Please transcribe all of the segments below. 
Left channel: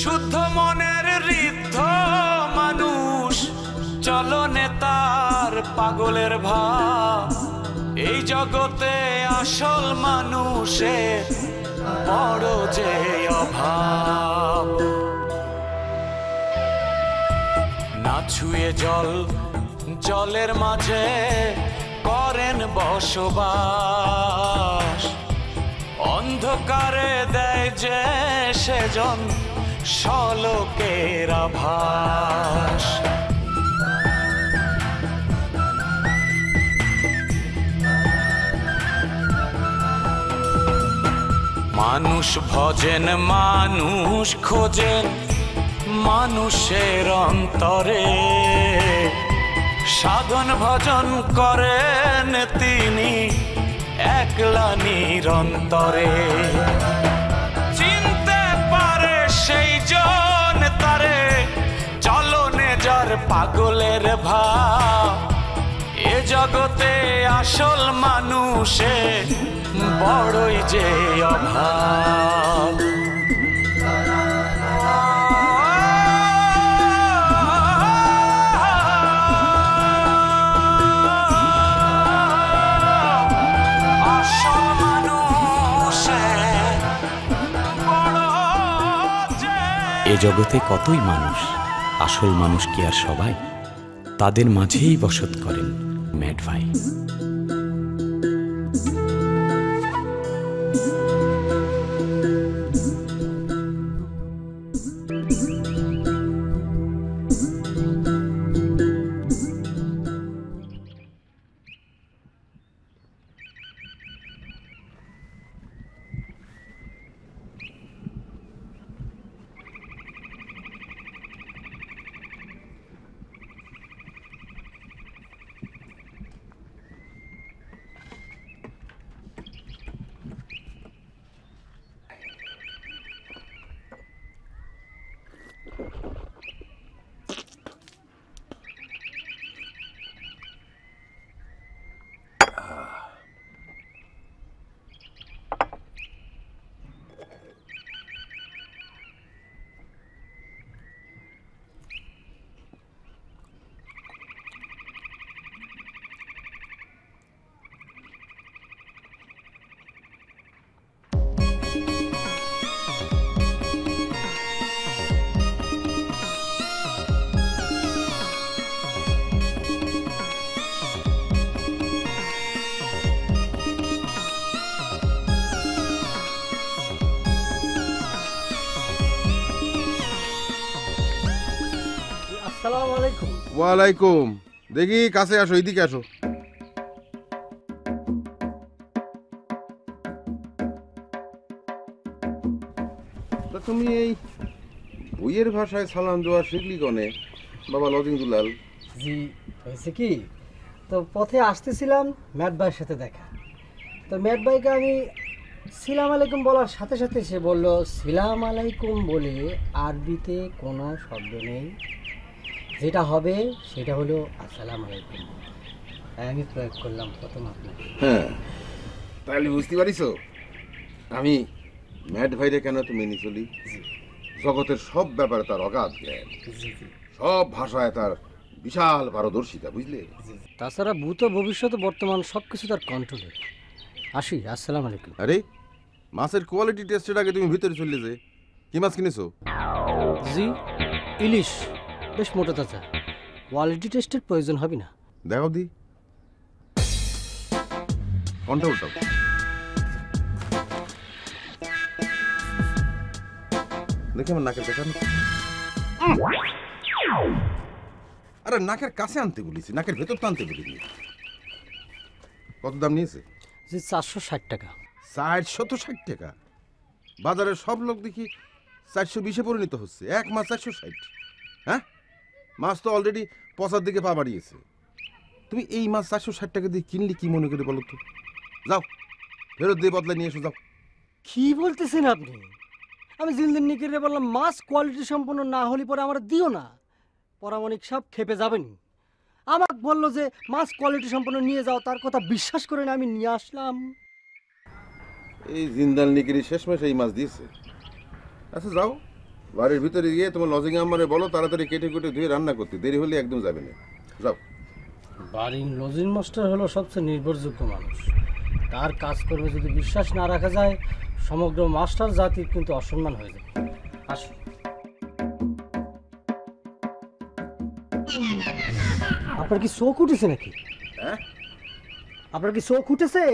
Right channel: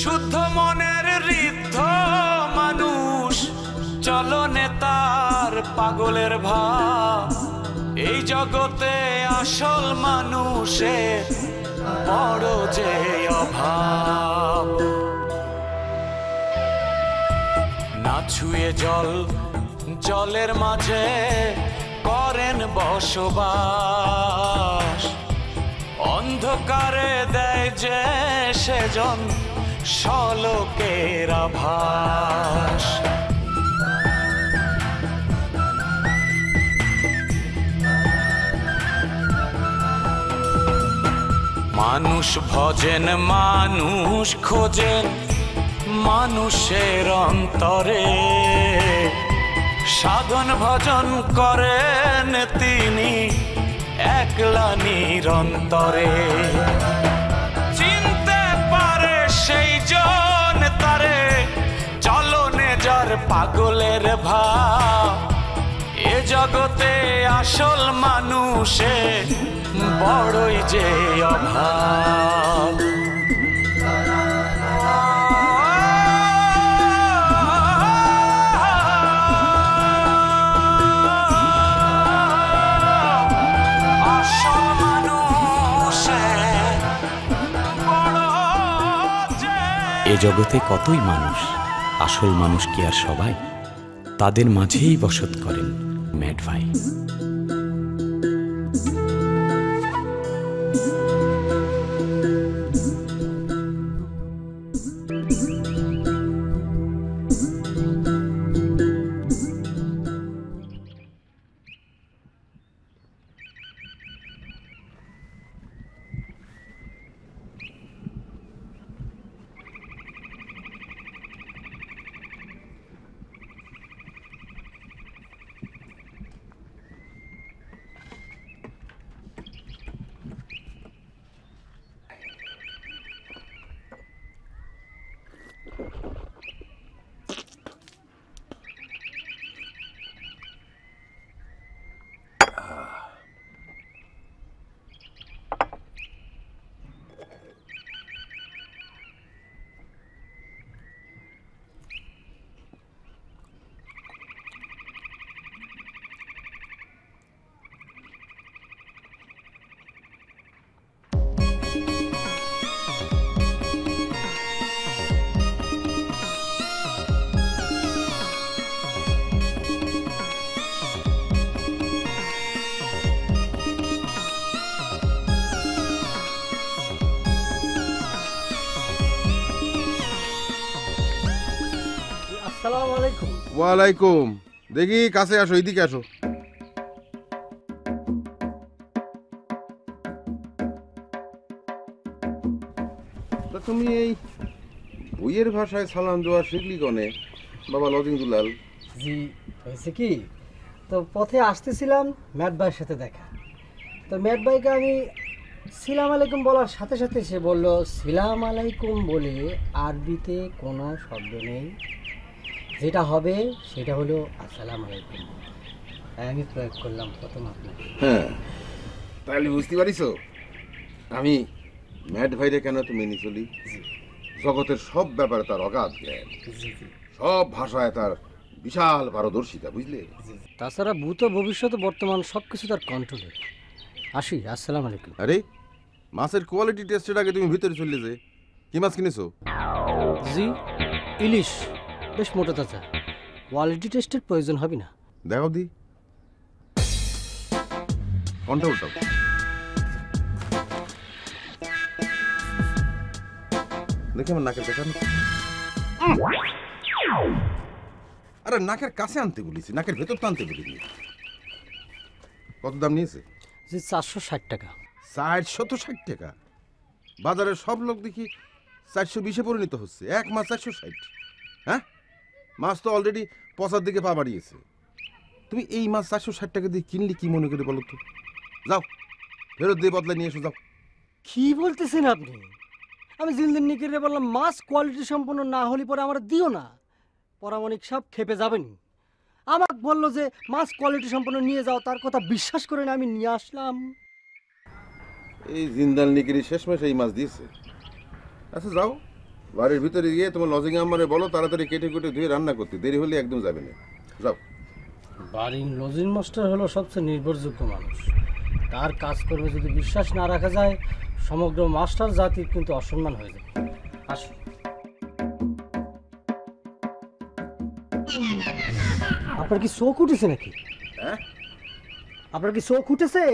শুদ্ধ মনের ঋদ্ধ মানুষ, চলনে তার পাগলের ভাব। এই জগতে আসল মানুষের বড় যে অভাব। না ছুঁয়ে জল, জলের মাঝে করেন বসবাস। অন্ধকারে দেয় যে সেজন সলোকের আভাস। মানুষ ভজেন, মানুষ খোঁজেন মানুষের অন্তরে। সাধন ভজন করেন তিনি একলা নিরন্তরে। চিনতে পারে সেই জন তারে, চলনে যার পাগলের ভাব। এ জগতে আসল মানুষে বড়ই যে অভাব। এ জগতে কতই মানুষ, আসল মানুষ কি আর সবাই? তাদের মাঝেই বসত করেন ম্যাড ভাই। ওয়ালাইকুম। দেখি কাছে আসো, এইদিকে আসো। তুমি এই বইয়ের ভাষায় সালাম দেওয়া শিখলি কনে বাবা লজিং দুলাল? জি, হয়েছে কি, তো পথে আসতেছিলাম ম্যাট ভাইয়ের সাথে দেখা। তো ম্যাট ভাইকে আমি সিলাম আলাইকুম বলার সাথে সাথে সে বলল, সিলাম আলাইকুম বলে আরবিতে কোনো শব্দ নেই, যেটা হবে সেটা হলো আসসালাম আলাইকুম। আমি প্রয়োগ করলাম প্রথম আপনাকে। হ্যাঁ, তাহলে বুঝতে পারিস আমি ম্যাট ভাইরে কেন তো মেনে চলি। জগতের সব ব্যাপারে তার অগাধ জ্ঞান, সব ভাষায় তার বিশাল পারদর্শিতা, বুঝলে? তাছাড়া ভূত ভবিষ্যৎ বর্তমান সব কিছু তার কন্ট্রোলে। আসি, আসসালাম আলাইকুম। আরে মাছের কোয়ালিটি টেস্টের আগে তুমি ভিতরে চললে যে, কি মাছ কিনেছো? জি, ইলিশ, বেশ মোটা তাজা। কোয়ালিটি টেস্টের প্রয়োজন হবে না। দেখো দি কোনটা উল্টাও। দেখে আমার নাকের কাছে। আরে নাকের কাছে আনতে বলেছি, নাকের ভেতর তো আনতে বলিনি। কত দাম নিয়েছে? জি, 460 টাকা। 460 টাকা? বাজারের সব লোক দেখি 420-এ পরিণত হচ্ছে, এক মাছ 460। হ্যাঁ, মাছ তো অলরেডি পচার দিকে পা বাড়িয়েছে। তুমি এই মাছ 460 টাকা দিয়ে কিনলে কি মনে করে বলো তো? যাও ফেরত দিয়ে বদলা নিয়ে এসো, যাও। কি বলতেছেন আপনি? আমি জিনদিন নিকিরে বললাম মাছ কোয়ালিটি সম্পন্ন না হলে পরে আমার দিও না। পরামানিক সব খেপে যাবেন। আমাকে বললো যে মাছ কোয়ালিটি সম্পন্ন নিয়ে যাও, তার কথা বিশ্বাস করে না আমি নিয়ে আসলাম। এই জিন্দাল নিকিরি শেষমেশ এই মাছ দিয়েছে। আচ্ছা যাও, বাড়ির ভিতরে গিয়ে তোমার লজিং আম্মারে বলো তাড়াতাড়ি কেটে কুটে ধুয়ে রান্না করতে, দেরি হলে একদম যাবে না। যাও। বাড়ির লজিং মাস্টার হলো সবচেয়ে নির্ভরযোগ্য মানুষ। তার কাজকর্মে যদি বিশ্বাস না রাখা যায়, সমগ্র মাস্টার জাতির কিন্তু অসম্মান হয়ে যাবে। আসো। আপনার কি চোখ উঠেছে নাকি? হ্যাঁ, আপনার কি চোখ উঠেছে?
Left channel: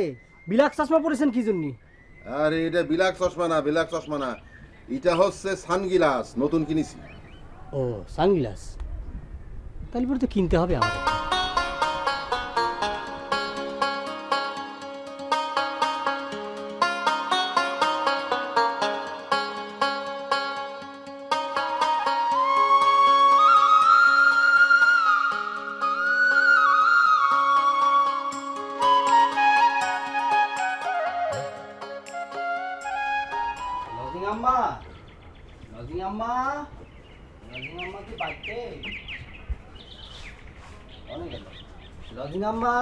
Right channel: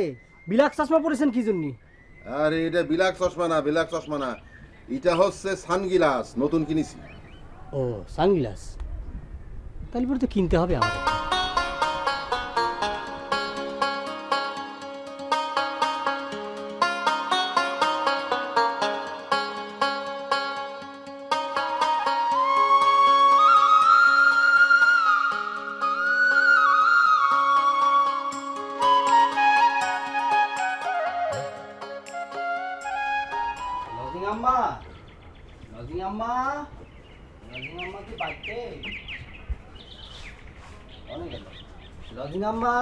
বিলাক চশমা পরেছেন কি জন্য? আরে এটা বিলাক চশমা না, বিলাক চশমা না, এটা হচ্ছে সানগ্লাস, নতুন কিনেছি। ও, সানগ্লাস। তাহলে পরে তো কিনতে হবে আমাদের। লজিং আম্মা, লজিং আম্মা, লজিং আম্মা কি বাড়িতে? অনেক গেল। লজিং আম্মা,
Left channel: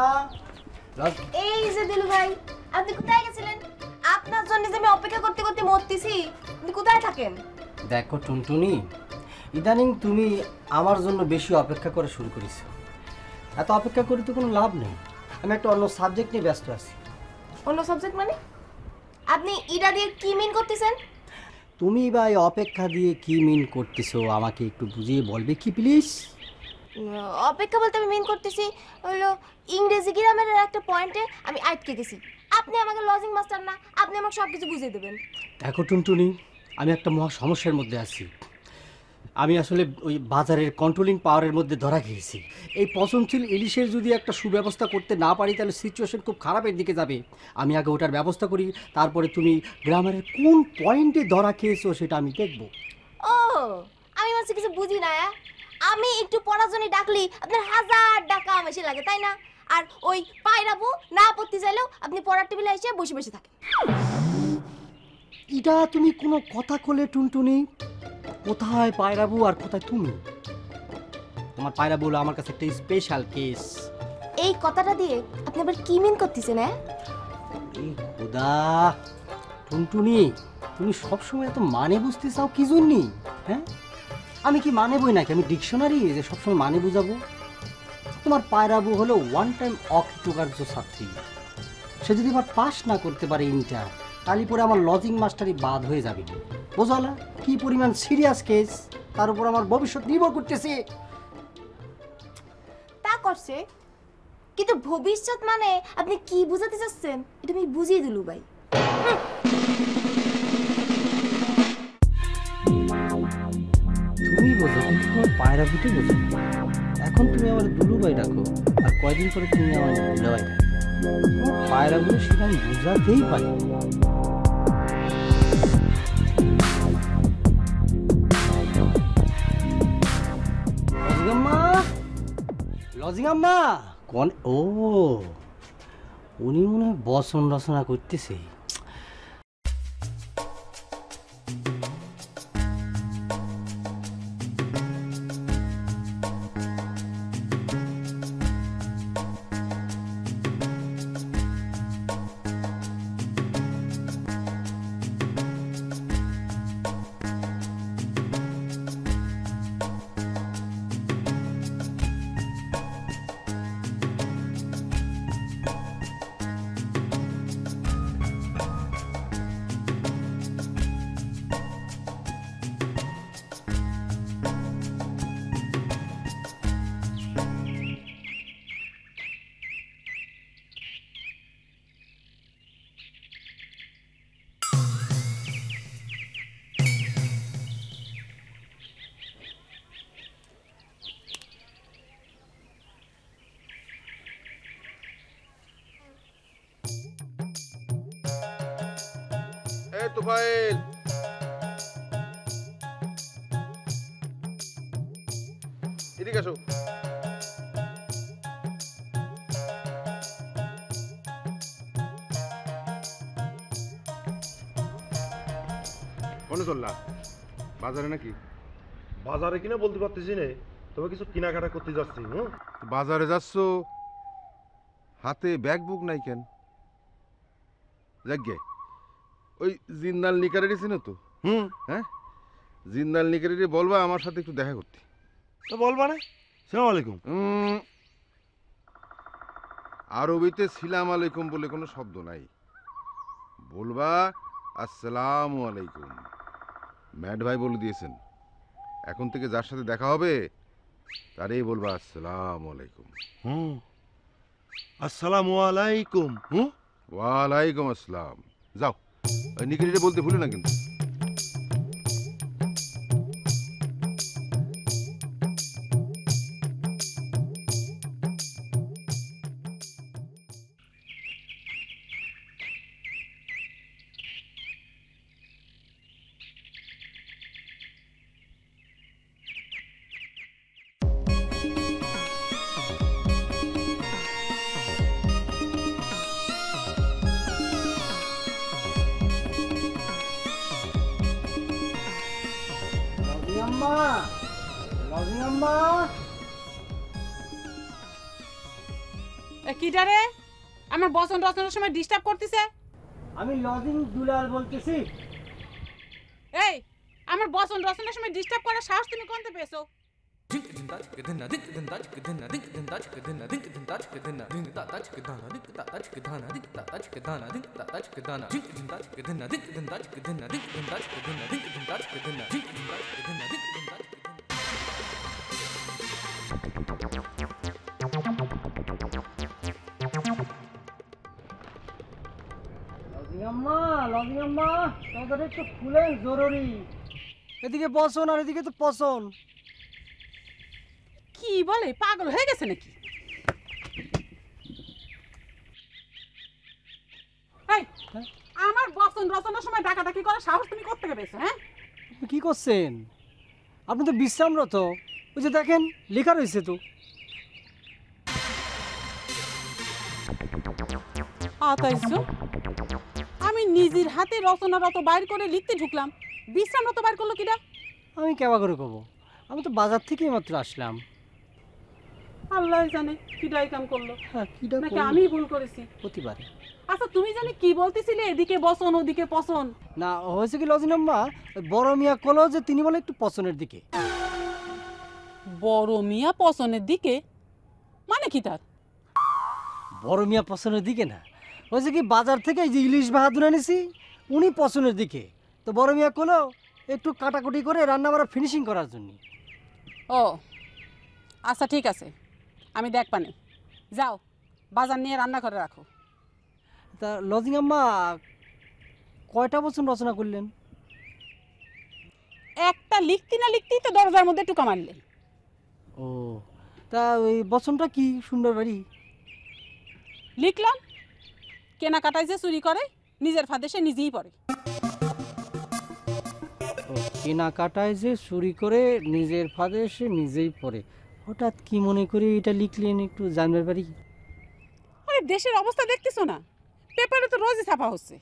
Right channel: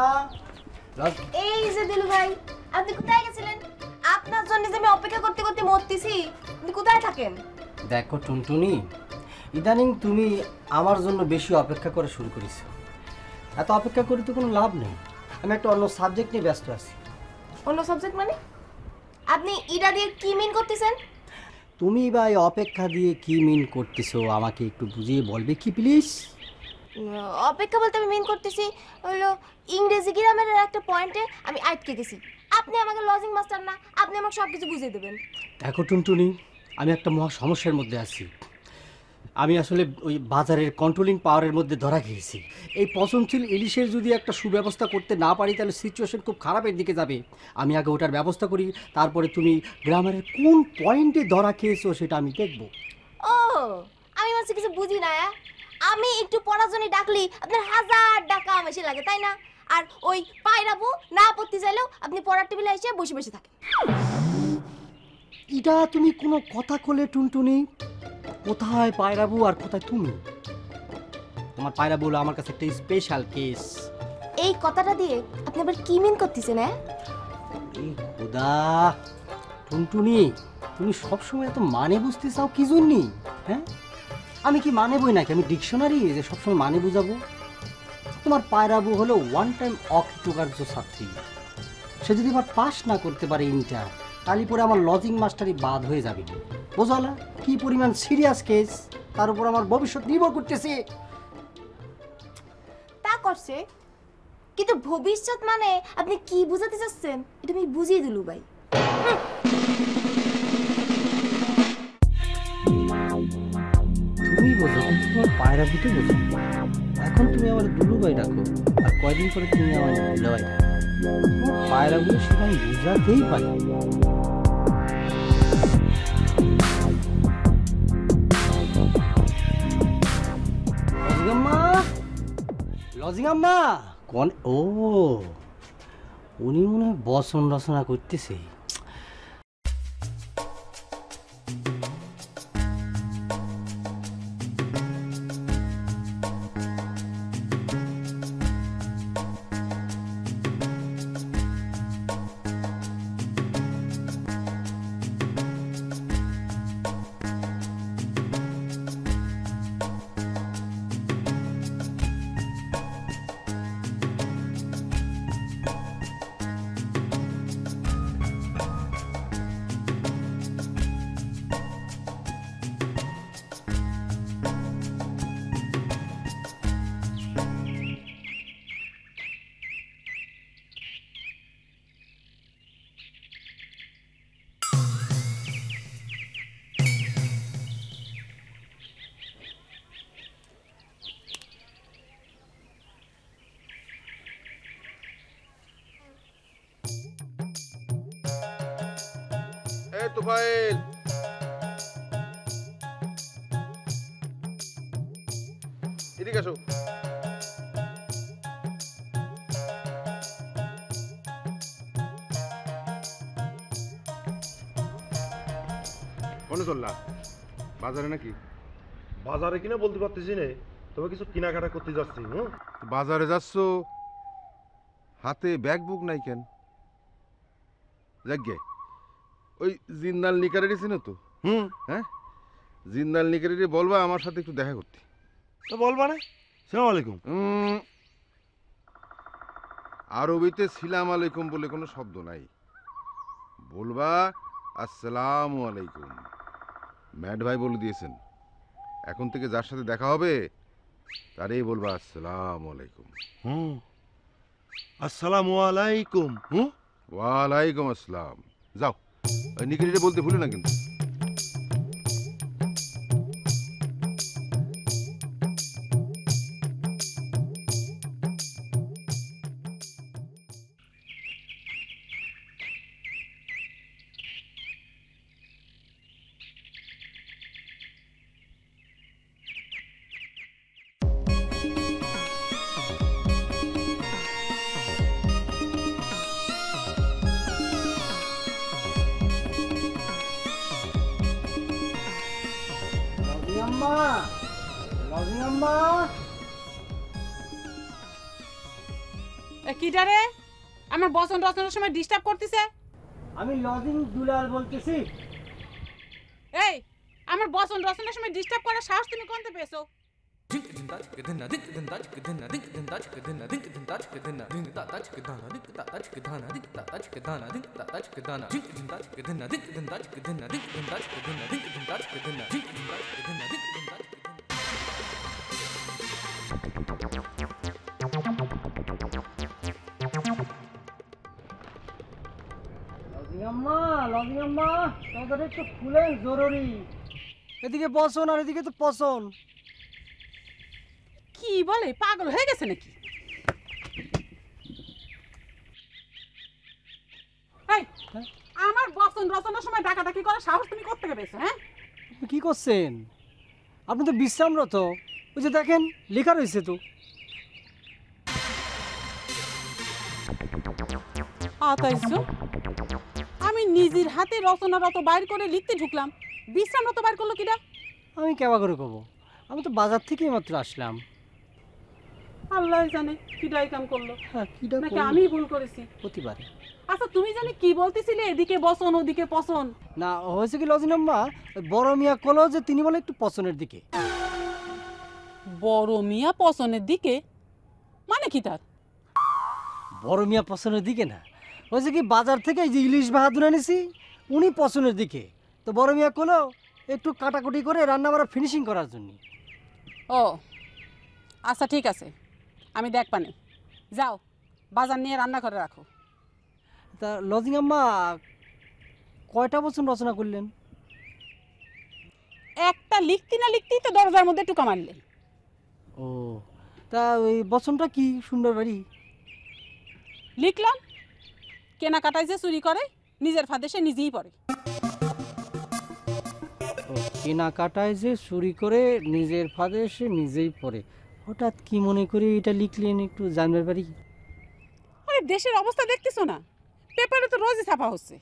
এই যে দিলু ভাই, আপনি কোথায় গেছিলেন? আপনার জন্য যে আমি অপেক্ষা করতে করতে মরতেছি। আপনি কোথায় থাকেন? দেখো টুনটুনি, ইদানিং তুমি আমার জন্য বেশি অপেক্ষা করা শুরু করেছো। এত অপেক্ষা করে তো কোনো লাভ নেই। আমি একটা অন্য সাবজেক্ট নিয়ে ব্যস্ত আছি। অন্য সাবজেক্ট মানে? আপনি ইডা দিয়ে কি মিন করতেছেন? তুমি বা এই অপেক্ষা দিয়ে কি মিন করতেছো আমাকে একটু বুঝিয়ে বলবে কি প্লিজ? অপেক্ষা বলতে আমি মিন করতেছি হলো ইংরেজি গ্রামারের একটা পয়েন্টে আমি আটকে গেছি। আপনি আমাকে লজিং মাস্টার না, আপনি আমাকে সব কিছু বুঝিয়ে দেবেন। দেখো টুনটুনি, আমি একটা মহা সমস্যার মধ্যে আছি। আমি আসলে ওই বাজারের কন্ট্রোলিং পাওয়ারের মধ্যে ধরা খেয়েছি। এই পচনশীল ইলিশের যদি একটা সুব্যবস্থা করতে না পারি তাহলে সিচুয়েশন খুব খারাপের দিকে যাবে। আমি আগে ওটার ব্যবস্থা করি, তারপরে তুমি গ্রামারের কোন পয়েন্টে ধরা খেয়েছো সেটা আমি দেখব। ও, আমি মাঝে কিছু বুঝি না। আমি একটু পড়ার জন্য ডাকলি আপনার 1000 টাকা বেশি লাগে, তাই না? আর ওই পায়রাবু না পড়তে চাইলেও আপনি পড়ার টেবিলে এসে বসে বসে থাকেন। এটা তুমি কোনো কথা কলে টুনটুনি? কোথায় পায়রাবু আর কোথায় তুমি? তোমার পায়রাবু হলো আমার কাছে একটা স্পেশাল কেস। এই কথাটা দিয়ে আপনি আবার কি মিন করতেছেন? এই খোদা টুনটুনি, তুমি সবসময় এত মানে বুঝতে চাও কি জন্যি? হ্যাঁ, আমি কি মানে বই নাকি? আমি ডিকশনারি যে সবসময় মানে বুঝাবো? তোমার পায়রাবু হলো ওয়ান টাইম অকৃতকার্য ছাত্রী। সে যদি আবার পাস না করতে পারে ইন্টার, তাহলে পরে আমার লজিং মাস্টারই বাদ হয়ে যাবে। বোঝালা কি পরিমাণ সিরিয়াস কেস, তার উপর আমার ভবিষ্যৎ নির্ভর করতেছে। তা করছে, কিন্তু ভবিষ্যৎ মানে আপনি কি বুঝাতে চাচ্ছেন এটা আমি বুঝিয়ে দিলু ভাই। তুমি বোঝো, কিন্তু তোমার পায়রাবুটি বোঝো। এখন তুমি আমার দুলুভাই ডাকো, আর কয়দিন পরে তুমি আমার দুলাভাই ডাকো। তোমার পায়রাবুটি সেটা আমি বোঝাতেই পারি। লজিং আম্মা কোন? ও, উনি মনে হয় বচন রচনা করতেছে। এই তোফায়েল, এদিকে আসো। কোনে চললা? বাজারে নাকি? বাজারে কিনা বলতে পারতেছি না, তবে কিছু কেনাকাটা করতে যাচ্ছি। বাজারে যাচ্ছ, হাতে ব্যাগ বুক নাই কেন? যাগে ওই জিন্দাল নিকারে দিছি না তো? হ্যাঁ, জিন্দাল নিকেরে বলবা আমার সাথে একটু দেখা করতে। তো বলবা না? সালাম আলাইকুম। আরবিতে সালাম আলাইকুম বলে কোনো শব্দ নাই, বলবা আসসালামু আলাইকুম। ম্যাড ভাই বলে দিয়েছেন এখন থেকে যার সাথে দেখা হবে তারই বলবা আসসালামু আলাইকুম। আসসালামু আলাইকুম। ওয়ালাইকুম আসসালাম। যাও, নিকেরে বলতে ভুলে না কিন্তু। কিটারে আমার বসন রচনার সময় ডিস্টার্ব করতেছে? আমি লজিং দুলাল বলতেছি। এই আমার বসন রচনার সময় ডিস্টার্ব করার সাহস তুমি কোনতে পেয়েছো? একটু খুলেন জরুরি। এদিকে বসন আর এদিকে তো পছন। কি বলে, পাগল হয়ে গেছে নাকি? আমার বসন রচনার সময় ডাকাডাকি করার সাহস তুমি কোথা থেকে পেয়েছো? হ্যাঁ, কি করছেন আপনি? তো বিশ্রামরত। ওই যে দেখেন লেখা রয়েছে তো। আমি নিজের হাতে রচনারত বাইর করে লিখতে ঢুকলাম, বিশ্রামরত বাইর করলো কিনা? আমি কেবা করে কব, আমি তো বাজার থেকেই মাত্র আসলাম। আল্লাহ জানে কিডাই কাম করলো। হ্যাঁ, কিডা নাকি আমি ভুল করেছি? হতে পারে। আচ্ছা তুমি জানি কি বলতেছিলে, এদিকে বসন ওদিকে পছন? না, হয়েছে কি লজিনাম্মা, বড় মিয়া কলো যে তিনি বলে একটু পছনের দিকে। বড় মিয়া পছনের দিকে মানে কি? তার বড় মিয়া পছনের দিকে না, হয়েছে কি বাজার থেকে যে ইলিশ বাহাদুর এনেছি উনি পছনের দিকে। তো বড় মিয়া কলো একটু কাটাকুটি করে রান্না বাড়া ফিনিশিং করার জন্য। ও আচ্ছা ঠিক আছে, আমি দেখ পানি। যাও বাজার নিয়ে রান্না করে রাখো। তা লজিং আম্মা কয়টা বছর রচনা করলেন? একটা লিখতে না লিখতেই তো দরজার মধ্যে টুকা মারলেন। ও, তা ওই বচনটা কি? সুন্দর বাড়ি লিখলাম, কেনাকাটায় যে চুরি করে নিজের ফাঁদে সে নিজেই পড়ে। কেনাকাটায় যে চুরি করে নিজের ফাঁদে সে নিজেই পড়ে। হঠাৎ কি মনে করে এটা লিখলেন একটু জানবার পারি? আরে দেশের অবস্থা দেখতেছো না, পেপারে তো রোজই ছাপা হচ্ছে।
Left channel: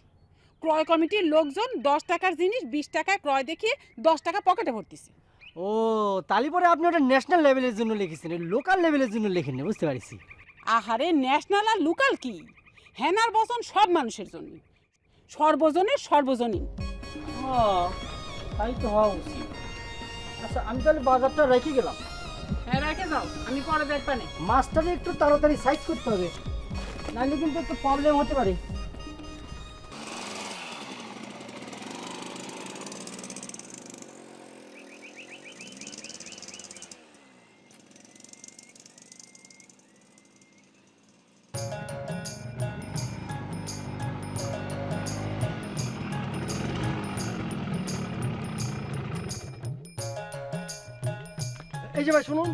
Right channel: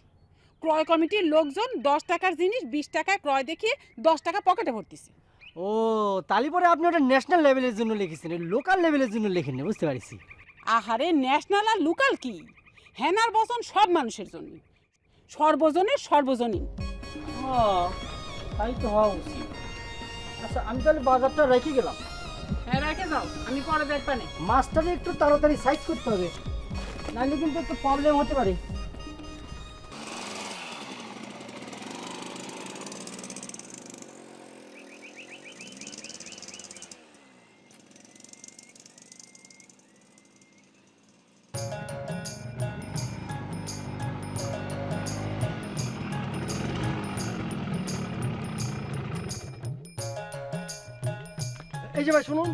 ক্রয় কমিটির লোকজন 10 টাকার জিনিস 20 টাকায় ক্রয় দেখিয়ে 10 টাকা পকেটে ভরতেছে। ও, তালি পরে আপনি ওটা ন্যাশনাল লেভেলের জন্য লিখেছেন, লোকাল লেভেলের জন্য লেখেননি, বুঝতে পারছি। আহারে ন্যাশনাল আর লোকাল কি, হেনার বচন সব মানুষের জন্য, সর্বজনের সর্বজনীন। তাই তো হওয়া উচিত। আচ্ছা আমি তাহলে বাজারটা রেখে গেলাম। হ্যাঁ রেখে যাও, আমি পরে দেখবা না। মাছটাকে একটু তাড়াতাড়ি সাইজ করতে হবে, নাহলে কিন্তু একটু প্রবলেম হতে পারে। এই যে ভাই শুনুন।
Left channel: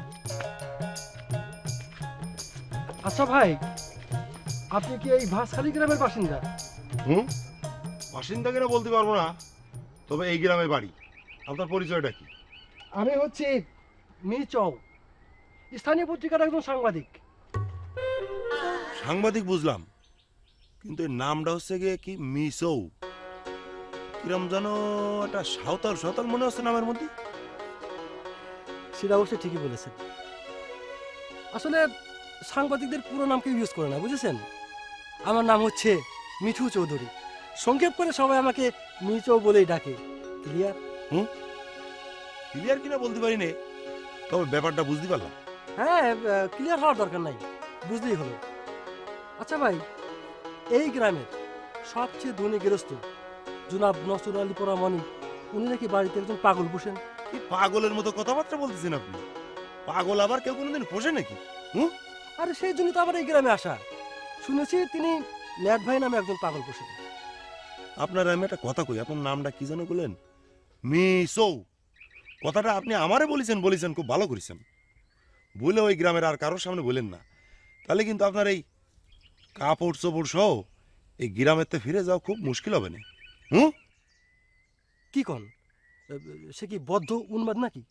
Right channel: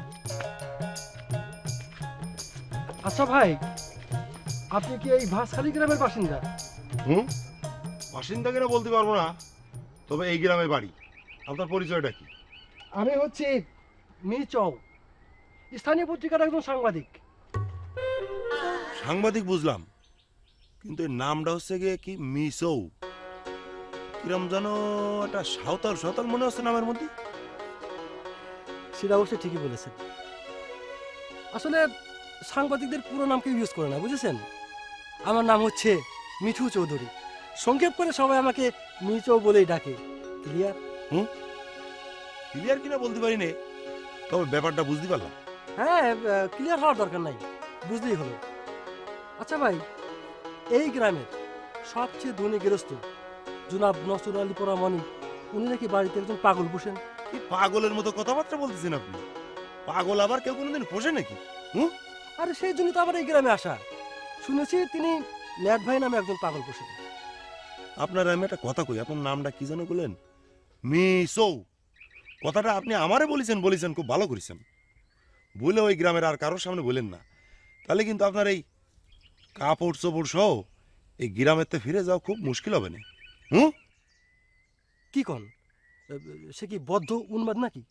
আচ্ছা ভাই, আপনি কি এই ভাসখালী গ্রামের বাসিন্দা? বাসিন্দা কিনা বলতে পারবো না, তবে এই গ্রামে বাড়ি। আপনার পরিচয়টা কি? আমি হচ্ছে মিচৌ, স্থানীয় পত্রিকার একজন সাংবাদিক। সাংবাদিক বুঝলাম, কিন্তু এর নামটা হচ্ছে গিয়ে কি মিসৌ, কিরম যেন একটা সাঁওতাল সাঁওতাল মনে হচ্ছে নামের মধ্যে। সেটা অবশ্যই ঠিকই বলেছেন। আসলে সাংবাদিকদের পুরো নাম কেউ ইউজ করে না, বুঝেছেন। আমার নাম হচ্ছে মিঠু চৌধুরী, সংক্ষেপ করে সবাই আমাকে মিচৌ বলেই ডাকে। ক্লিয়ার? ক্লিয়ার কিনা বলতে পারি নে, তবে ব্যাপারটা বুঝতে পারলাম। হ্যাঁ, ক্লিয়ার হওয়ার দরকার নাই, বুঝলেই হলো। আচ্ছা ভাই, এই গ্রামের সবচেয়ে ধনী গৃহস্থ জনাব নসরুল আলী পরামানি, উনি নাকি বাড়িতে একজন পাগল পোষেন। কি পাগলের মতো কথাবার্তা বলতেছেন আপনি? পাগল আবার কেউ কোনোদিন পোষে নাকি? আরে সেই জন্য তো আবার এই গ্রামে আসা। শুনেছি তিনি ম্যাট ভাই নামে একজন পাগল পোষেন। আপনার আমি একটা কথা কই, আপনার নামটা কি যেন বললেন? মিসৌ। কথাটা আপনি আমারে বলেছেন, খুব ভালো করেছেন। বলে ওই গ্রামের আর কারোর সামনে বলেন না, তাহলে কিন্তু আপনার এই কাপড় চোপড় সহ এই গ্রামেতে ফিরে যাওয়া খুব মুশকিল হবে না। কি কন, সে কি বদ্ধ উন্মাদ নাকি?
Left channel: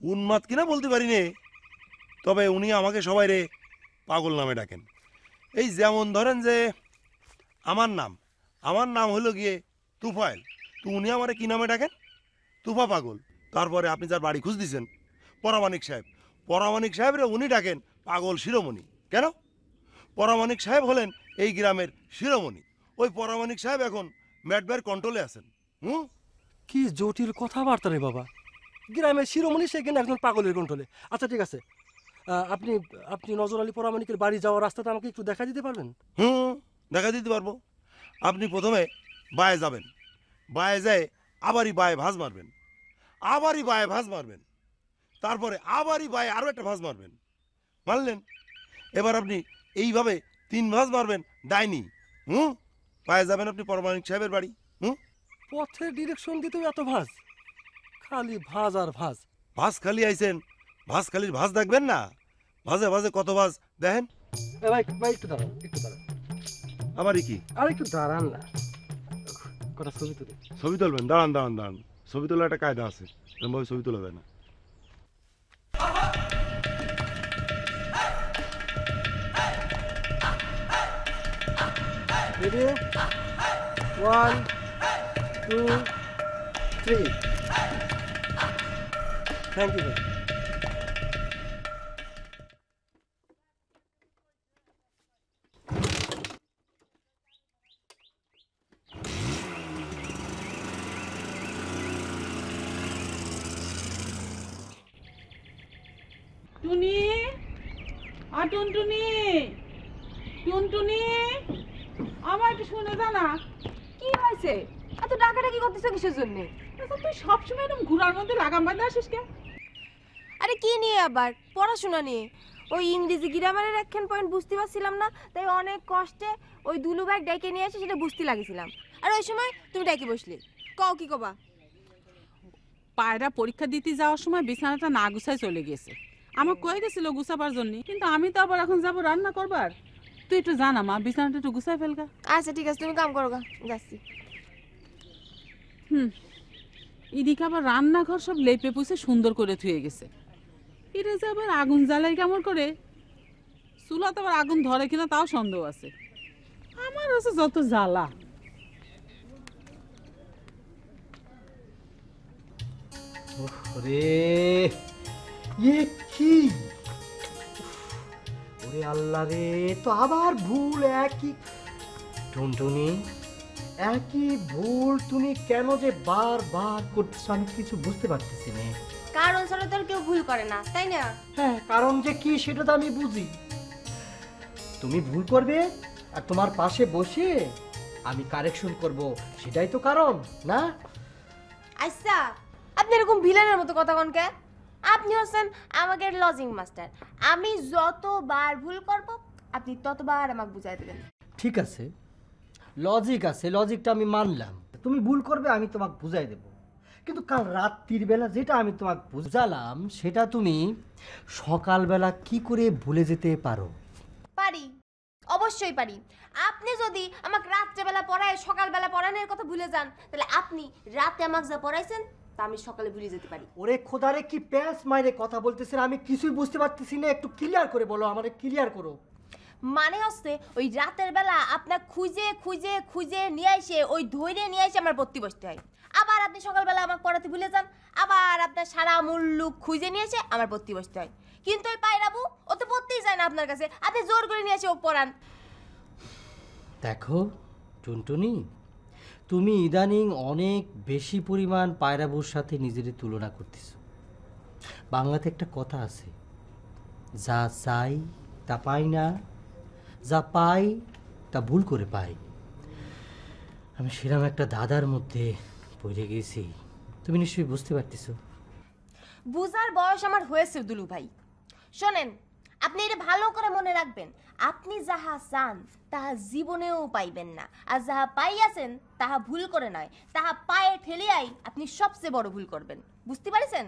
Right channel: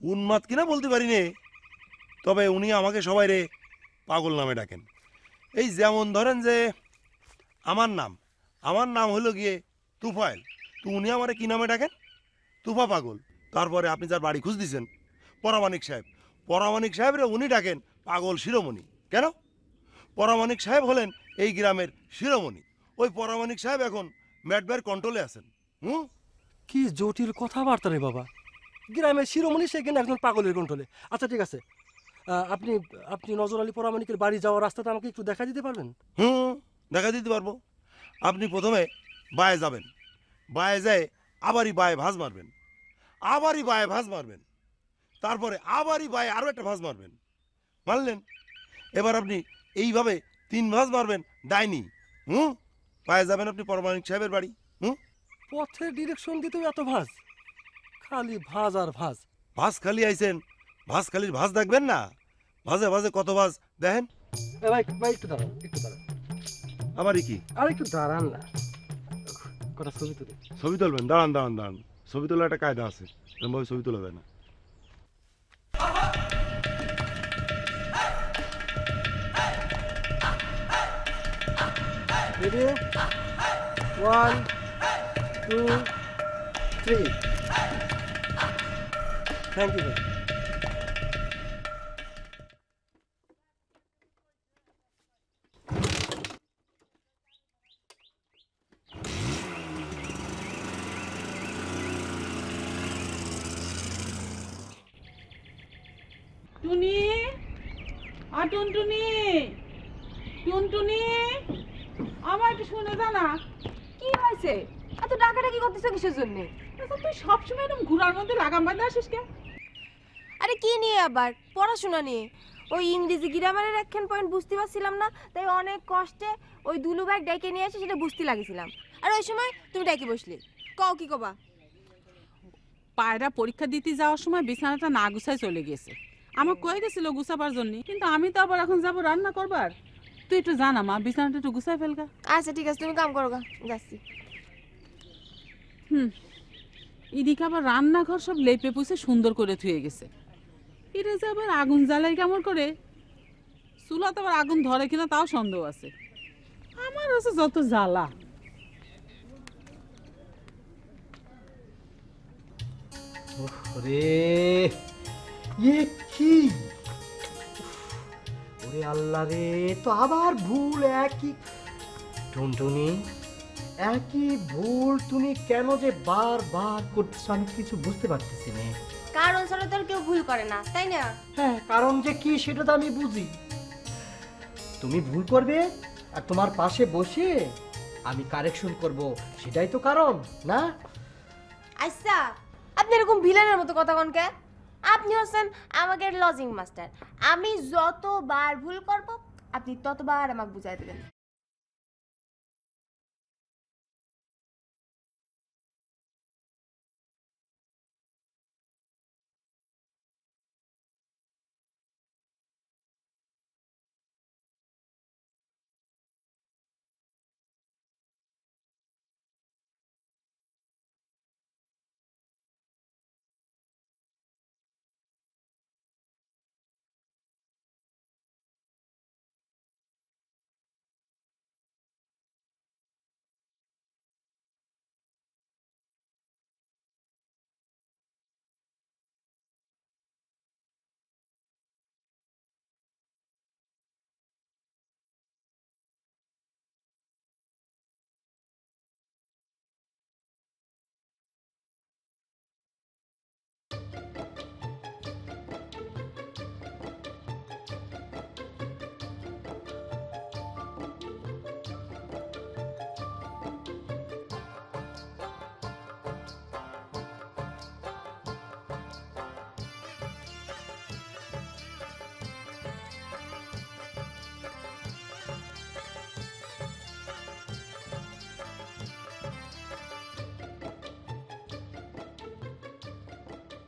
উন্মাদ কিনা বলতে পারি নে, তবে উনি আমাকে সবাই রে পাগল নামে ডাকেন। এই যেমন ধরেন যে আমার নাম হলো গিয়ে তুফাইল, তো উনি আমারে কি নামে ডাকেন? তুফা পাগল। তারপরে আপনি যার বাড়ি খুঁজ দিছেন পরামানিক সাহেব রে উনি ডাকেন পাগল শিরোমণি। কেন? পরামানিক সাহেব হলেন এই গ্রামের শিরোমণি। ওই পরামানিক সাহেব এখন ম্যাটবার কন্ট্রোলে আছেন। কি জটিল কথাবার্তা রে বাবা, গ্রামের শিরোমণি সেখানে একজন পাগলের কন্ট্রোলে। আচ্ছা ঠিক আছে, আপনি আপনি নজর আলী পরামানিকের বাড়ি যাওয়ার রাস্তাটা আমাকে একটু দেখা দিতে পারবেন? দেখা দিতে পারবো। আপনি প্রথমে বায়ে যাবেন, বায়ে যায় আবারই বায়ে ভাঁজ মারবেন, তারপরে আবারই বায়ে আরো একটা ভাঁজ মারবেন, মারলেন। এবার আপনি এইভাবে 3 ভাঁজ মারবেন ডাইনি। বায়ে যাবেন আপনি পরামানিক সাহেবের বাড়ি। পথের ডিরেকশন দিতেও এত ভাঁজ? খালি ভাঁজ আর ভাঁজ। ভাঁজ খালি আইছেন, ভাঁজ খালির ভাঁজ দেখবেন না? ভাঁজে ভাঁজে কত ভাঁজ দেখেন। ভাই ভাই একটু দাঁড়ান, আমারই কি? আর একটু দাঁড়ান না, কটা ছবি তুলে। ছবি তুলবেন? দাঁড়ান, ছবি তোলার একটা কায়দা আছে, এরকমভাবে ছবি তোলা যায় না। Ready? 1, 2, 3. Thank you. টুনি, টুনটুনি, টুনটুনি, আমার একটু শুনে জানা। কি হয়েছে? এত ডাকাডাকি করতেছো কিসের জন্য? আচ্ছা তুই সবসময় এরকম ঘোরার মধ্যে লাগাম বাঁধে আসিস কে? আরে কি নিয়ে আবার? পড়াশোনা নিয়ে। ওই ইংরেজি গ্রামারের একখান পয়েন্ট বুঝতে পারছিলাম না, তাই অনেক কষ্টে ওই দুলু ব্যাগ ডেকে নিয়ে এসে সেটা বুঝতে লাগিয়েছিলাম। আর ওই সময় তুমি ডেকে বসলে। কও কি কবা? পায়রা পরীক্ষা দিতে যাওয়ার সময় বিছানাটা না গুছায় চলে গেছে। আমার কয়ে গেছিল গুছাবার জন্য, কিন্তু আমি তো আবার এখন যাবো রান্না করবার। তুই একটু জানা মা, বিছানাটা একটু গুছাই ফেলগা। আচ্ছা ঠিক আছে, তুমি কাম করো গা, যাচ্ছি। এদিকে আবার রান্নাঘর সব লেপে পুষে সুন্দর করে ধুয়ে গেছে। এটা যে আবার আগুন জ্বালাই কেমন করে, চুলাতে আবার আগুন ধরে কিনা তাও সন্দেহ আছে। আমার আছে যত জ্বালা। ওরে ইয়ে কি, ওরে আল্লাহ রে, তো আবার ভুল একই। টুনটুনি, একই ভুল তুমি কেন যে বারবার করতেছো আমি কিছু বুঝতে পারতেছি না। কারণ ছাড়া তো কেউ ভুল করে না, তাই না? হ্যাঁ, কারণ যে কি সেটা তো আমি বুঝি। তুমি ভুল করবে আর তোমার পাশে বসে আমি কারেকশন করব, সেটাই তো কারণ না? আচ্ছা, আপনি এরকম ভিলেনের মতো কথা কন কে? আপনি হচ্ছেন আমাদের লজিং মাস্টার। আমি যতবার ভুল করব আপনি ততবার আমাকে বুঝাই দেবেন। ঠিক আছে, লজিক আছে, লজিকটা আমি মানলাম। তুমি ভুল করবে, আমি তোমাকে বুঝাই দেব। কিন্তু কাল রাত্রির বেলা যেটা আমি তোমাকে বুঝালাম সেটা তুমি সকালবেলা কি করে ভুলে যেতে পারো? পারি, অবশ্যই পারি। আপনি যদি আমাকে রাত্রেবেলা পড়ায় সকালবেলা পড়ানোর কথা ভুলে যান, তাহলে আপনি রাতে আমাকে যা পড়াইছেন তা আমি সকালে ভুলে যেতে পারি। ওরে খোদারে, কি প্যাঁচ মাইরে কথা বলতেছেন, আমি কিছুই বুঝতে পারতেছি না। একটু ক্লিয়ার করে বলো, আমারে ক্লিয়ার করো। মানে হচ্ছে ওই রাতের বেলা আপনার খুঁজে খুঁজে খুঁজে নিয়ে এসে ওই ধৈর্য নিয়ে এসে আমার পড়তে বসতে হয়। আবার আপনি সকালবেলা আমাকে পড়াতে ভুলে যান, আবার আপনার সারা মুল্লুক খুঁজে নিয়ে এসে আমার পড়তে বসতে হয়। কিন্তু ওই পায়রাবু ও তো পড়তেই যায় না আপনার কাছে, আপনি জোর করে নিয়ে এসে ও পড়ান। দেখো টুনটুনি, তুমি ইদানিং অনেক বেশি পরিমাণ পায়রাবুর সাথে নিজের তুলনা করতেছ। বাংলাতে একটা কথা আছে, যা চাই তা পাই না, যা পাই তা ভুল করে পাই। আমি সেরকম একটা দাদার মধ্যে পড়ে গেছি, তুমি নিশ্চয়ই বুঝতে পারতেছো। বুঝার বয়স আমার হয়েছে দুলু ভাই। শোনেন, আপনি এটা ভালো করে মনে রাখবেন, আপনি যাহা চান তাহা জীবনেও পাইবেন না, আর যাহা পাইয়াছেন তাহা ভুল করে নয়, তাহা পায়ে ঠেলিয়াই আপনি সবচেয়ে বড় ভুল করবেন। বুঝতে পারছেন?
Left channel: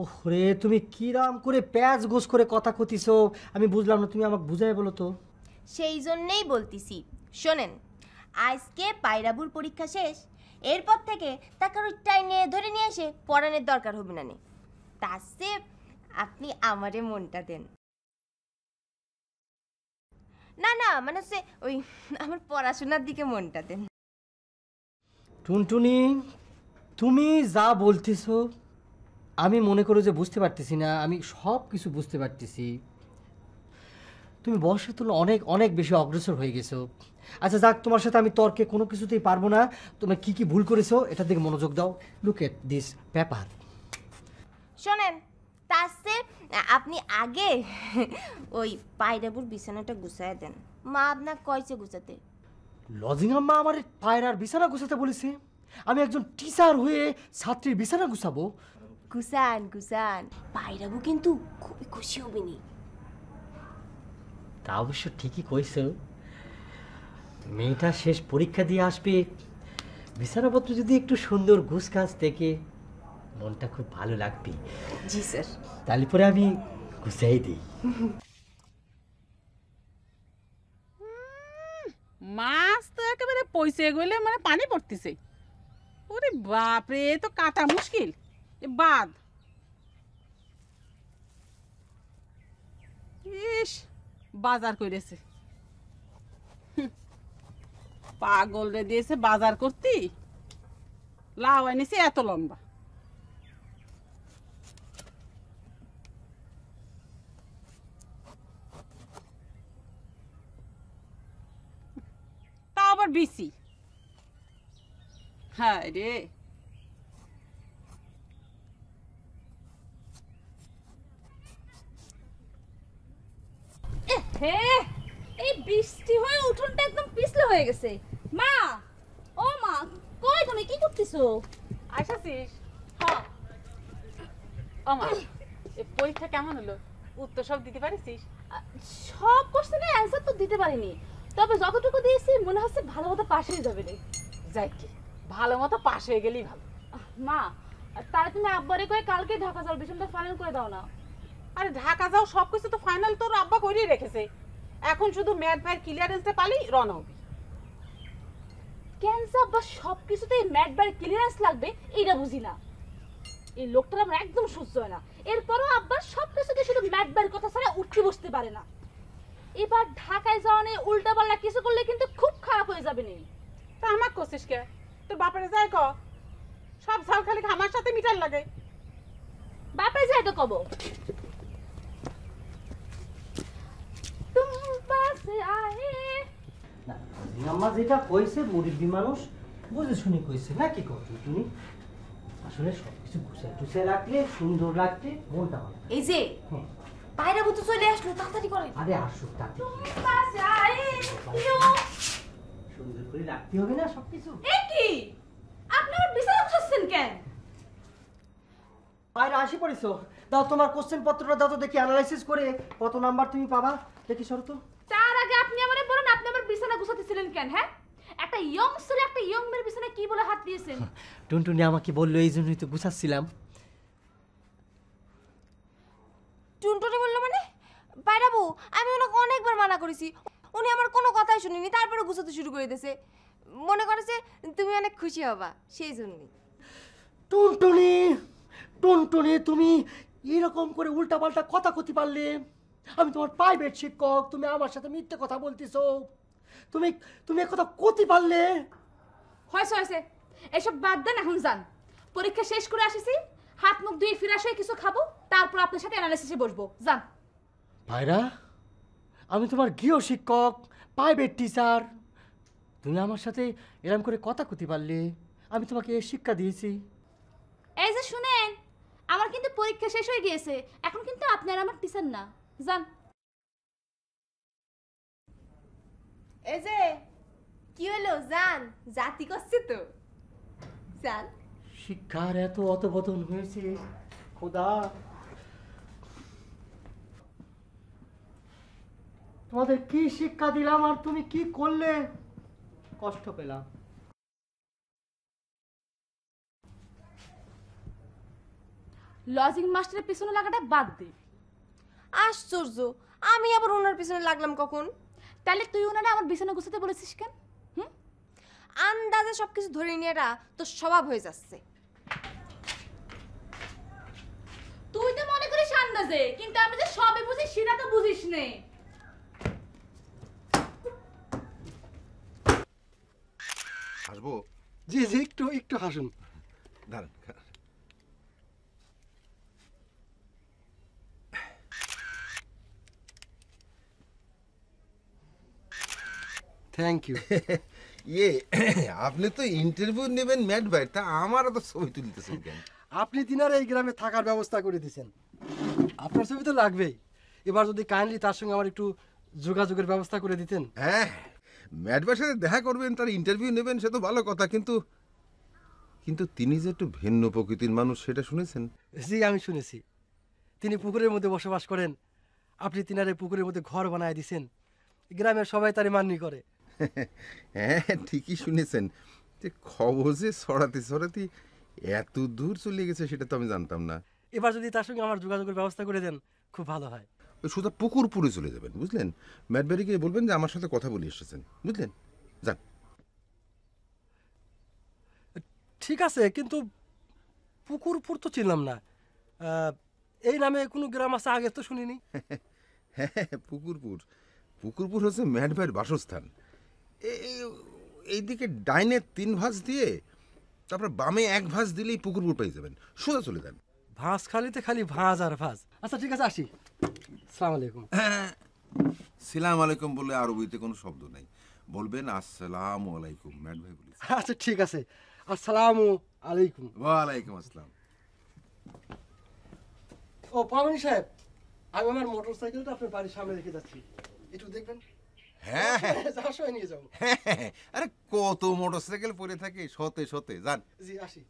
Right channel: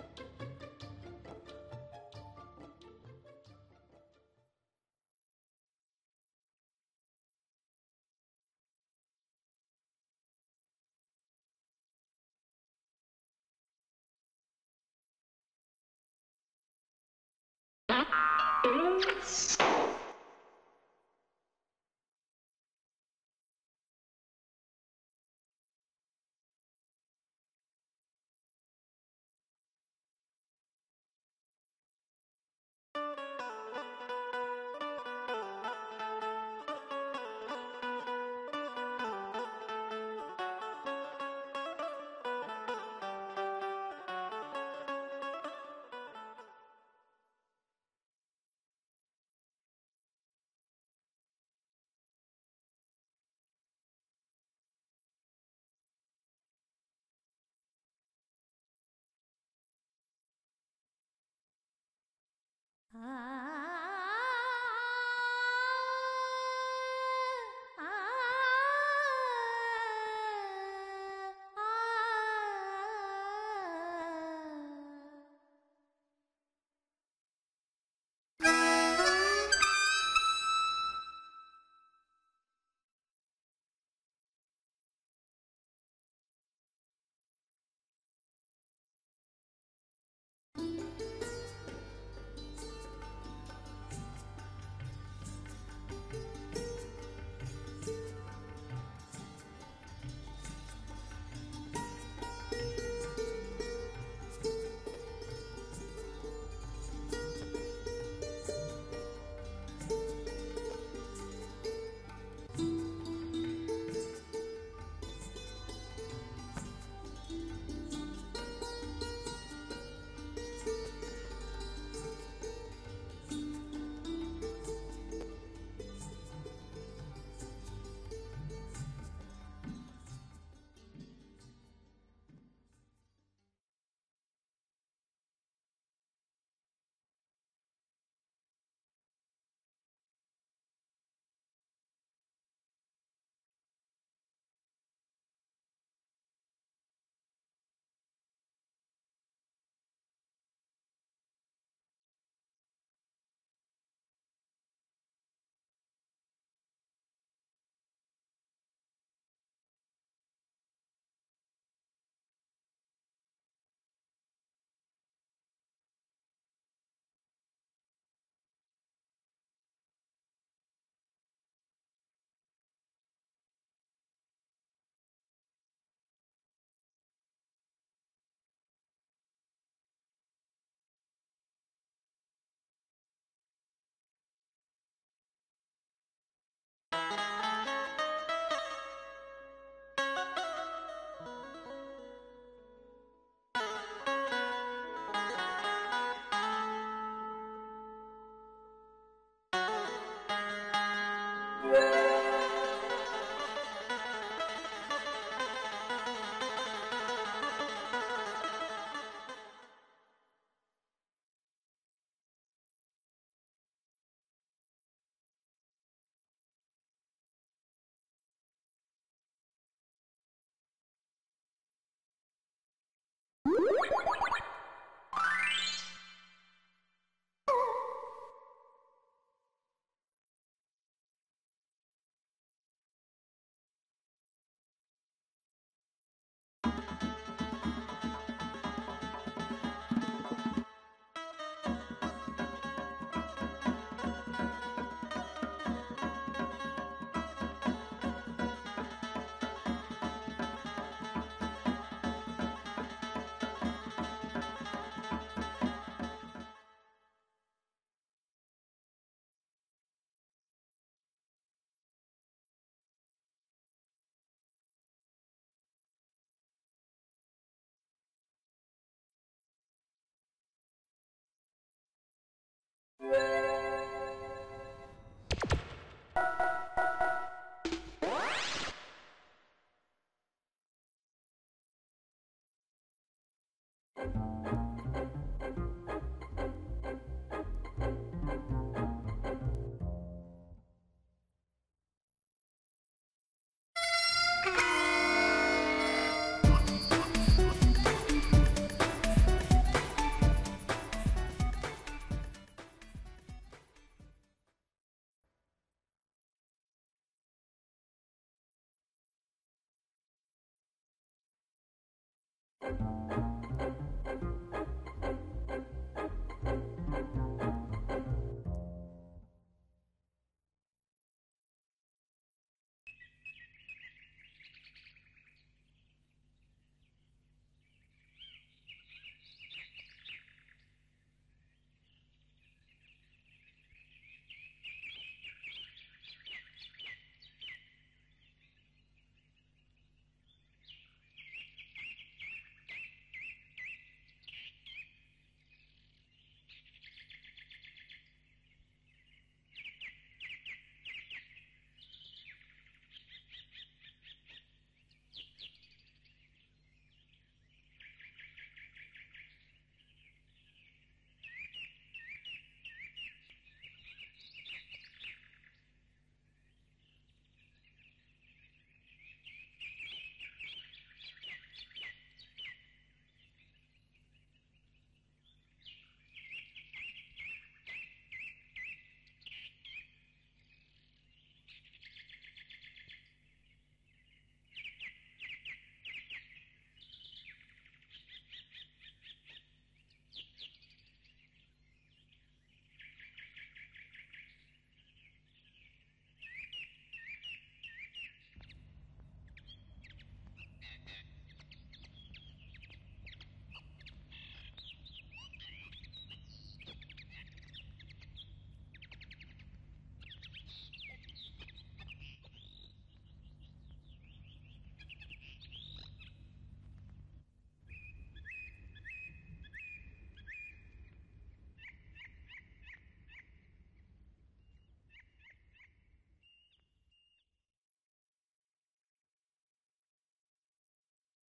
ওরে তুমি কিরাম করে প্যাচ গোস করে কথা কতিছো, আমি বুঝলাম না, তুমি আমাকে বুঝাই বলো তো। সেই জন্যেই বলতেছি, শোনেন, আজকে পায়রাবুর পরীক্ষা শেষ, এরপর থেকে তাকে ওই টাইনে ধরে নিয়ে এসে পড়ানোর দরকার হবে না। তার চেয়ে আপনি আমারে মনটা দেন। না না, মানে হচ্ছে ওই আমার পড়াশোনার দিকে মনটা দেন। টুনটুনি, তুমি যা বলতেছো আমি মনে করো যে বুঝতে পারতেছি না, আমি সব কিছু বুঝতে পারতেছি। তুমি বয়সের তুলনায় অনেক অনেক বেশি অগ্রসর হয়ে গেছো। আচ্ছা যাক, তোমার সাথে আমি তর্কে কোনো কিছুতেই পারবো না। তুমি কি কি ভুল করেছো এটার দিকে মনোযোগ দাও। Look at this paper. শোনেন, তার চেয়ে আপনি আগে ওই পায়রাবুর বিছানাটা গুছায় দেন। মা আপনার কয়ছে গুছাতে? লজিং আম্মা আমার পায়রার বিছানা গুছাতে বলেছে? আমি একজন টিচার হয়ে ছাত্রীর বিছানা গুছাবো? গুছান গুছান, পায়রাবু কিন্তু খুবই খুশি হবে নি। তা অবশ্য ঠিকই কইছো, মেয়েটা শেষ পরীক্ষা দিয়ে আসবে, বিছানাপত্র যদি একটু সুন্দর গুছগাছ থেকে মনটা খুব ভালো লাগবে। জি স্যার। তাহলে পরে আমি গুছাই দিই। মাছ তো একেবারে পয়সে গেলে মানে পানি পড়তেছে। ওরে বাপরে, এ তো কাটা মুশকিল। এ বাদ, ইস বাজার করেছে, পাগল রে দিয়েছে বাজার করতে। লাউ এনেছে এত লম্বা। তা আবার বিসি। হ্যাঁ রে, এই বৃষ্টি হয়ে উঠোনটা একদম পিছলে হয়ে গেছে। মা, ও মা, কই তুমি কি করতেছো? আইসাছিস? হ্যাঁ। ও মা, এ পরীক্ষা কেমন হলো? উত্তর সব দিতে পারিস? সব কোশ্চেনের অ্যানসার তো দিতে পারিনি, তবে যতটুকু দিয়েছি মনে হচ্ছে ভালো মতো পাশ হয়ে যাবে রে। যাই কি, ভালো মতো পাশ হয়ে গেলেই ভালো। মা, তাহলে তুমি আব্বারে কয়ে কালকে ঢাকা যাও, বিষয়টা ফাইনাল করে দাও না। আরে ঢাকা যাও, সবকিছু তো ফাইনাল তোর আব্বা করেই রেখেছে। এখন শুধু ম্যাথ ভাইয়ের ক্লিয়ারেন্সটা পালেই রওনা হবি। কেন আব্বা সবকিছুতেই ম্যাট বাই ক্লিয়ারেন্স লাগবে এইটা বুঝি না। এই লোকটার আমার একদম সহ্য হয় না। এরপরও আব্বা সবকিছুতে শুধু ম্যাট বাইয়ের কথা ছাড়া উঠতে বসতে পারে না। এবার ঢাকায় যাওয়া নিয়ে উল্টা পাল্টা কিছু করলে কিন্তু খুব খারাপ হয়ে যাবে নি। তা আমার করছিস কে? তোর বাপরে যাই ক, সব ঝাল খালি আমার সাথে মিটার লাগে। বাপে যাই তো কব, মামা যেটা কইছে মুরব্বী মানুষ বুঝে শুনে কইছে না, কি করছো তুমি? আসলে সবকিছু গুছিয়ে রাখলে সুন্দর লাগবে মনটা। এই যে পায়রাবু তো চলে আসলো, তাড়াতাড়ি করেন। আরে আসুক তাকে পায়রা আসি পড়েছো। দাও তোমার কোশ্চেন পত্রটা দাও তো দেখি, অ্যানালাইসিস করে কত নাম্বার তুমি পাবা দেখি। সরো তো। তার আগে আপনি আমারে বলেন, আপনি আমার বিছানা গুছাতেছিলেন কেন? হ্যাঁ, একটা ইয়ং ছেলে একটা ইয়ং মেয়ের বিছানায় কি বলে হাত দিয়েছেন? টুনটুনি আমাকে বললো, এই জন্যই তো গুছাচ্ছিলাম। টুনটুনি বললো মানে? পায়রাবু, আমি ওনাকে অনেকবার মানা করেছি, উনি আমার কোনো কথাই শুনিনি, তারপরে গুছাতে শুরু করে দিয়েছে। মনে করেছে তুমি অনেক খুশি হবা, সেই জন্যই। টুনটুনি, টুনটুনি, তুমি এরকম করে উল্টাপাল্টা কথা কইতে পারলে? আমি তোমার প্রাইভেট শিক্ষক, তুমি আমার সাথে মিথ্যে কথা বলতেছো। তুমি তুমি কথা কইতে পারলে? হয়েছে হয়েছে, এসব বাদ দেন, এখন যান। পরীক্ষা শেষ করে আসিছি, হাত মুখ ধুয়ে ফিরে আসে কিছু খাবো, তারপর আপনার সাথে অ্যানালাইসিসে বসবো। যান। ভাইরা, আমি তোমার গৃহ শিক্ষক, প্রাইভেট টিচার, তুমি আমার সাথে এরম করে কথা কইতে পারলে, আমি তোমাকে শিক্ষা দিয়েছি। এই যে শুনেন, আমার কিন্তু পরীক্ষা শেষ হয়ে গিয়েছে, এখন কিন্তু আপনি আর আমার টিচার না, যান। এই যে কি হলো জান, জাতি করছে তো জান। শিক্ষার এত অতপতন হয়েছে খোদা, তোমাদের কি শিক্ষা দিলাম আর তুমি কি করলে, কষ্ট পেলাম। লজিং মাস্টারের পিছনে লাগাটা বাদ দে। আশ্চর্য, আমি আবার ওনার পিছনে লাগলাম কখন? তাহলে তুই ওনারা আমার বিছানা গুছাতে বলেছিস কেন? আন্দাজে সবকিছু ধরে নিয়েরা তো স্বভাব হয়ে যাচ্ছে। তুই তো মনে করিস আন্দাজে, কিন্তু আমি যে সবই বুঝি সেটা তো বুঝিস নে। আসবো? জি জি, একটু একটু হাসুন। দাঁড়ান। Thank you. ইয়ে, আপনি তো ইন্টারভিউ নেবেন ম্যাট ভাই, তা আমার তো ছবি তুলতেছেন কেন? আপনি তিনার এই গ্রামে থাকার ব্যবস্থা করে দিয়েছেন, আপনার ছবি তো লাগবেই। এবার যদি কাইন্ডলি তার সঙ্গে আমার একটু যোগাযোগের ব্যবস্থা করে দিতেন। হ্যাঁ, ম্যাট ভাইয়ের সাথে দেখা করবেন, তার ইন্টারভিউ নেবেন, সে তো ভালো কথা, কিন্তু কিন্তু তিনি যে একটু ভিন্ন প্রকৃতির মানুষ সেটা শুনেছেন? জি, আমি শুনেছি। তিনি পুকুরের মধ্যে বসবাস করেন, আপনি তিনারে পুকুরের মধ্যে ঘর বানায় দিয়েছেন, গ্রামের সবাই তারে মান্য করে। হ্যাঁ, ঠিকই শুনেছেন। যে খবর যে ছড়াতে ছড়াতে এত দূর চলে গেছে সেটা তো আমি জানতাম না। এবার যদি তার সঙ্গে আমার যোগাযোগের ব্যবস্থা করে দেন খুব ভালো হয়। সোজা পুকুরপুরে চলে যাবেন, বুঝলেন? ম্যাটবাড়িকে বলবেন যে আমার সাথে কথা বলে এসেছেন, বুঝলেন? যান। ঠিক আছে, কিন্তু পুকুরপুর তো চিনলাম না, এই নামে কোনো গ্রাম আছে আগে তো শুনিনি। হ্যাঁ, পুকুরপুর পুকুরপুর হচ্ছে ম্যাট ভাইয়ের বাসস্থান। এইদিকে ডাইনে 3 ভাঁজ দিয়ে তারপর বামে 1 ভাঁজ দিলেই পুকুরপুর পেয়ে যাবেন, সোজা চলে যান। ভাঁজ খালিতে খালি ভাঁজ আর ভাঁজ। আচ্ছা ঠিক আছে, আসি। আসসালামু আলাইকুম। হ্যাঁ, সালাম আলাইকুম বলে আরবিতে কোনো শব্দ নাই, বলবেন আসসালামু আলাইকুম। ম্যাট ভাই বলেছে। আচ্ছা ঠিক আছে, আসসালামু আলাইকুম। ওয়ালাইকুম আসসালাম। ও পাবনি সাহেব, আমি আমার মোটর সাইকেলটা আপনার বাড়ির সামনে রেখে যাচ্ছি, একটু দেখবেন। হ্যাঁ হ্যাঁ, যাওয়ার সময় নিয়ে যাবো। আরে কত মোটরসাইকেল পরে থাকে, সতে সতে যান। জি, আসি।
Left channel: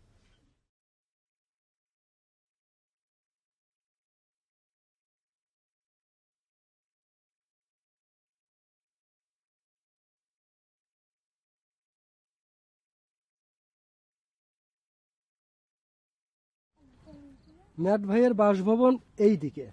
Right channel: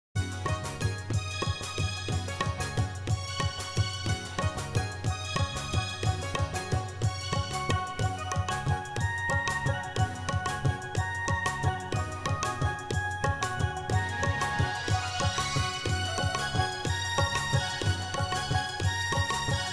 ম্যাট ভাইয়ের বাসভবন এই দিকে।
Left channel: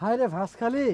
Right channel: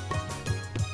হায় রে ভাসখালি,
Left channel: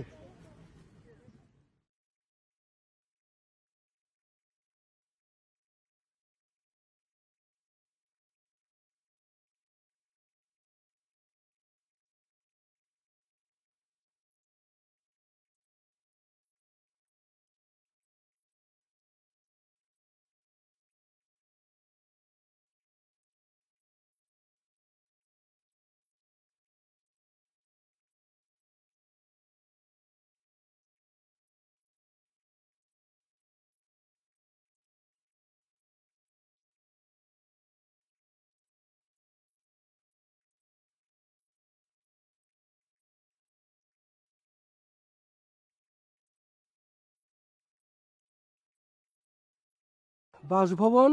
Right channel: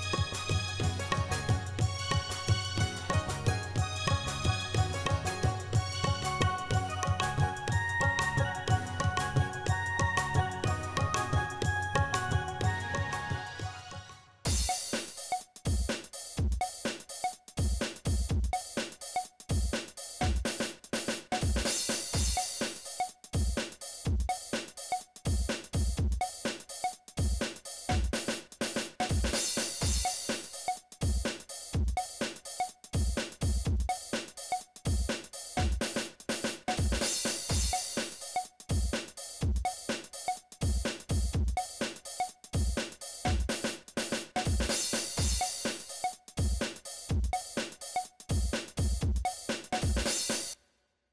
বাসভবন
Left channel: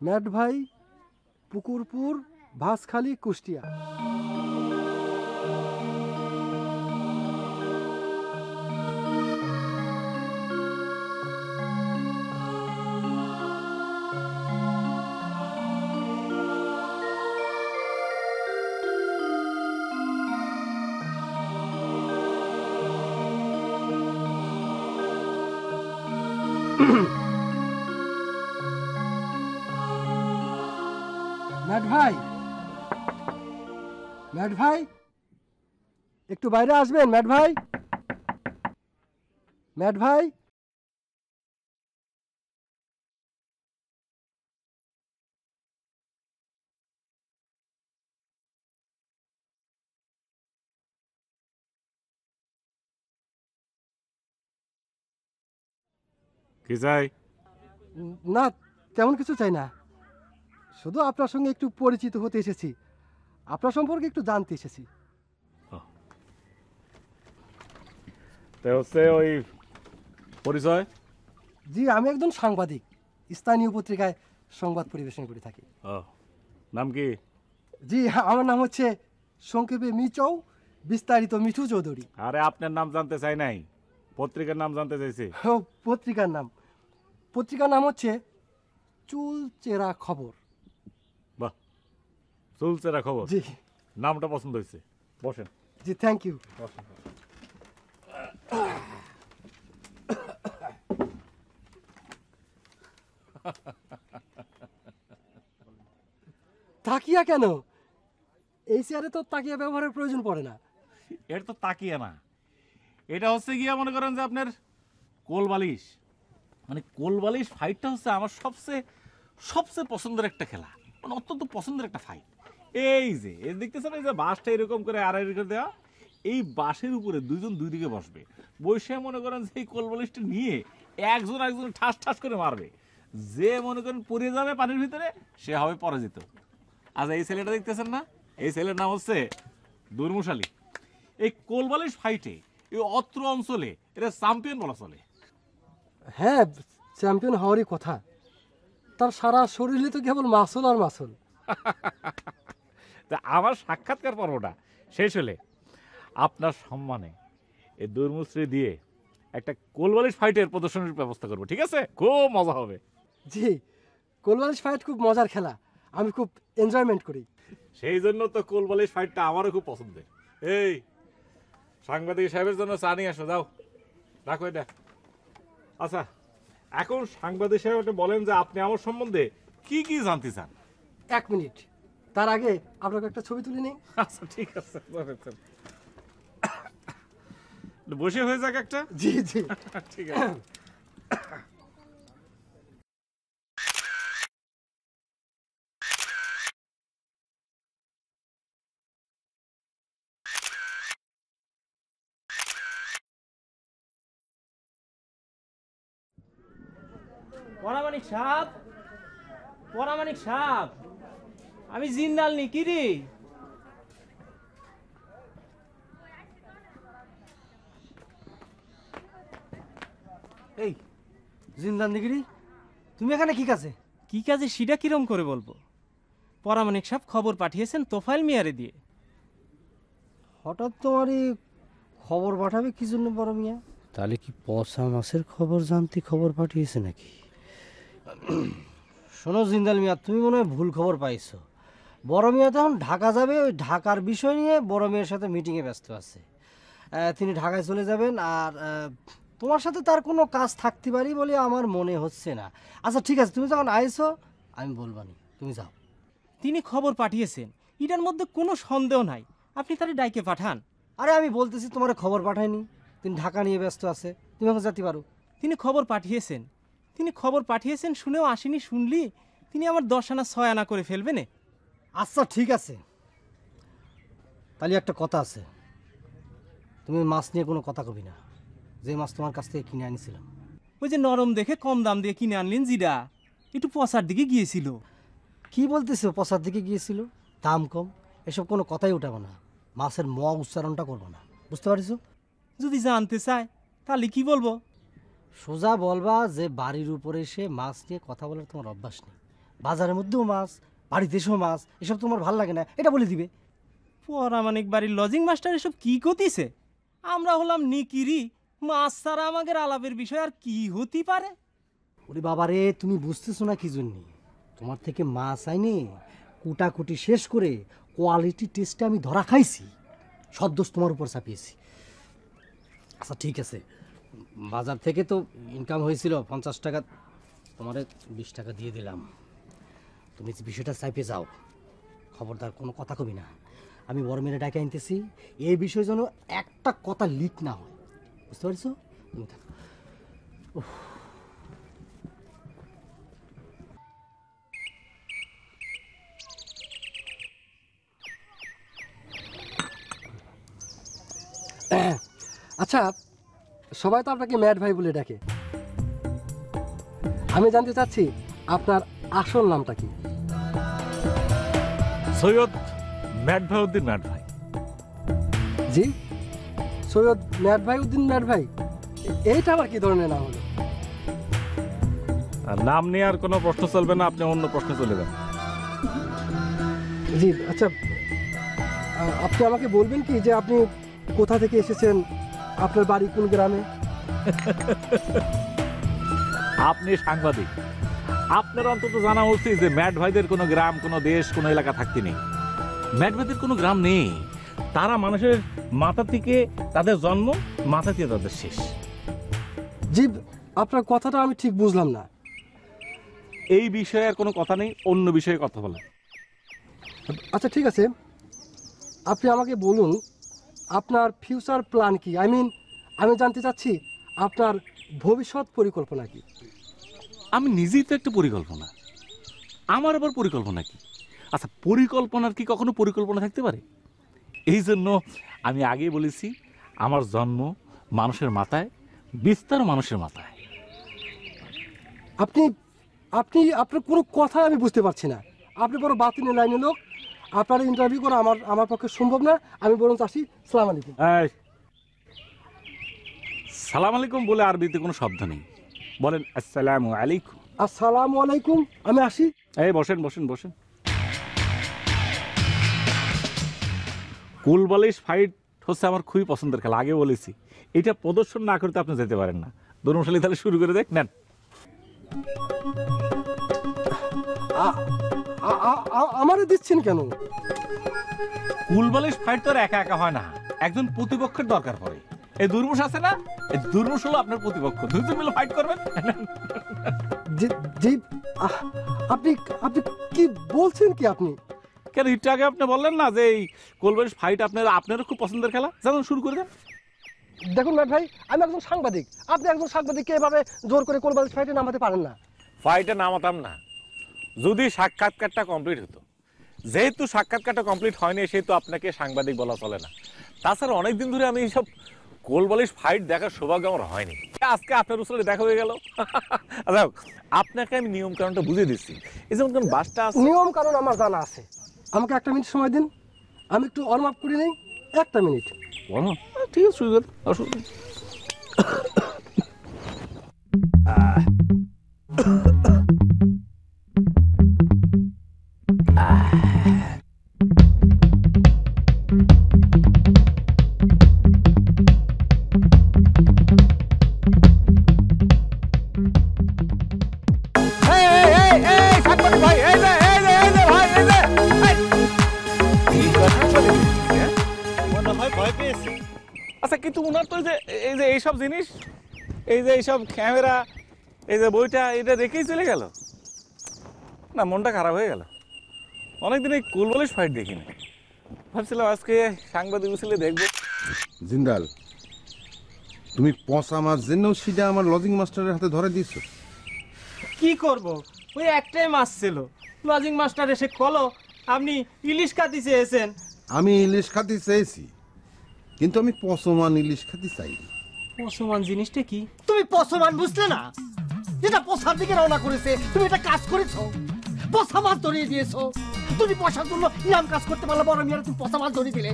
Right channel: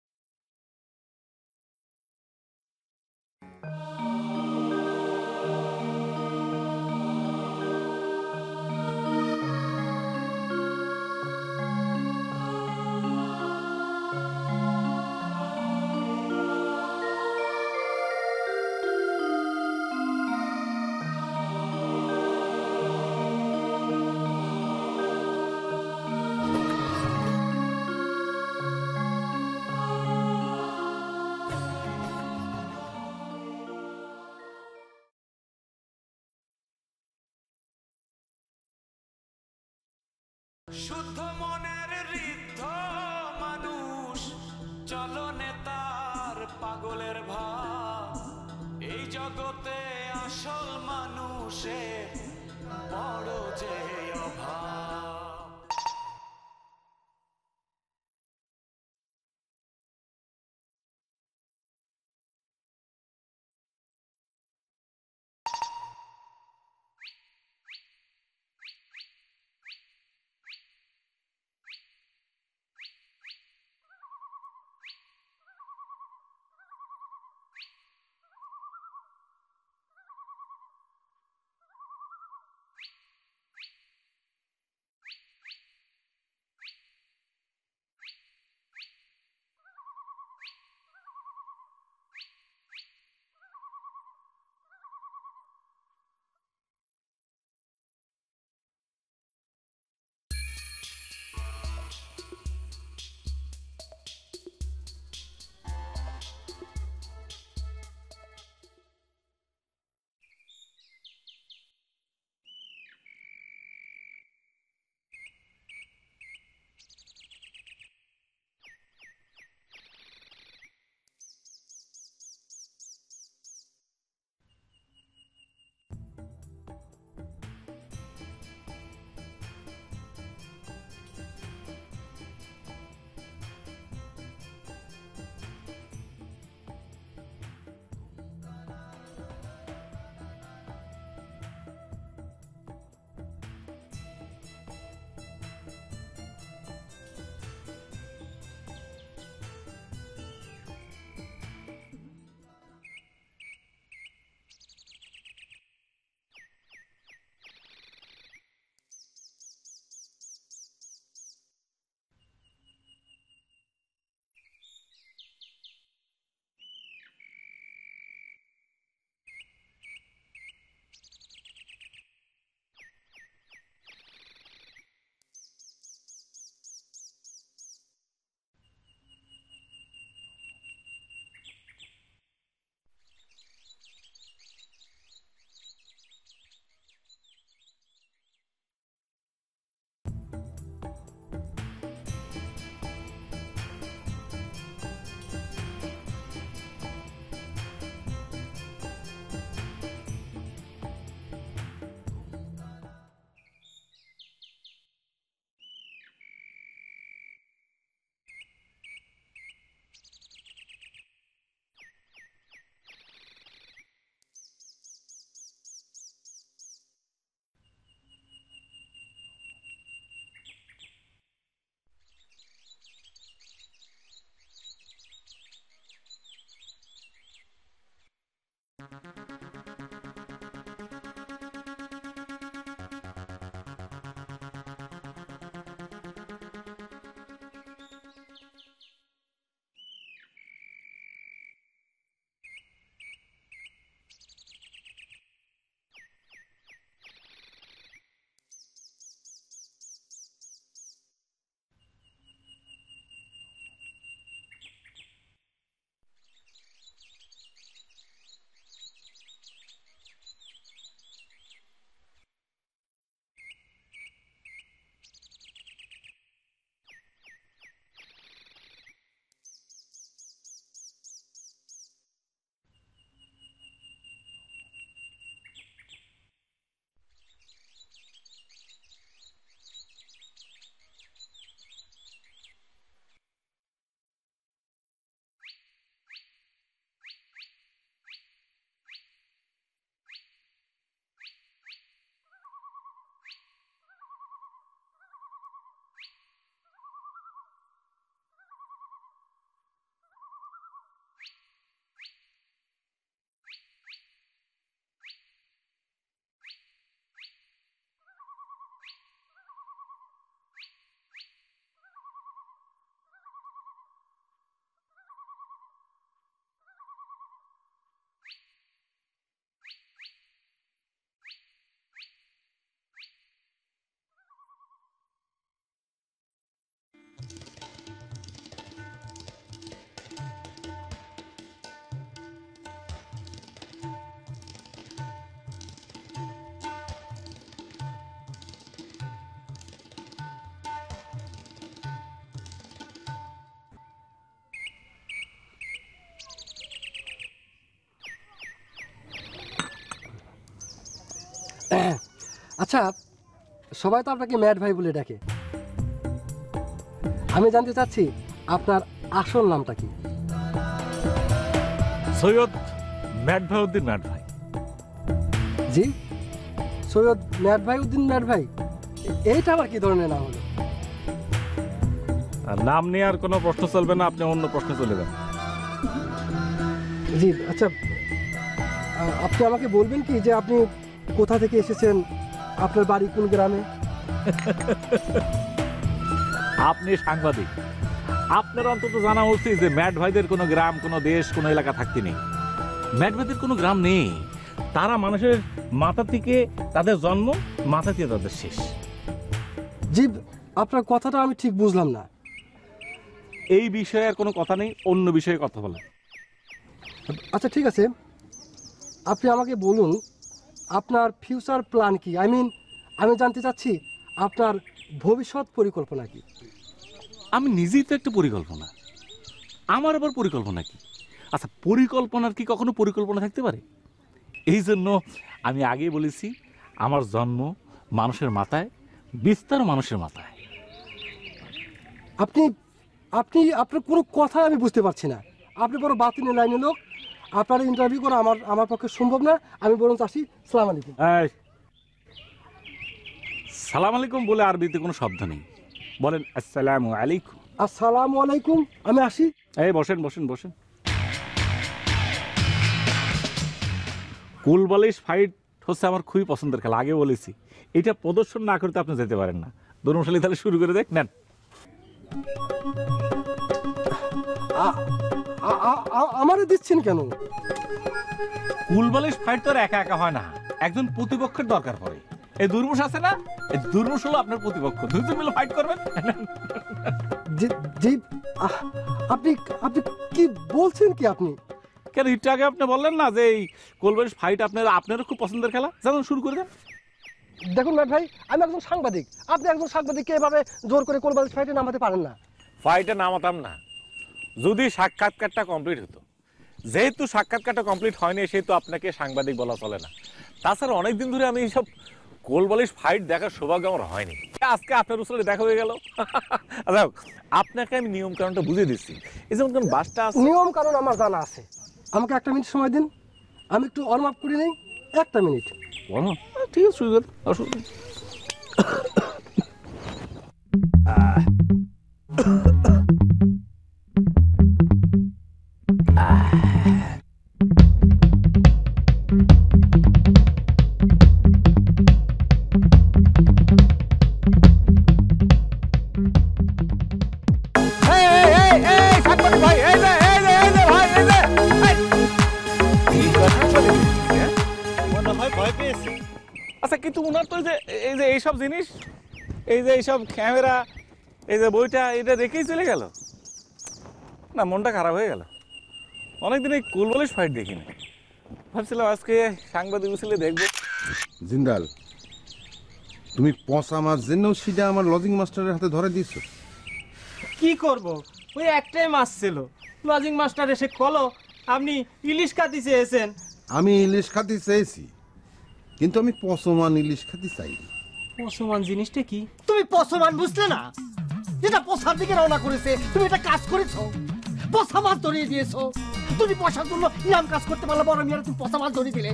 ম্যাট ভাই, পুকুরপুর, ভাসখালি, কুষ্টিয়া। একটু বাইরে আসবেন ম্যাট ভাই। ম্যাট ভাই, শুদ্ধ মনের ঋদ্ধ মানুষ, চলনে তার পাগলের ভাব। এই জগতে আসল মানুষে বড় যে অভাব। কি চাই? না তেমন কিছু চাই না, শুধু আপনার সঙ্গে একটু পরিচিত হতে এসেছি, আপনার সম্পর্কে একটু জানতে এসেছি। হচ্ছে ওই পরিচয়? জি, আমি একজন সাংবাদিক, স্থানীয় পত্রিকায় সংবাদ পরিবেশন করে থাকি। নাম কি? জি, আমার নাম হচ্ছে সংক্ষেপে মিচৌ, বিস্তারিত মিঠু চৌধুরী। আরে আপনার নাম জানতে চাই নাই, পত্রিকার নাম জানতে চাইছি। পত্রিকার নাম হচ্ছে চুলচেরা খবর। বাহ, চুলচেরা খবর। জি, নামটা পছন্দ হয়েছে, বসেন। জি, থ্যাংক ইউ। তাকিয়া কেন? এই চেয়ারে তো তাকিয়া ব্যবহারের প্রয়োজন পড়ে না। এটা তো তাকিয়ে না, এটা হচ্ছে গিয়া মনে করেন যে আপনার কোলবালিশ। মানে কোলবালিশ ফাইটটা হচ্ছে আমার সবচেয়ে পছন্দের একটা খেলা, মানে অত্যন্ত পছন্দের একটা ফাইট। এই যে দেখতেছেন, এই যে বাঁশটা এরকম করে আড়াই করে দেওয়া, এই বাঁশের উপরে দুইজন দুই দিকে বসবে, বসে মনে করেন সেই কোলবালিশটা নিয়ে একজন ঠাস ঠাস করে মারবে। যে মনে করেন পড়ে যাবে পানির ভিতরে, সে হবে পরাজিত। আচ্ছা, এই ছেলেটা দেখতেছেন না, এই ছেলের নাম হচ্ছে দুর্মুশালী। এই কোলবালিশ ফাইটে এই অত্র অঞ্চলে এটা চ্যাম্পিয়ন বলা চলে। হ্যাঁ, চ্যাম্পিয়ন হওয়ারই কথা। তার সারা শরীরে তো কেবল মাসল আর মাসল। তা আমার সাক্ষাৎকার পর্বটা শেষ হলে আপনার সম্মানে এই দুর্মুশ্রী দিয়ে একটা কোলবালিশ ফাইটের প্রদর্শনীর ব্যবস্থা করবো, ঠিক আছে? খুব মজা হবে। জি, কোলবালিশ ফাইট খুব মজার খেলা, আমি খুব এনজয়মেন্ট করি। সেই জন্য তো কোলবালিশ ফাইটটা আমারও খুব পছন্দের। এই সাংবাদিক সাহেবের জন্য চা নিয়ে আসো, যাও, রাখো এটা। আচ্ছা, এখন সাংবাদিক সাহেব বলেন যে আপনি আমার সম্বন্ধে কি কি জানতে চান। 1 মিনিট, তার আগে আপনাকে একটা ছবি তুলে নিই। আচ্ছা, ঠিক আছে, বসে হয়ে যাক একটা। জি জি, ঠিক আছে। পরামানিক সাপ, আমি জিন্দাল নি কি রে? এই জিন্দাল নিগিরি, তুমি এখানে কি কাজে? কি কাজে সেটা কিরম করে বলবো? পরামানিক সাপ খবর পাঠিয়েছেন তোফাইল মিয়ারে দিয়ে। হঠাৎ তোমারই খবর পাঠাবে কি জন্য বড় মিয়া? তাহলে কি পচা মাছের খবর জানতে খবর পাঠিয়েছে নাকি? শোনো জিন্দাল মিয়া, তুমি মনে হয় ভুল খবর পাইছো। বড় মিয়া তখন ঢাকা যাবে, ওই ঢাকার বিষয় নিয়ে বড় মিয়ার সাথে মিটিংয়ে ব্যস্ত আছে। তিনি ঢাকায় চলে যাবেন, আর তোমার সাথে তার কোনো কাজ থাকতে পারি বলে আমার মনে হচ্ছে না। আচ্ছা ঠিক আছে, তুমি যখন আইছো আমি বলবানি, তুমি যাও। তিনি খবর পাঠিয়েছেন, এটার মধ্যে কোনো সন্দেহ নাই, আপনি তারে ডাইকে পাঠান। আরে আমি বলতেছি তোমার খবর পাঠায়নি, তিনি ঢাকা নিয়ে ব্যস্ত আছে, তুমি এখন যেতে পারো। তিনি খবর পাঠিয়েছেন শুনেও আসেনি, শুনলি তিনি আমার 10 আনা 6 আনা করে ফেলবেন। আচ্ছা ঠিক আছে, তাহলে একটা কথা আছে, তুমি মাছ নিয়ে কোনো কথা কবি না। যে মাছ তোমার কাছ থেকে কিনে আনিছিলাম, ওই যে নরম দেখে কম দাম দিয়ে কিনে আনলেন, জিরা একটু পচার দিকে গিয়েছিল। কি বলতেছো? পচার দিকে গিয়েছিল, দাম কম, এসব কোনো কথাই উঠাবো না। মাছের ম উচ্চারণটা করবো না, বুঝতে পারিস? যদি জানতে চায় তাহলে কি বলবো? সোজা বলবা যে বাড়ির উপরে এসে মাছ নিয়ে কথা বলার তোমার অভ্যাস নেই। বাজারের মধ্যেও মাছ, বাড়িতে এসেও মাছ, এসব তোমার ভালো লাগে না, এটা বলে দিবে। পরামানিক বাড়ির লজিং মাস্টার এসব কি করতেছে? আমরা হলাম নিকিরি, মাছ ছাড়া আমাদের আলাপের বিষয় আর কি হতে পারে? ওরে বাবারে, তুমি বুঝতেছো না কি জন্য? তোমার থেকে মাছ আইনে কুটাকুটি শেষ করে কোয়ালিটি টেস্টে আমি ধরা খাইছি, সব দোষ তোমার উপর চাপিয়েছি। আচ্ছা ঠিক আছে, বাজার থেকে তো ইনকাম হয়েছিল 50 টাকা, তোমার 20 টাকা দিয়ে দিলাম। বিষয়টা চাইপে যাও, খবরদার কোনো কথা কবি না। আমি বড় মেরে ডাকে আনতেছি, এই বিষয়ে যেন একটা কথা লিক না হয়, বুঝতে পারছো? আচ্ছা, সবাই তো আপনাকে ম্যাড ভাই বলে ডাকে, আমি জানতে চাচ্ছি আপনার আসল নামটা কি? সৈয়দ ম্যাড ভাই উদ্দিন ম্যাড ভাই। জি, সৈয়দ ম্যাড ভাই উদ্দিন ম্যাড ভাই, এইটা আবার কি ধরনের নাম হলো? আর নাম নিয়ে আর কোনো প্রশ্ন চলবে না, আপনি অন্য প্রশ্নে চলে যান। জি আচ্ছা, আপনি আমাকে বলবেন কি যে আপনি কোথা থেকে এসেছেন, আপনার বাড়ি কোন গ্রামে? আপনি সাংবাদিক, আপনার অন্তত জানা উচিত যে ম্যাড ভাইদের কোনো গ্রাম, কোনো দেশ, কোনো এলাকা থাকতে নেই। ম্যাড ভাইদের কোনো গ্রাম নেই, তারা মানুষের মাথা থেকে তাদের জন্ম, মাথা থেকে তাদের শেষ। জি, আপনার কথাটা আমি ঠিক বুঝলাম না। এই বিষয়ে আর কোনো কথা নেই, অন্য বিষয়ে কথা বলেন। আচ্ছা ঠিক আছে, আপনি আমাকে বলুন আপনার ফিউচার প্ল্যান কি? আমি জানতে চাচ্ছি আপনার ভবিষ্যৎ পরিকল্পনা কি? আমি নিজেই তো একটা পরিকল্পনা, আমার আবার পরিকল্পনা কি? আচ্ছা, পরিকল্পনার কি কখনো পরিকল্পনা থাকতে পারে? এই জন্য আমি আগেই বলেছি, আমার জন্ম মানুষের মাথায়, বিস্তার মানুষের মাথায়। আপনার কোনো কথাই আমি বুঝতে পারছি না। আপনি বড় বাতিলের লাইনে লোক, আপনার ইন্টারভিউ করা আমার পক্ষে সম্ভব না। আমি বরং চাচ্ছি সালাম আলাইকুম। সালাম আলাইকুম বলে আরবিতে কোনো শব্দ নেই, বলেন আসসালামু আলাইকুম। আসসালামু আলাইকুম, আমি আসি। এই বসেন বসেন বসেন। কুলবালিশ ফাইট হচ্ছে আমার খুবই পছন্দের খেলা, আগে বলেছি। এটা প্রদর্শন না করতে আপনি যেতে পারেন না। দরুমশালী তাহলে শুরু করে দেখ নেন। আমারে দিচ্ছেন কেন? কুলবালিশ ফাইট তো আর একা একা হয় না, একজন প্রতিপক্ষের দরকার পড়ে। এই দুর্মুষ আছে না, এই দুর্মুষ হলো আপনার প্রতিপক্ষ, দুজন মিলে ফাইট করবেন। জি, আপনি কি বলছেন কি? আপনি কেন একটু আগে আপনি বললেন না যে এই কুলবালিশ ফাইট আপনারও খুব পছন্দের খেলা, যেমন শুরু করে দেন। দেখুন ম্যাড ভাই, আমি একজন সাংবাদিক, আপনি একজন সাংবাদিককে এভাবে জোর করে কুলবালিশ ফাইটে নামাতে পারেন না। ফাইটে নামাতাম না যদি সাক্ষাৎকারটা কমপ্লিট হতো। যেহেতু সাক্ষাৎকারটা কমপ্লিট হয়নি, সেহেতু আপনাকে সাংবাদিক বলা চলে না। তাছাড়া অনেকদিন ধরে আমি এইসব কোলবালিশ ফাইট দেখার সৌভাগ্য আমার হয়নি, আজকে আপনার উসলে দেখা হয়ে গেল। আচ্ছা, আপনাকে আমি নিয়ম কারণটা বুঝিয়ে দিচ্ছি। এই যেমন কোন বাসটা আছে, নিয়ম কারণ আমার জানা আছে। আমাকে একটা মিনিট সময় দিন, আমি একটু ওয়ার্ম আপ করে নেই। একটা মিনিট। ঠিক আছে, শুরু করুন, অসুবিধা নেই। আচ্ছা, কিন্তু উনার তো এই যে এইসব জিনিস, এই যে এইসব ক্যামেরা, এই যে বইটা, এটা রেখেই চলে গেল না, মনটা খারাপ হয়ে গেল। অনেকদিন এই কুলবালিশ ফাইট দেখিনি, ভাবছিলাম আজকে সাংবাদিক উসলে দেখবো। জিন্দাল, তুমি পচা মাছ জেনেও সেটা আমার লজিং মাস্টারের হাতে ধরে দিয়েছ। কি করব, ওই একটাই মাছ ছিল, লজিং মাস্টার এসে কলো আপনি ইলিশ খাতি চেয়েছেন। আমি ইলিশ খাতি চেয়েছি, কিন্তু আমি পচমান ইলিশ খাতি চাইনি। পচমান জিনিসটা কি? তুমি পচমান বুঝলে না? যেটা পচার দিকে রওনা করেছে, তুমি এটা কাজ করেছো, পচা মাছ ধরিয়ে দিয়েছো। তুমি পয়সার জন্য ইরাম কাজ করতে পারলে বড় মিয়ারা তুমি পচা মাছ ধরিয়ে দিলে।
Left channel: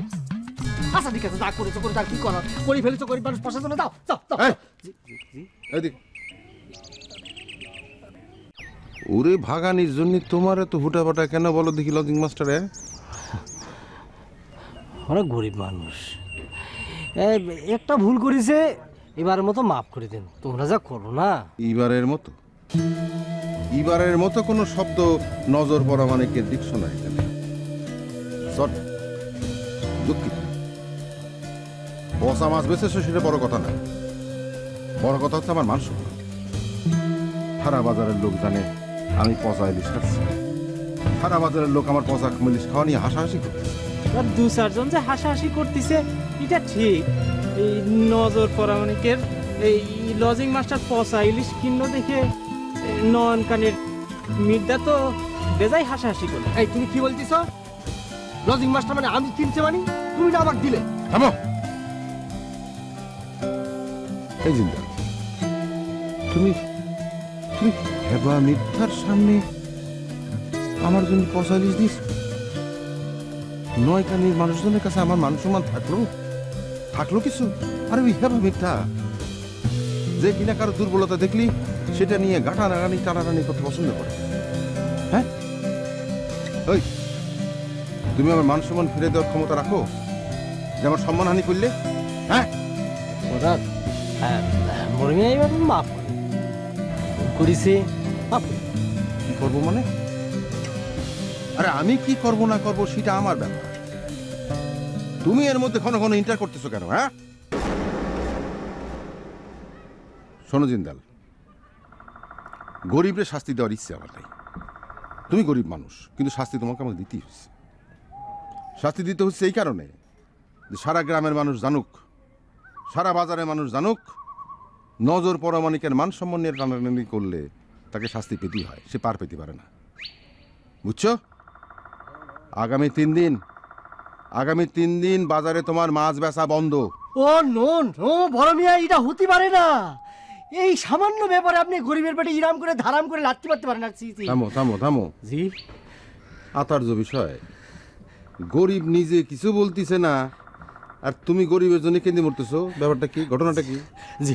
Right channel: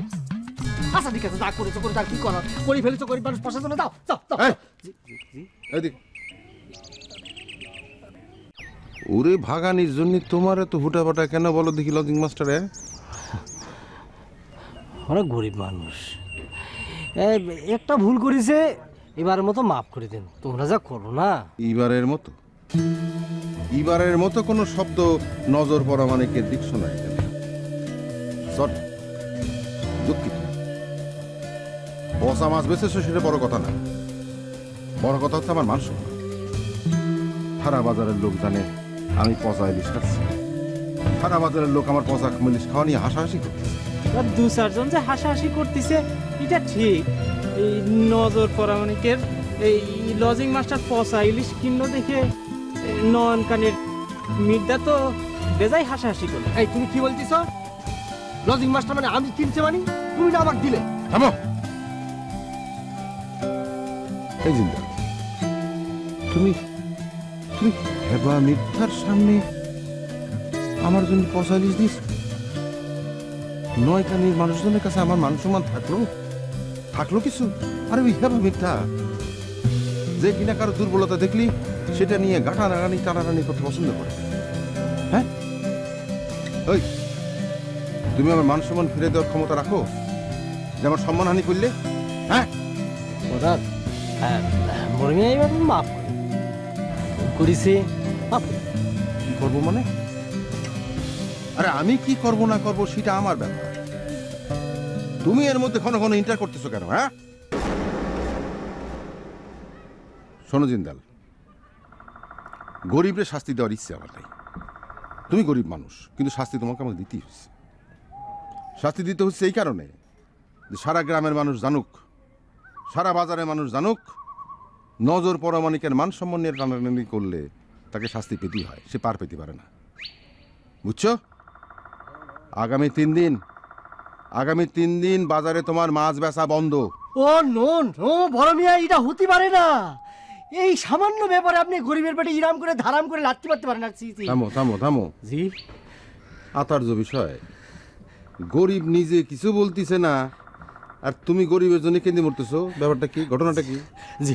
আচ্ছা ঠিক আছে, যা করেছো করে, তার কি করার, করে ফেলেছো, গরিব মানুষ পয়সার জন্য দাও দাও দাও। ওরে ভাগানির জন্য তোমার এত হুটাপাটা কেন বলো দেখি লজিং মাস্টারে? অনেক গরিব মানুষ, একটা ভুল করেছে, এবারের মতো মাফ করে দিন। তোমরা যা করো না। এবারের মতো কোনো শব্দ নজর পড়া মানে কে ডিকশনারি জানে। সরি, দুঃখিত। পচা মাছ বেঁচেছো সেটা বড় কথা না, বড় কথা হচ্ছে আমার মান সম্মান। সারা বাজারের লোক জানে আমি পচা ইলিশ খাচ্ছি, সারা বাজারের লোক আমার পচা ইলিশ খাওয়া নিয়ে হাসাহাসি করতেছে। আর দু চারজন যে হাসাহাসি করতেছে এটা ঠিক। এই নজর পরামানিকের এই লজিং মাস্টার পচা ইলিশ কিন্ন দেখে নয়ন কানের মির্দা তো বেজাই হাসাহাসি করে। এই তুমি কি বলছিস? লজিং মাস্টার মানে আমি কিনছে মানে তুমি না আমাকে দিলে? থামো। এই জিন্দা, তুমি তুমি হেবা মিথ্যার সামনে আমার জন্য পয়সা লিস দিস? নয় কানির মানুষজনের কাছে আমার মান সম্মান থাকলো কিছু? আরে ওই হেবা মিথ্যা যে কিনা কারো দুর্বলতা দেখলি সেটা নিয়ে গাঁটানাগানি টানাটানি করতে পছন্দ করে। হ্যাঁ, ওই তুমি আমার মান সম্মান ফিরে দেওয়ার ক্ষমতা রাখো যে আমার সম্মানহানি করলে? হ্যাঁ ওদার মরমিয়া এবার মাফ করিছে। কি করবো মানে? আরে আমি কি করব না করব সেটা আমার ব্যাপার। তুমি এর মধ্যে ঘন ঘন ইন্টার করতেছো কেন? হ্যাঁ শোনো জিন্দাল, গরিবরে শাস্তি দেওয়ার ইচ্ছে আমার নাই। তুমি গরিব মানুষ, কিন্তু শাস্তি তোমাকে আমাকে দিতেই হচ্ছে। শাস্তি দিতে হচ্ছে এই কারণে যে সারা গ্রামের মানুষ জানুক, সারা বাজারের মানুষ জানুক, নজর পরমাণিকের মান সম্মান নিয়ে টানাটানি করলে তাকে শাস্তি পেতেই হয়, সে পার পেতে পারে না। বুঝছো? আগামী 3 দিন বাজারে তোমার মাছ বেচা বন্ধ। ও নো নো বড় মিয়া, এটা হতে পারে না। এই সামান্য ব্যাপারে আপনি গরিবের পেটে ইরাম করে ধারাম করে লাত্তি মারতে পারেন না। থামো থামো থামো জি, আতার্য বিষয়। গরিব নিজে কিছু বলতিছে না আর তুমি গরিবের জন্য কেঁদে মরতেছো। ব্যাপারটা কি? ঘটনাটা কি? জি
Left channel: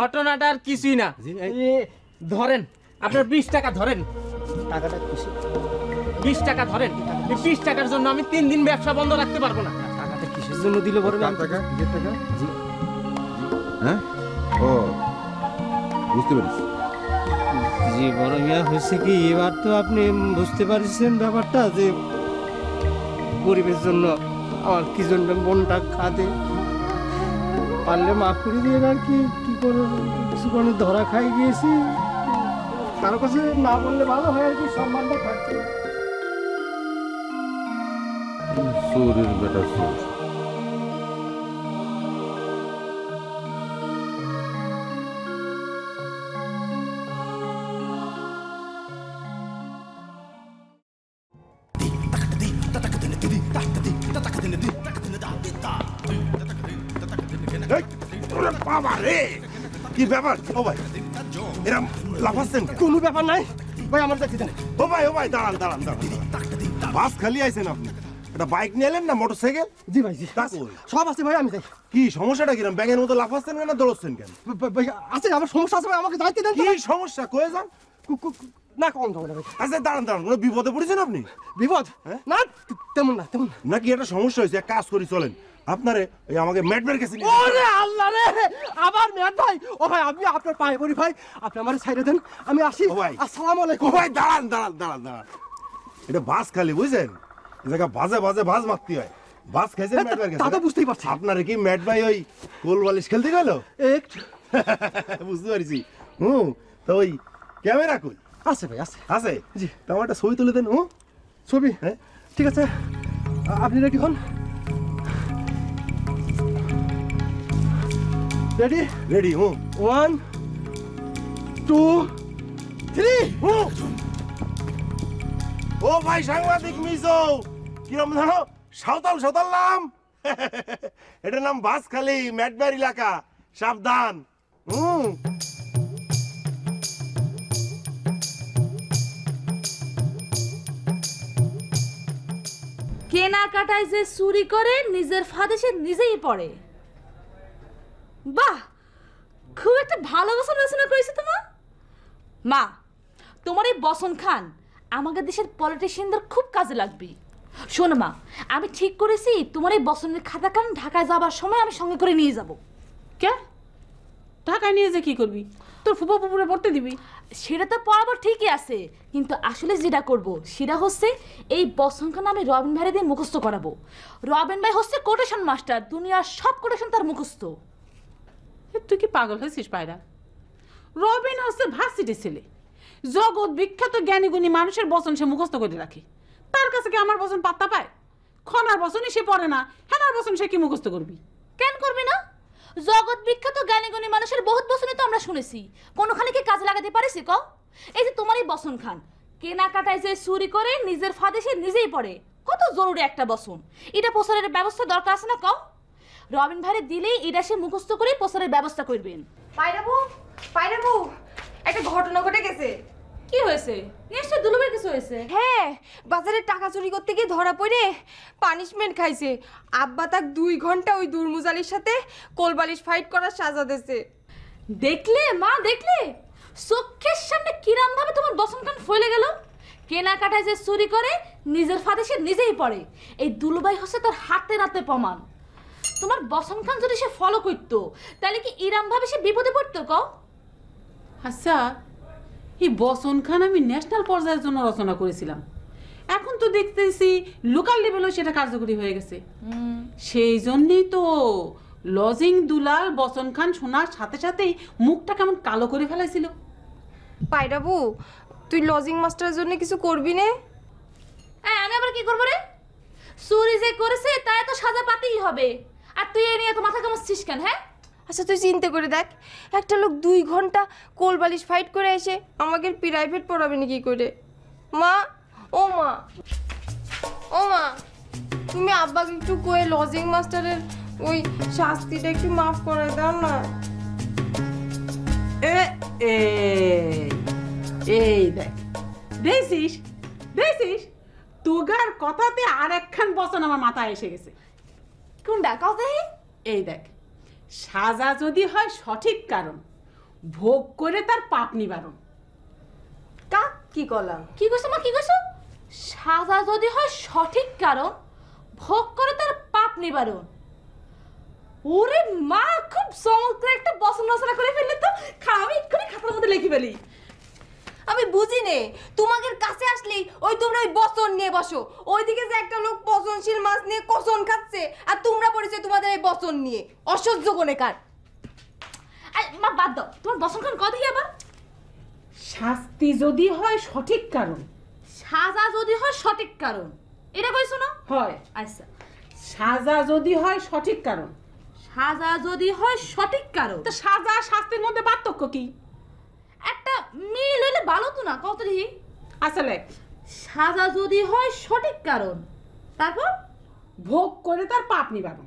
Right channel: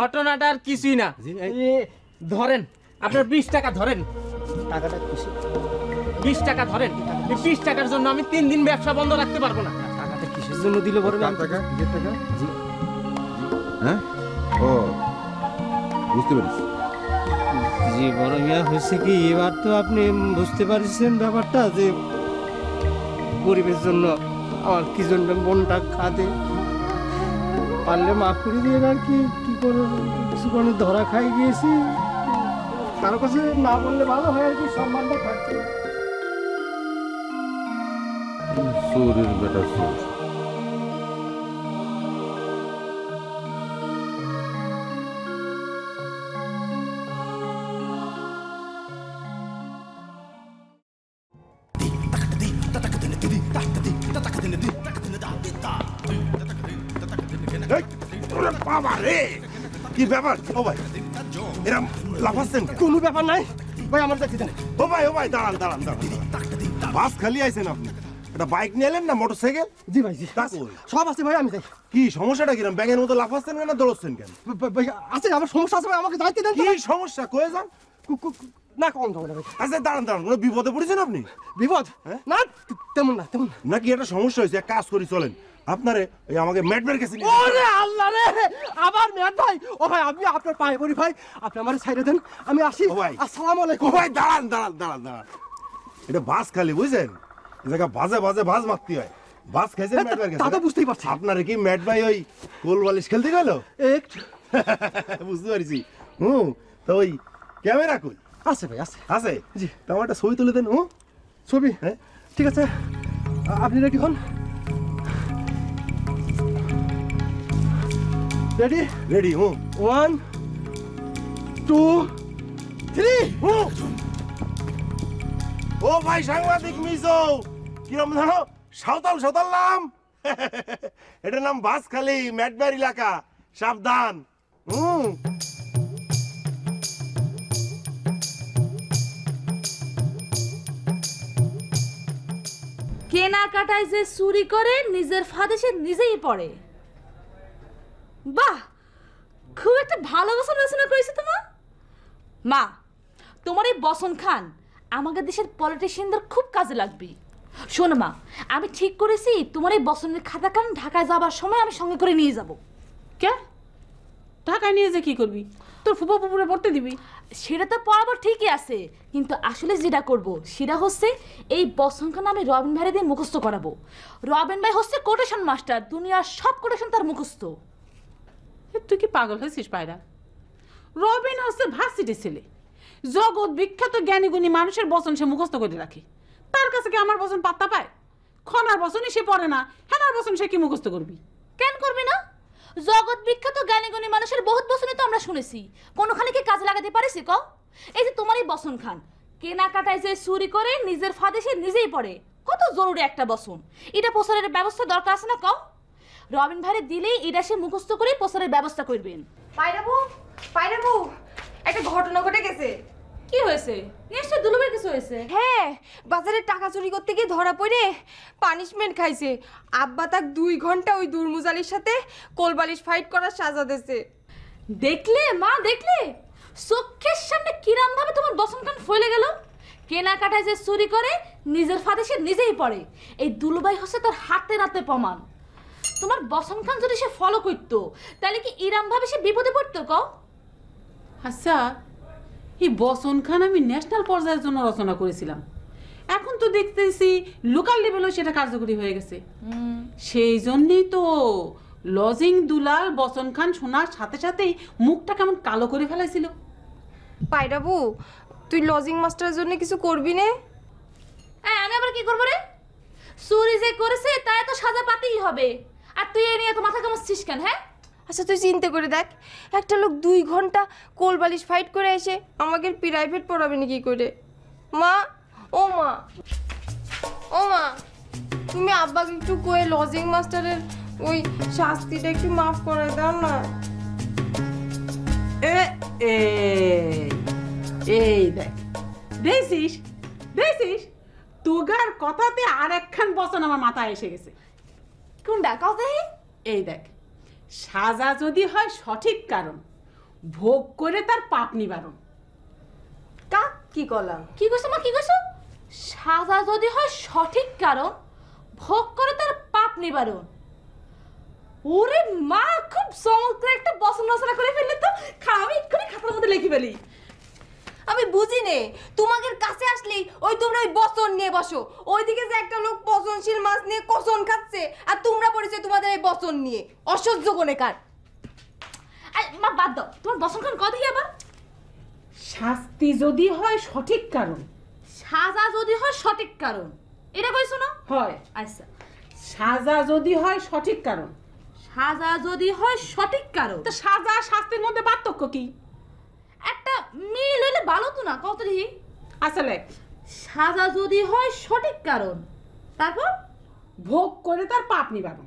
ঘটনাটা আর কিছুই না। ধরেন আপনার 20 টাকা ধরেন। টাকাটা কিসে? 20 টাকা ধরেন। এই 20 টাকার জন্য আমি 3 দিন ব্যবসা বন্ধ রাখতে পারবো না। টাকাটা কিসের জন্য দিলে বড় মিয়া? টাকা কিসের টাকা? জি, হ্যাঁ, ও বুঝতে পেরেছি। জি বড় মিয়া, হয়েছে কি এবার তো আপনি বুঝতে পারছেন ব্যাপারটা, যে গরিবের জন্য আমার কি জন্য মনটা খাদে। পারলে মাফ করে দিয়ে আর কি কি করে কিছু করে ধরা খাই গিয়েছি। কারো কাছে না বললে ভালো হয় আর কি, সম্মানটা থাকছে। চোরের বেটা চোর। কি ব্যাপার? ও ভাই এরম লাফাচ্ছেন কেন? কোনো ব্যাপার নাই ভাই, আমার দেখতে দেন। ও ভাই দাঁড়ান দাঁড়ান দাঁড়ান। বাস খালি আইছেন আপনি? একটা বাইক নিয়ে এলেন না মোটরসাইকেল? জি ভাই, জি সব আছে ভাই, আমি যাই। কি সমস্যাটা কিরম? ব্যাঙের মতো লাফাচ্ছেন কেন, দৌড়চ্ছেন কেন? ভাই আছে, আমার সমস্যা আছে ভাই, আমাকে দায়িত্ব দেন। কি সমস্যা কয়ে যান? না কম যাবে না ভাই। আচ্ছা দাঁড়ান দাঁড়ান, কোনো বিপদে পড়েছেন আপনি? বিপদ? না তেমন না, তেমন নাকি একটা সমস্যা হয়েছে? এক কাজ করি চলেন, আপনারে ওই আমাকে ম্যাটবের কাছে নিয়ে ওরে আল্লাহ রে, আবার ম্যাট ভাই। ও ভাই আমি আপনার পায়ে পড়ি ভাই, আপনি আমার সাইডে দেন, আমি আসি। ও ভাই, আসসালামু আলাইকুম। ও ভাই দাঁড়ান দাঁড়ান দাঁড়ান দাঁড়ান। এটা বাস খালি বুঝছেন, এই জায়গা বাজে বাজে বাজ মারতে হয়। বাস খাইছেন ম্যাটবের কাছে? তা তো বুঝতেই পারছি। আপনারে কি ম্যাট ভাই ওই কোল বালিশ খেলতে গেল? একটু বুঝতে পারছি। তো ওই ক্যামেরা কই? আছে ভাই, আছে আছে। জি, তো আমার একটা ছবি তুলে দেন। ছবি? হ্যাঁ ঠিক আছে, আপনি রেডি হন। রেডি? রেডি। 1 2 3। ও ভাই সাংবাদিক মিজো, কিরম জানো? সাঁওতাল সাঁওতাল নাম। এটার নাম বাসখালী, ম্যাটবার এলাকা, সাবধান। কেনাকাটায় যে চুরি করে নিজের ফাঁদে সে নিজেই পড়ে। বাহ, খুব একটা ভালো বসন রচনা করেছে তোমার মা। তোমার এই বসন খান আমাদের দেশের পলিটিশিয়ানদের খুব কাজে লাগবে। শোনো মা, আমি ঠিক করেছি তোমার এই বসনের খাতা খান ঢাকায় যাবার সময় আমি সঙ্গে করে নিয়ে যাব। কে ঢাকায় নিয়ে যে কি করবি? তোর ফুপা পুকুরে পড়তে দিবি? সেটা তো পড়াবো ঠিকই আছে, কিন্তু আসলে যেটা করব সেটা হচ্ছে এই বসন খান আমি রবিন ভাই দিয়ে মুখস্থ করাবো। রবিন ভাই হচ্ছে কোটেশন মাস্টার, দুনিয়ার সব কোটেশন তার মুখস্থ। তুই কি পাগল হয়েছিস পায়রা? রবিন হচ্ছে ভার্সিটির ছেলে, জগৎ বিখ্যাত জ্ঞানী গুণী মানুষের বচন সে মুখস্থ করে রাখে। তার কাছে কি আমার বচন পাত্তা পায়? খনার বসনই সে পড়ে না, হেনার বসন সে কি মুখস্থ করবি? কেন করবি না? জগৎ বিখ্যাত জ্ঞানী গুণী মানুষের বহুত বসনই তো আমরা শুনেছি, কোনখানে কি কাজে লাগাতে পারিস ক? এই যে তোমার এই বসন খান, কেনাকাটায় যে চুরি করে নিজের ফাঁদে সে নিজেই পড়ে, কত জরুরি একটা বসন, এটা প্রচারের ব্যবস্থা দরকার আছে না ক? রবিন ভাইরে দিলেই এটা সে মুখস্থ করে প্রচারের ব্যবস্থা করবেন। পায়রাবু একটা ঘটনা ঘটে গেছে। কি হয়েছে? নিশ্চয় দুলুবের কিছু হয়েছে। হ্যাঁ, বাজারে টাকা চুরি করতে গিয়ে ধরা পড়ে পানিশমেন্ট খাইছে। আব্বা তাক 2 ঘন্টা ওই দুর্মুজালির সাথে কোলবালিশ ফাইট করার সাজা দিয়েছে। দেখলে মা, দেখলে চোখের সামনে কিরাম ভাবে তোমার বসন খান ফলে গেল। কেনাকাটায় যে চুরি করে নিজের ফাঁদে সে নিজেই পড়ে, এই দুলুবাই হচ্ছে তার হাতে নাতে প্রমাণ। তোমার বসন খান যদি সে ফলো করতো তাহলে কি ইরাম ভাবে সে বিপদে পড়তো ক? আচ্ছা, এই বসন খান আমি ন্যাশনাল পর্যায়ের জন্য রচনা করেছিলাম, এখন তো দেখতেছি লোকাল লেভেলেও সেটা কার্যকরী হয়ে গেছে। সেই জন্যই তো লজিং দুলাল বসন খান শোনার সাথে সাথেই মুখটা কেমন কালো করে ফেলাইছিল। পায়রাবু, তুই লজিং মাস্টারের জন্য কিছু করবি না? আমি আবার কি করবো রে? চুরি যে করেছে তাই তো সাজা পাতেই হবে, আর তুই এ নিয়ে তো মাথা কামাচ্ছিস কেন? হ্যাঁ, আচ্ছা তুই চিন্তা করে দেখ, একটা লোক 2 ঘন্টা কোলবালিশ ফাইট করে এসে আমাকে প্রাইভেট পড়াবে না কি করে? মা, ও মা, ও মা, তুমি আব্বাকে একটু কয়ে লজিং মাস্টারের ওই শাস্তিটা একটু মাফ করে দাও না। এই দেখ, দেখছিস দেখছিস, তোগার কথাতে আর একখান বচন আমার মাথায় এসে গেছে। কোনটা কথা? এই দেখ, সাজা যদি হয় সঠিক কারণ, ভোগ করে তার পাপ নিবারণ। কা কি কলাম? কি কইছো মা, কি কইছো? সাজা যদি হয় সঠিক কারণ, ভোগ করে তার পাপ নিবারণ। ওরে মা, খুব চমৎকার একটা বচন রচনা করে ফেললে তো। আমি এক্ষুনি খাতার মধ্যে লিখে ফেলি। আমি বুঝি নে, তোমাদের কাছে আসলেই ওই তোমরা ওই বচন নিয়ে বসো। ওইদিকে যে একটা লোক পচনশীল মাছ নিয়ে কচন খাচ্ছে, আর তোমরা পড়েছো তোমাদের এই বচন নিয়ে। অসহ্য কোনেকার। মা বাদ দাও, তোমার বচন খান কথা আবার। শাস্তি যদি হয় সঠিক কারণ, সাজা যদি হয় সঠিক কারণ, এটা কইছো না? হয়। আচ্ছা, সাজা যদি হয় সঠিক কারণ, সাজা যদি হয় সঠিক কারণ, তো সাজা শাস্তির মধ্যে পার্থক্য কি? একটা মিল হইলে ভালো তো না কত দেখি। আসলে সাজা যদি হয় সঠিক কারণ, তারপর ভোগ করে তার পাপ নিবারণ।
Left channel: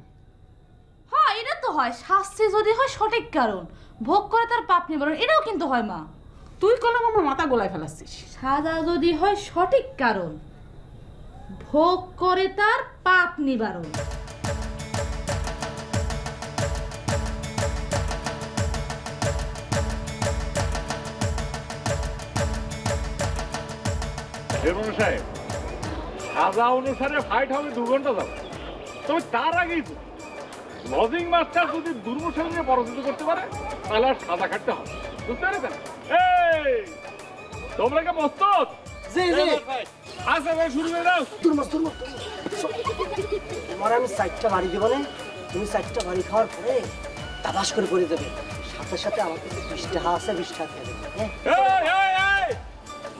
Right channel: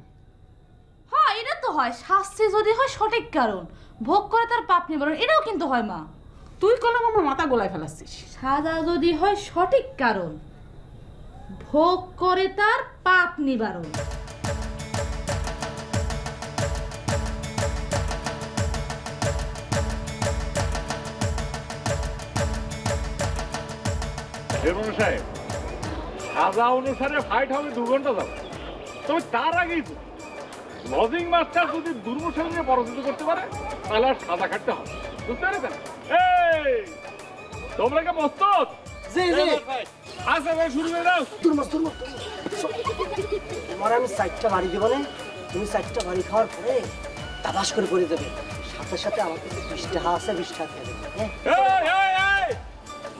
হ্যাঁ, এটা তো হয়। শাস্তি যদি হয় সঠিক কারণ, ভোগ করে তার পাপ নিবারণ, এটাও কিন্তু হয় মা। তুই কলম আমার মাথা গোলায় ফেলাচ্ছিস। সাজা যদি হয় সঠিক কারণ, ভোগ করে তার পাপ নিবারণ। সাহেব, সাজা অনুসারে ফাইট হবে 2 ঘন্টা যাবে, তবে তার আগেই লজিং মাস্টার যদি দুর্মূল নিয়ে পরাজিত করতে পারে তাহলে আর সাজা কাটতে হবে, বুঝতে পেরেছেন? এই তোমরা কি প্রস্তুত? জি জি, আচ্ছা ভাই, শুরু করে দাও। তুরমস তুরমস, তোমার আমি 4টা বাড়ি দেবো না, তুমি 4টা বাড়ি খাওয়ার পরে তাবাস করে করে দেবে, সাথে সাথে আমার কাছে 20 টাকা আছে, 20 টাকা দেবে।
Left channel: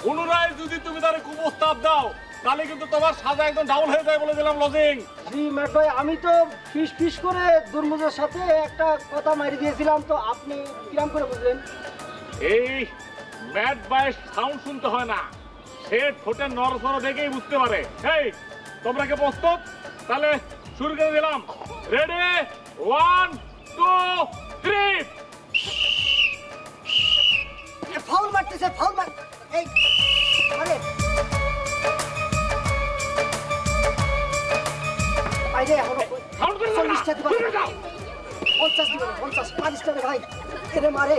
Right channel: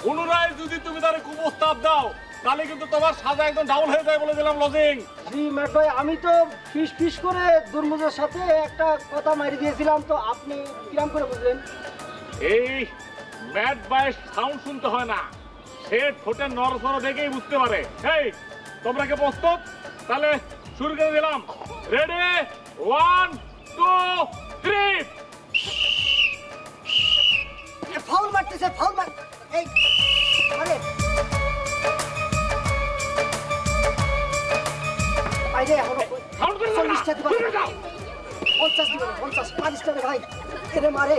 পুনরায় যদি তুমি তার কুপ্রস্তাব দাও তাহলে কিন্তু তোমার সাজা একদম ডাউন হয়ে যায় বলে দিলাম। লজিং জি ম্যাট ভাই, আমি তো ফিস করে দুর্মুজের সাথে একটা কথা মারি দিয়েছিলাম, তো আপনি কিরাম করে বুঝলেন? এই ম্যাট বয়ের সাউন্ড শুনতে হয় না, সে ঠোঁটের নড়াচড়া দেখেই বুঝতে পারে। এই তোমরা কি প্রস্তুত? তাহলে শুরু করে দিলাম। রেডি, 1 2 3। ফাউল মারতেছে, ফাউল মার। এই আরে আইরে এখনো 40 টাকা দিবা, 50 দিবা, 50 40 টাকা ভাই, এরে মারে।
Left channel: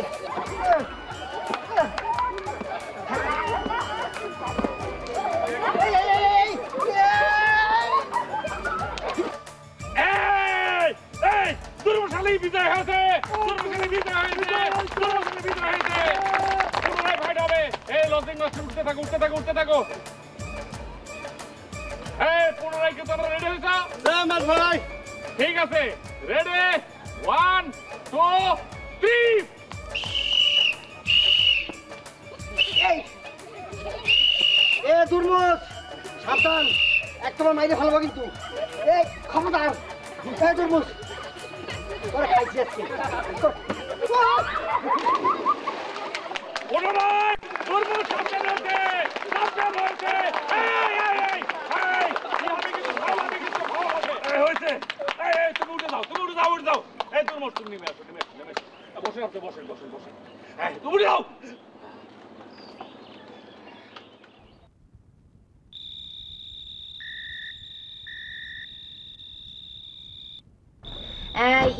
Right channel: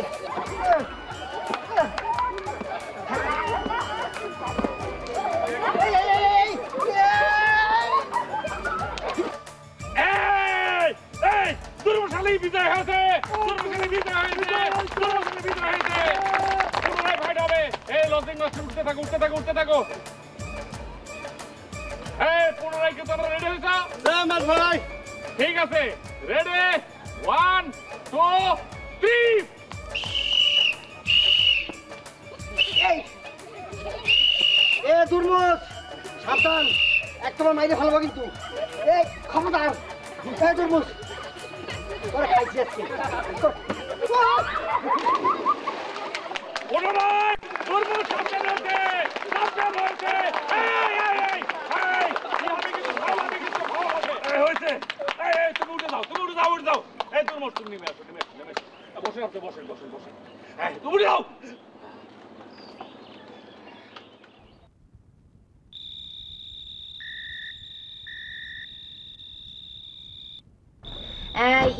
দুর্মশালী বিজয় হয়েছে, দুর্মশালী বিজয় হয়েছে, দুর্মশালী বিজয় হয়েছে। পুনরায় ফাইট হবে। এই লজিং মাস্টার উঠতে থাকো, উঠতে থাকো, উঠতে থাকো। এই পুনরায় কি তোমরা রেডি হয়েছো? ভাই ঠিক আছে, রেডি, 1 2 3। এ দুর্মুজ সাবধান, একদম মাইরে ফেলবো কিন্তু। এই খবরদার এই তরমুজ ওরা খাইছে আজকে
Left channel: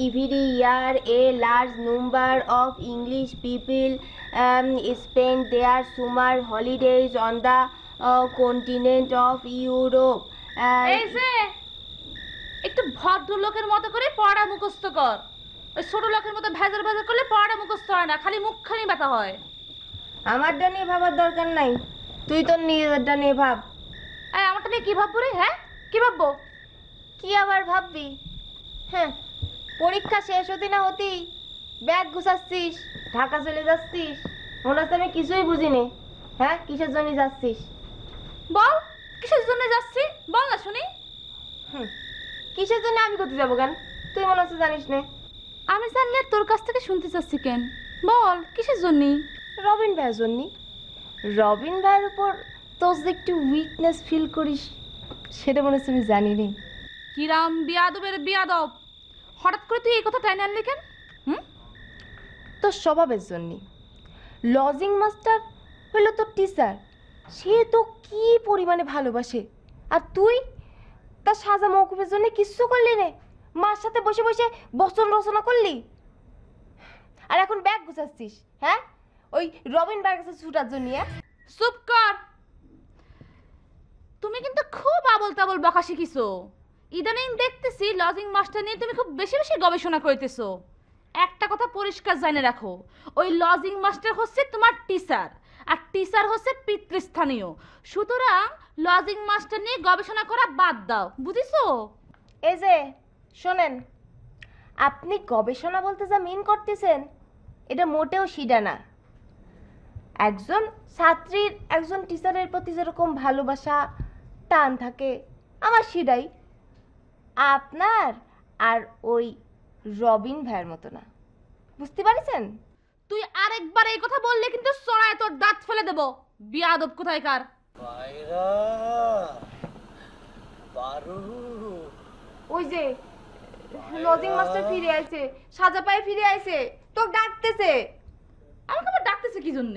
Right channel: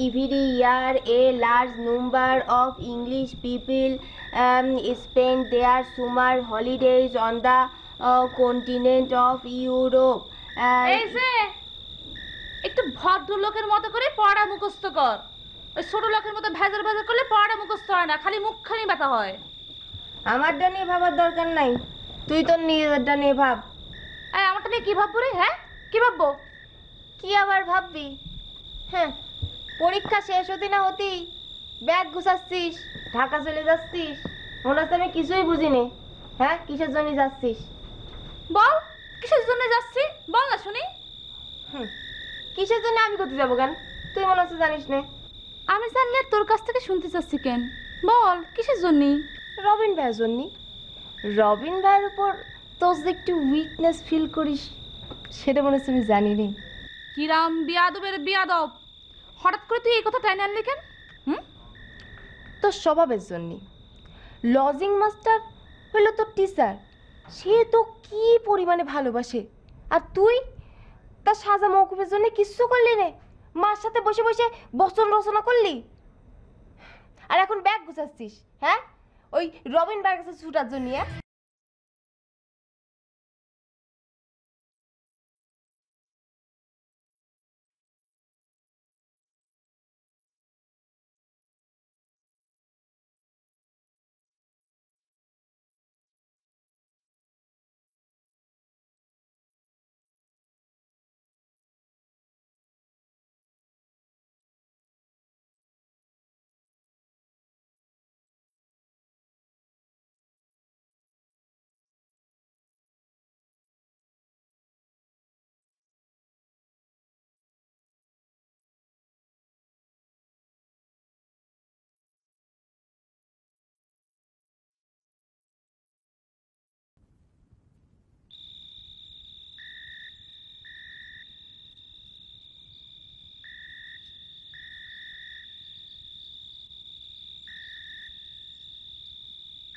Every year, a large number of English people spend their summer holidays on the continent of Europe. এই যে একটু ভদ্রলোকের মতো করে পড়া মুখস্থ কর। ওই ছোট লোকের মতো ভেজার ভেজার করলে পড়া মুখস্থ হয় না, খালি মুখখানি ব্যথা হয়। আমারটা নিয়ে ভাবার দরকার নাই, তুই তোর নিজেরটা নিয়ে ভাব। আমারটা নিয়ে কি ভাববো রে? হ্যাঁ, কি ভাববো? কি আবার ভাববি? হ্যাঁ, পরীক্ষা শেষ হতে না হতেই ব্যাগ গুছাচ্ছিস, ঢাকা চলে যাচ্ছিস, মনে হচ্ছে আমি কিছুই বুঝিনি। হ্যাঁ, কিসের জন্য যাচ্ছিস বল? কিসের জন্য যাচ্ছি বল না শুনি। কিসের জন্য আমি করতে যাবো কেন? তুই মনে হচ্ছে জানিস না। আমি জানলে তোর কাছ থেকে শুনতে চাচ্ছি কেন? বল কিসের জন্য? রবিন ভাইয়ের জন্য। রবিন ভাইয়ের উপর তোর যে একটু উইকনেস ফিল করিস সেটা মনে হচ্ছে আমি জানি নি। কিরাম বিয়াদবের বিয়াদব, হঠাৎ করে তুই এই কথা টাইনে আনলি কেন? তোর স্বভাবের জন্য। লজিং মাস্টার হলো তোর টিচার, সে তো কি পরিমাণে ভালোবাসে, আর তুই তার সাজা মৌকুফের জন্য কিচ্ছু করলি নে, মার সাথে বসে বসে বচন রচনা করলি, আর এখন ব্যাগ গুছাচ্ছিস। হ্যাঁ, ওই রবিন ভাইয়ের কাছে ছুটার জন্য। চুপ কর, তুমি কিন্তু খুব আবল তাবল বকা শিখিছো। ইদানিং দেখতেছি লজিং মাস্টার নিয়ে তুমি খুব বেশি বেশি গবেষণা করতেছো। একটা কথা পরিষ্কার জেনে রাখো, ওই লজিং মাস্টার হচ্ছে তোমার টিচার, আর টিচার হচ্ছে পিতৃস্থানীয়। সুতরাং লজিং মাস্টার নিয়ে গবেষণা করা বাদ দাও, বুঝিছো? এই যে শোনেন, আপনি গবেষণা বলতে যা মিন করতেছেন এটা মোটেও সিডা না। একজন ছাত্রীর একজন টিচারের প্রতি যেরকম ভালোবাসা টান থাকে, আমার সিডাই। আপনার আর ওই রবিন ভাইয়ের মতো না, বুঝতে পারছেন? তুই আরেকবার এই কথা বললে কিন্তু সরায় তোর দাঁত ফেলে দেব, বিয়াদব কোথায়কার। ওই যে লজিং মাস্টার ফিরে আইছে, সাজা পায়ে ফিরে আইছে, তোকে ডাকতেছে। আমাকে আবার ডাকতেছে কি জন্য?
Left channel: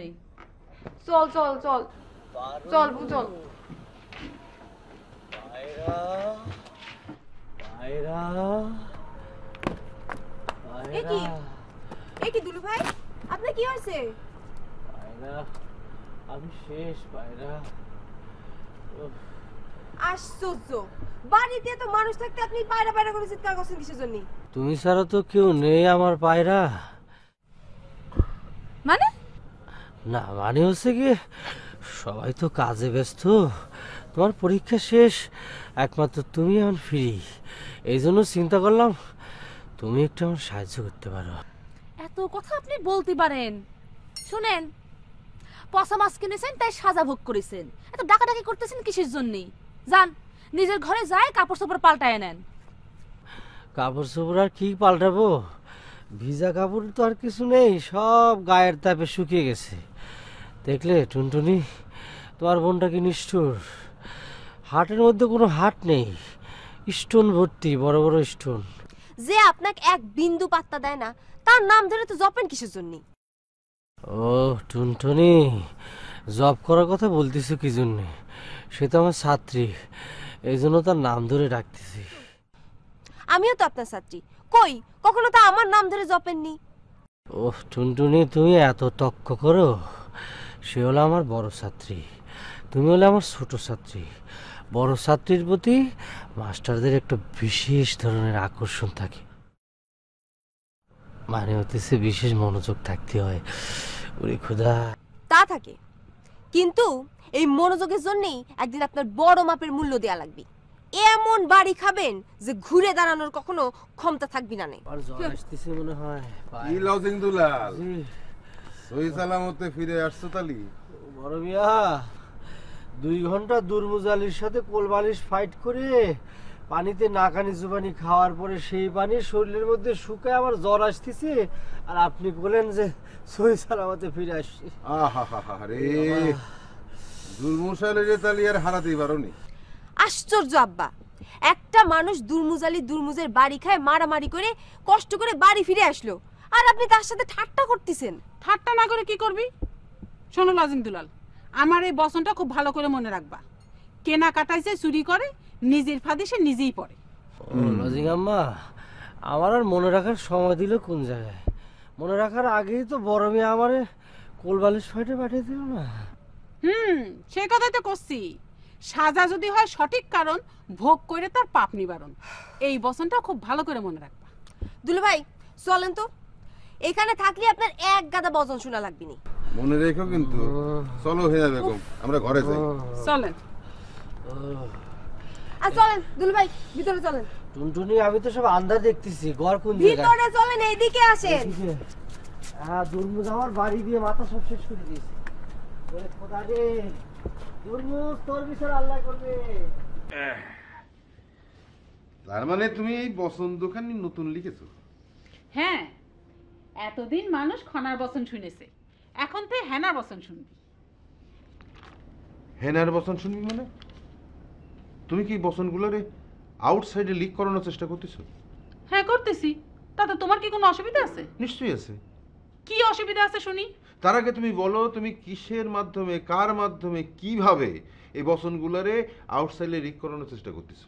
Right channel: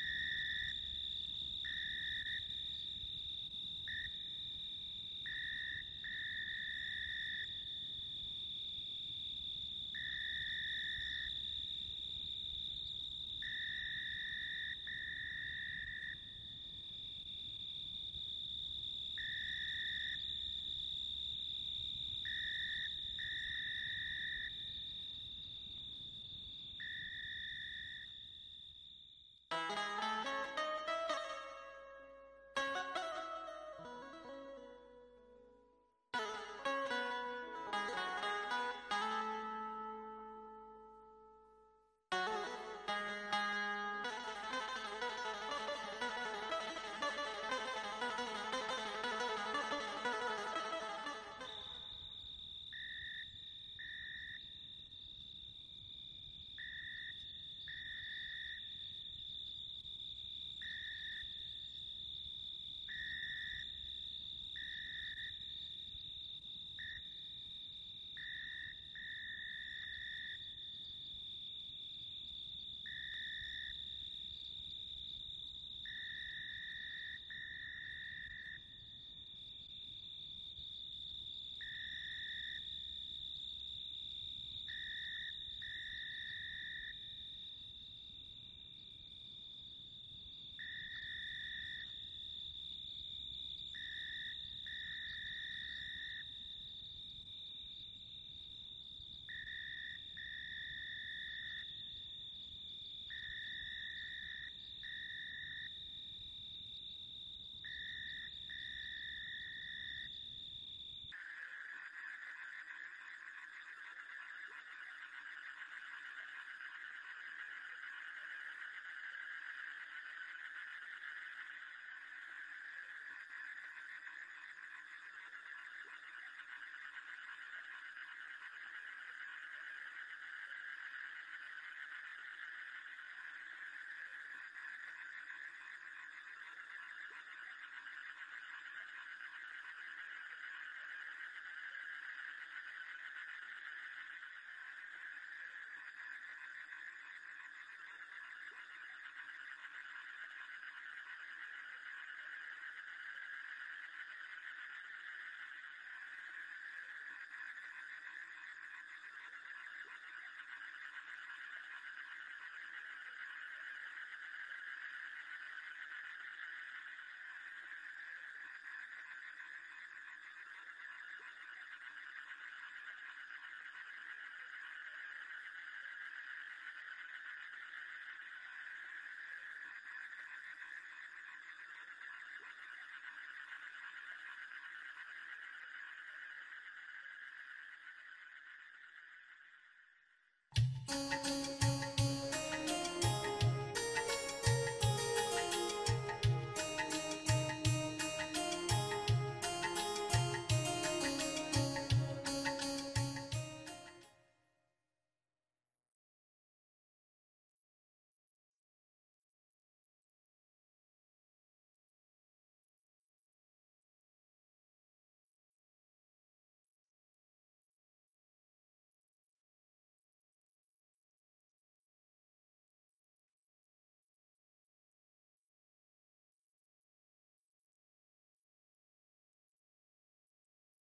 চল চল চল চল চল। কি দুলু ভাই, আপনার কি হয়েছে? আমি শেষ পায়রা। আশ্চর্য, বাড়িতে তো মানুষ থাকতে আপনি পায়রা পায়রা করে চিৎকার করছেন কিসের জন্য? তুমি ছাড়া তো কেউ নেই আমার পায়রা। মানে? না মানে হচ্ছে কি, সবাই তো কাজে ব্যস্ত, তোমার পরীক্ষা শেষ, একমাত্র তুমি এখন ফ্রি, এই জন্য চিন্তা করলাম তুমি একটু আমার সাহায্য করতে পারো। এত কথা আপনি বলতে পারেন? শুনেন, পচা মাছ কিনেছেন তাই সাজা ভোগ করেছেন, এত ডাকাডাকি করতেছেন কিসের জন্য? যান নিজের ঘরে যায় কাপড় চোপড় পাল্টায় নেন। কাপড় চোপড় আর কি পাল্টাবো, ভিজা কাপড় তো আর কিছু নেই, সব গায়ের তাপে শুকিয়ে গেছে। দেখলে টুনটুনি, তোমার বোনটা কি নিষ্ঠুর, হাটের মধ্যে কোনো হাট নেই, স্টোন ভর্তি, বড় বড় স্টোন। যে আপনাকে এক বিন্দু পাত্তা দেয় না তার নাম ধরে তো জপেন কিসের জন্য? ও টুনটুনি, জব করার কথা বলতেছো কি জন্য? সে তো আমার ছাত্রী, এই জন্য তার নাম ধরে ডাকতেছি। আমিও তো আপনার ছাত্রী, কই কখনো তো আমার নাম ধরে জপেননি। ও টুনটুনি, তুমি এত তক্ক করো, সে হলো আমার বড় ছাত্রী, তুমি হলে আমার ছোট ছাত্রী। বড় ছাত্রীর প্রতি মাস্টারদের একটা বিশেষ ধরনের আকর্ষণ থাকে, মানে হইতেছে বিশেষ মনোযোগ থাকতে হয়। ওরে খোদা, তা থাকে, কিন্তু এই মনোযোগের জন্যই একদিন আপনার বড় মাপের মূল্য দেয়া লাগবে। এমন বাড়ি খাবেন যে ঘুরে দাঁড়ানোর কখনো ক্ষমতা থাকবি না। মনে হয় কি লজিং দুলাল, সহি সালামতে ফিরে আসছো তালি? বড় মিয়া, 2 ঘন্টা দুর্বুজ আলীর সাথে কোলবালিশ ফাইট করে পানিতে নাকানি জুবানি খাওয়ার পরে সেই পানি শরীরের মধ্যে শুকায় আমার জ্বর আসতেছে, আর আপনি বলেন যে সহি সালামতে ফিরে আসছে। রে দুর্মশালের তালি আর হারাতেই পারোনি। আশ্চর্য আব্বা, একটা মানুষ দুর্মুজের বাড়ি খায় মারামারি করে কষ্ট করে বাড়ি ফিরে আসলো, আর আপনি তার সাথে ঠাট্টা করতেছেন। ঠাট্টা না করে কি করবি? শোনো লজিং দুলাল, আমার এই বচনটা খুব ভালো করে মনে রাখবা। কেনা কাটাইছে চুরি করে, নিজের ফাঁদে সে নিজেই পড়ে। লজিং আম্মা, আমার আর মনে রাখার সময় দিল কোন জায়গায়? মনে রাখার আগেই তো বড় মেয়ে আমারে কোলবালিশ ফাইটে পাঠিয়ে দিল না। সে কথাই তো করছি। সাজা যদি হয় সঠিক কারণ, ভোগ করে তার পাপ নিবারণ। এই বচনটা খুব ভালো করে মনে রাখবা। দুলু ভাই চলেন তো, এখানে থাকলে আপনার এক গাদা বচন শোনা লাগবে না। মনে রেখো কিন্তু। চলো হিনা বেগম, আমরা ঘরে যাই। চলেন। আর চলেন দুলু ভাই, ভিতরে চলেন। টুনটুনি, আমি তো সব আন্দাজ দেখতেছি, ঘর কোন জায়গায়? ভিতরে চলেন, এইদিকে আসেন। হ্যাঁ, দুর্মুজ আমার বাড়ি দিয়ে মাথা সরষে শুনবি। দুর্মুজ তোর ভিতরে আল্লাহ করবে। তার মানে তুমি এই বসন্ত দোকানি নতুন লিখেছো? হ্যাঁ, এতদিন মানুষ খনার বচন শুনেছে, এখন তো হেনার বচন শুনবি। হেনার বচন শুনবি মানে? তুমি কি বচনগুলোরে আউটসাইডে লিক করানোর চেষ্টা করতেছো? হ্যাঁ করতেছি। তাতে তোমার কি কোনো অসুবিধা আছে? নিশ্চয়ই আছে। কি অসুবিধা আছে শুনি? তার আগে তুমি বলো, তুমি কিসের মাধ্যমে, কার মাধ্যমে, কিভাবে এই বচনগুলোরে আউটসাইডে লিক করানোর চেষ্টা করতেছো?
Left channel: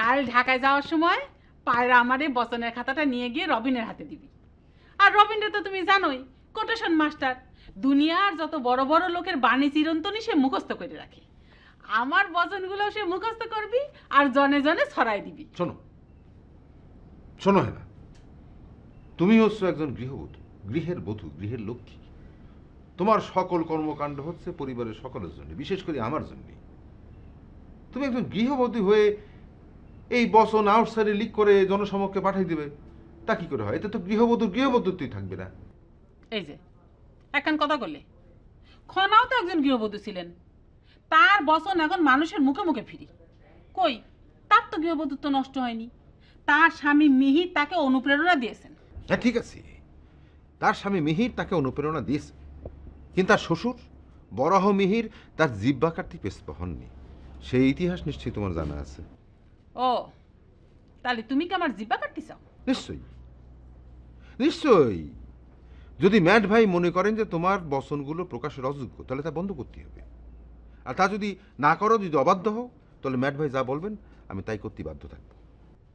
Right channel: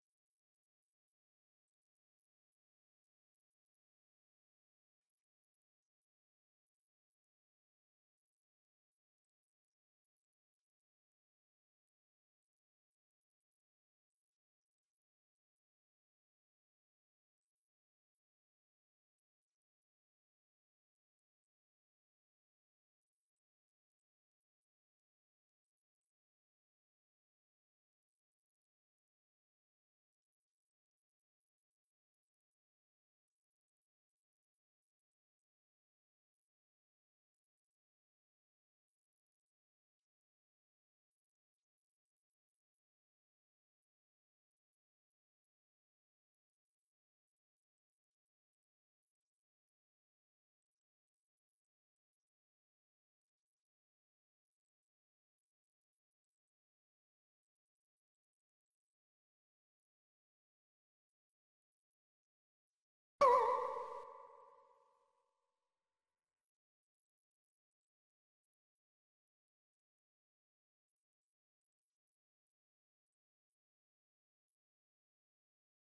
কাল ঢাকায় যাওয়ার সময় পায়রা আমার এই বচনের খাতাটা নিয়ে গিয়ে রবিনের হাতে দিবি। আর রবিনরে তো তুমি জানোই, কোটেশন মাস্টার। দুনিয়ার যত বড় বড় লোকের বাণী চিরন্তনী সে মুখস্থ করে রাখে। আমার বচনগুলো সে মুখস্থ করবি আর জনে জনে ছড়াই দিবি। শোনো শোনো হেনা, তুমি হচ্ছ একজন গৃহবধূ, গৃহের বধূ, গৃহের লক্ষ্মী। তোমার সকল কর্মকাণ্ড হচ্ছে পরিবারের সকলের জন্য, বিশেষ করে আমার জন্য। তুমি একজন গৃহবধূ হয়ে এই বচন আউটসাইডে লিক করে জনসমক্ষে পাঠিয়ে দিবে, তা কি করে হয়? এতে তো গৃহবধূত্বই থাকবে না। এই যে একখান কথা বললে, খনাও তো একজন গৃহবধূ ছিলেন, তার বচন এখন মানুষের মুখে মুখে ফিরি। কই, তার তো গৃহবধূত্ব নষ্ট হয়নি। তার স্বামী মিহির তাকে অনুপ্রেরণা দিয়েছেন। হ্যাঁ ঠিক আছে, তার স্বামী মিহির তাকে অনুপ্রেরণা দিয়েছে, কিন্তু তার শ্বশুর বরাহ মিহির তার জিহ্বা কাটতে পেছপা হননি। সেই ইতিহাস নিশ্চয়ই তোমার জানা আছে। ও, তাহলে তুমি কি আমার জিহ্বা কাটতে চাও? নিশ্চয়ই নিশ্চয়ই। যদি ম্যাট ভাই মনে করেন যে তোমার বচনগুলো প্রকাশের অযোগ্য, তাহলে তা বন্ধ করতে হবে। আর তা যদি না করো, যদি অবাধ্য হও, তাহলে ম্যাট ভাই যা বলবেন আমি তাই করতে বাধ্য থাকবো।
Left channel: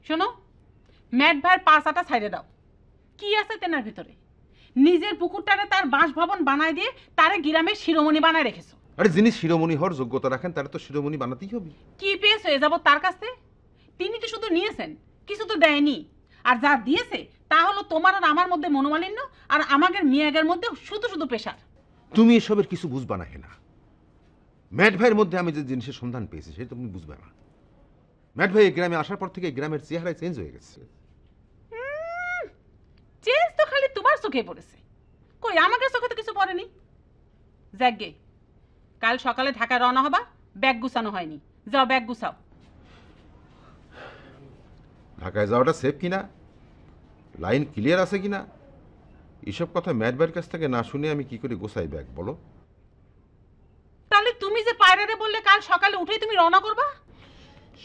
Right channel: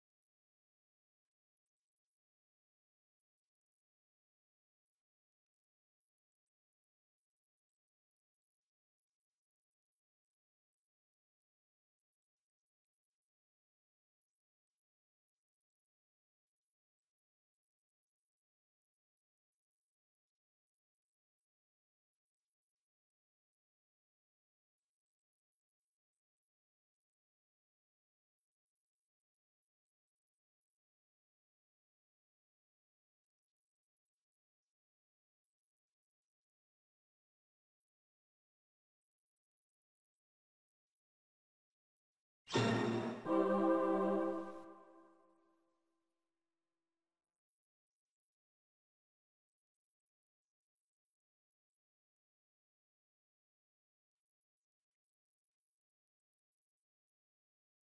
শোনো, ম্যাট ভাইয়ের পাছাটা ছাইড়ে দাও। কি আছে তেনার ভিতরে? নিজের পুকুরটারে তার বাসভবন বানায় দিয়ে তারে গ্রামের শিরোমণি বানায় রেখেছো। আরে যিনি শিরোমণি হওয়ার যোগ্যতা রাখেন তারা তো শিরোমণি বানাতেই হবে। কি পেয়েছো হয়ে যাব তার কাছে? তিনি তো শুধু নিয়েছেন, কিছু তো দেয়নি। আর যা দিয়েছে তা হলো তোমার আর আমার মধ্যে মনোমালিন্য, আর আমাদের মিয়াগের মধ্যে শুধু শুধু পেশার। তুমি এসবের কিছু বুঝবা না হেনা। ম্যাট ভাইয়ের মধ্যে আমি যে জিনিসের সন্ধান পেয়েছি সেটা তুমি বুঝবে না। ম্যাট ভাই এই গ্রামে আসার পর থেকে গ্রামের চেহারাই চেঞ্জ হয়ে গেছে। চেঞ্জ তো খালি তোমার চোখে পড়েছে, কই আমাদের চোখে তো কিছু পড়েনি। যাকগে, কাল সকালে ঢাকায় রওনা হবা। ব্যাগ গুছানো হয়নি, যাও ব্যাগ গুছাও। ঢাকায় যাওয়াটা সেফ কিনা, লাইন ক্লিয়ার আছে কিনা, এসব কথা ম্যাট ভাইয়ের কাছ থেকে না শুনে আমি কি করে গোছাই ব্যাগ বলো? তাহলে তুমি যে পায়রারে বললে কাল সকালে উঠেই তুমি রওনা করবা,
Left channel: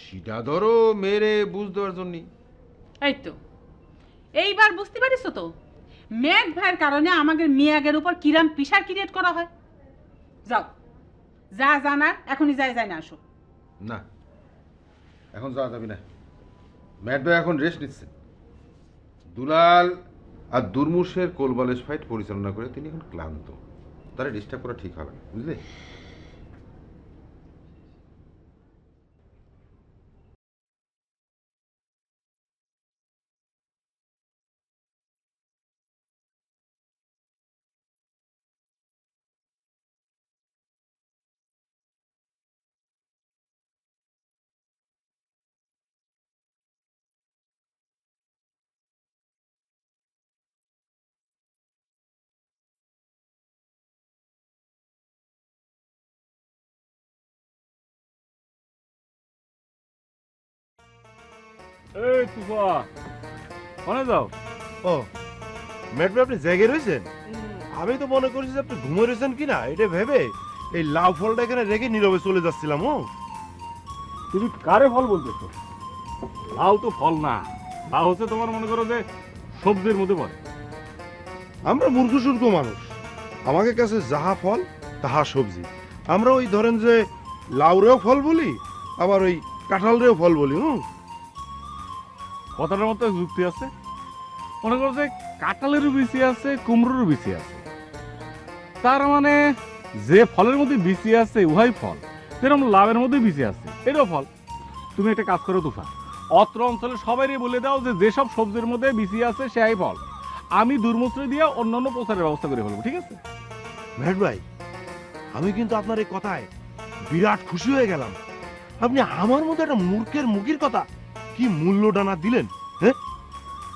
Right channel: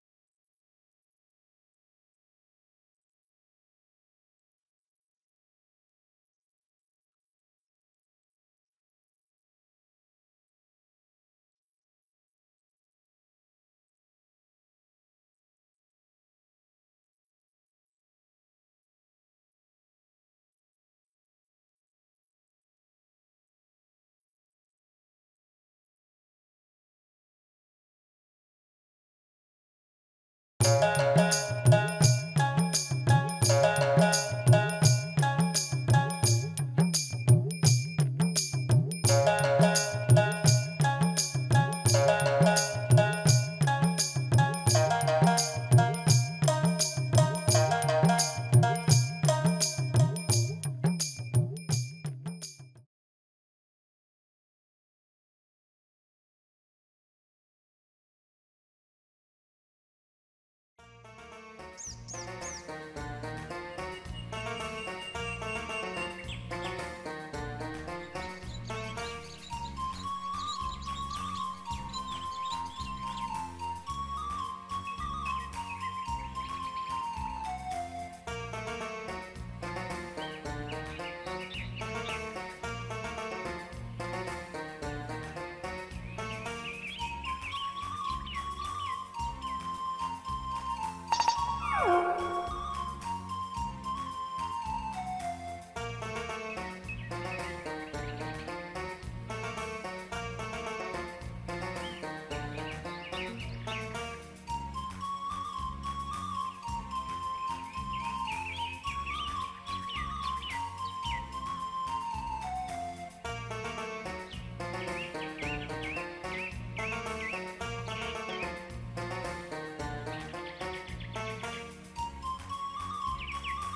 সেটা ধরো মেরে বুঝ দেওয়ার জন্য। এই তো এইবার বুঝতে পারিস তো ম্যাট ভাইয়ের কারণে আমাদের মিয়াগের উপর কিরাম পিসার ক্রিয়েট করা হয়। যাও, যা জানার এখনই যায় না আসো। না, এখন যাওয়া যাবে না। ম্যাট ভাই এখন রেস্ট নিচ্ছেন। দুলাল আর দুর্মুষের কোলবালিশ ফাইট পরিচালনা করে তিনি এখন ক্লান্ত, তারা ডিস্টার্ব করা ঠিক হবে না, বুঝলে? এই তুফা কোনে যাও? ও ম্যাডাম আপনি জেগে রয়েছেন? আমি তো মনে করছি যে আপনি ঘুমে রয়েছেন কিনা এটা ভেবে এই লাউ ফলটা এখানে রেখে নীরবে চলে যাচ্ছিলাম। ও তুমি কারে ফল বলতেছো? লাউ তো ফল না, লাউ হচ্ছে তোমার মনে করো যে সবজির মধ্যে পড়ে। আমরা মূর্খ সূর্খ মানুষ, আমাদের কাছে যাহা ফল তাহা সবজি। আমরা ওই ধরেন যে লাউরেও ফল বলি, আবার ওই কাঁঠালরেও ফল বলি। কথাটার মধ্যে যুক্তি আছে। মনে করো যে কাঁঠালেরও বিচি আছে, কুমড়োরও বিচি আছে। তার মানে যে ফলের মধ্যে বিচি আছে উহাই ফল, যেরকম লাভের মধ্যে বিচি আছে এটাও ফল। তুমি একটা কাজ করো তুফা, অত্র অঞ্চলে সবাই বলে দাও যে যেসব সবজির মধ্যে বিচি আছে সেই ফল। আমি দুর্মূত্র দিয়ে অন্যান্য প্রচারের ব্যবস্থা করে ফেলবো, ঠিক আছে? মেহের ভাই, আমি কিন্তু আপনার এই কথায় বিরাট খুশি হয়ে গেলাম। আপনি আমার মতো একটা মূর্খের মুখের কথা কি মূল্য ডানা দিলেন। হ্যাঁ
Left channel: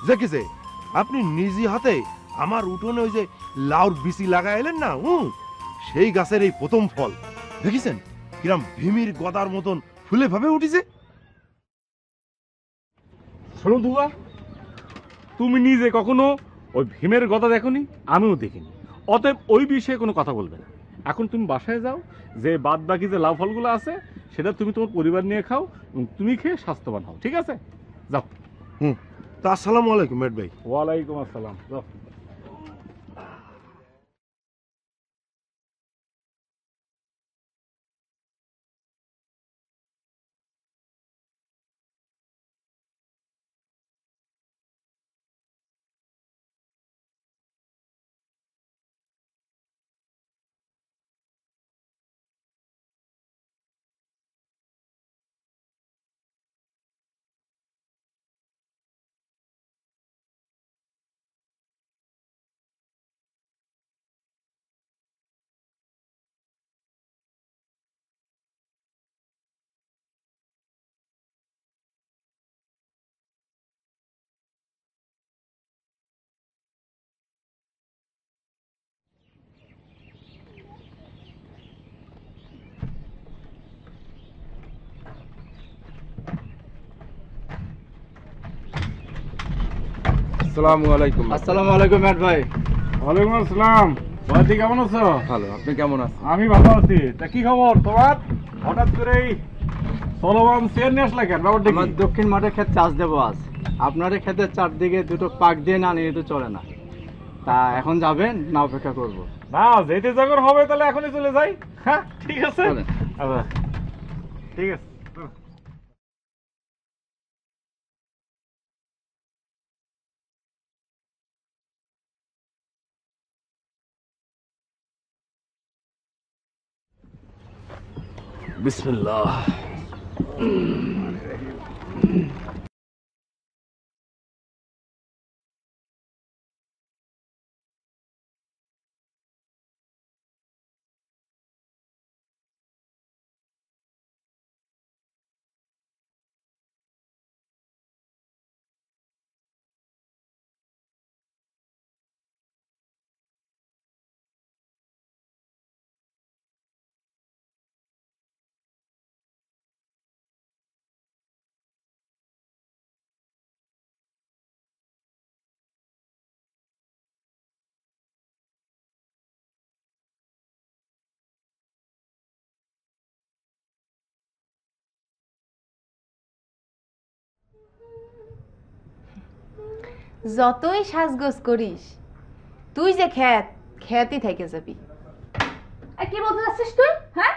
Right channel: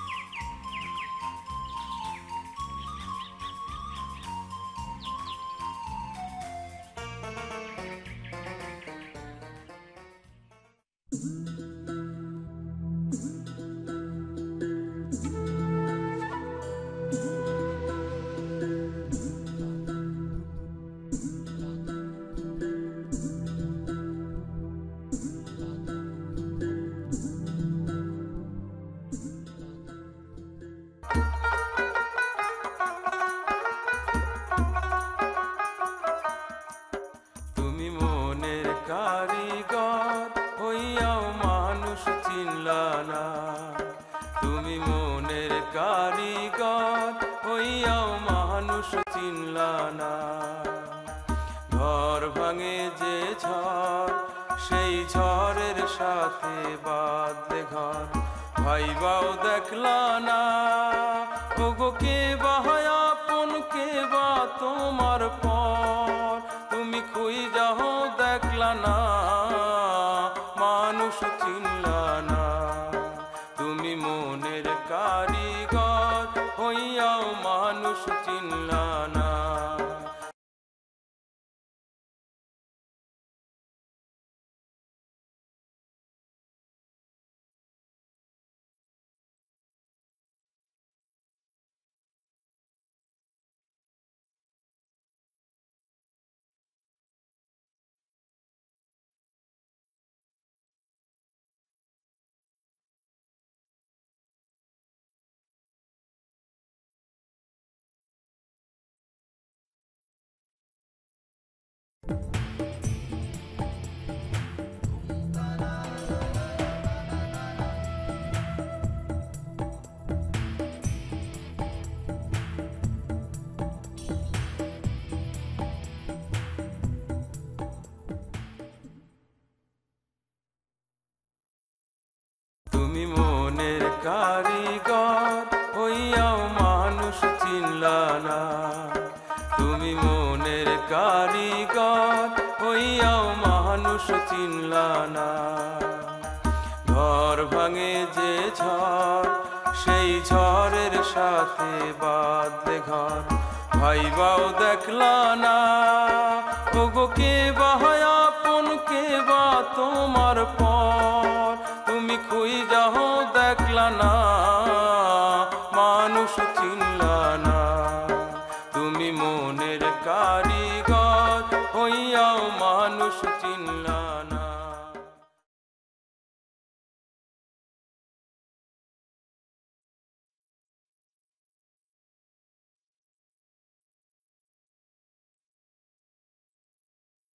দেখেছে, আপনি নিজে হাতে আমার উঠোনে ওই যে লাউর বিচি লাগাইলেন না, সেই গাছের এই প্রথম ফল দেখেছেন কিরম ভীমির গদার মতন ফুলে ভাবে উঠেছে। শোনো দুবা, তুমি নিজে কখনো ওই ভীমের গদা দেখোনি, আমিও দেখি। অতএব ওই বিষয়ে কোনো কথা বলবে না। এখন তুমি বাসায় যাও, যে বাদ বাকি যে লাউ ফলগুলো আছে সেটা তুমি তোমার পরিবার নিয়ে খাও, তুমি খেয়ে স্বাস্থ্যবান হও, ঠিক আছে? যাও। তা আসসালামু আলাইকুম মেহের ভাই। ওয়ালাইকুম আসসালাম। তুমি মনের কারিগর হইয়াও মানুষ চিনলা না, তুমি মনের কারিগর হইয়াও মানুষ চিনলা না। ঘর ভাঙে যে ঝড়, সেই ঝড়ের সাথে বাঁধলে ঘর, ভাইবাও দেখলা না। ওগো কে বা হয় আপন, কে বা তোমার পর, তুমি খুই যাও দেখলা না, মানুষ চিনলা না। তুমি মনের কারিগর হইয়াও মানুষ চিনলা না। আসসালামু আলাইকুম। আসসালামু আলাইকুম ম্যাট ভাই। ওয়ালাইকুম আসসালাম। ভাইজি কেমন আছো? ভালো, আপনি কেমন আছেন? আমি ভালো আছি। তা কি খবর তোমার? হঠাৎ করে এই চলমান চেয়ার নিয়ে আসলে কেন? ব্যাপারটা আমার কি? দক্ষিণ মাঠে ক্ষেত চাষ দেবো আজ। আপনার এই ক্ষেতের চারদিকে দুটো পাক দিয়ে না নিয়ে তো চলে না। তা এখন যাবেন না অপেক্ষা করব? না, যেতে যখন হবে তাহলে এখনই চলে যাই। হ্যাঁ ঠিক আছে, আচ্ছা ঠিক আছে। বিসমিল্লাহ। তুমি মনের কারিগর হইয়াও মানুষ চিনলা না, তুমি মনের কারিগর হইয়াও মানুষ চিনলা না। ঘর ভাঙে যে ঝড়, সেই ঝড়ের সাথে বাঁধলে ঘর, ভাইবাও দেখলা না। ওগো কে বা হয় আপন, কে বা তোমার পর, তুমি খুই যাও দেখলা না, মানুষ চিনলা না। তুমি মনের কারিগর হইয়াও মানুষ চিনলা না। যতই সাজগোজ করিস, তুই যে খ্যাতই থেকে যাবি। কি বলতে যাচ্ছিস তুই? হ্যাঁ,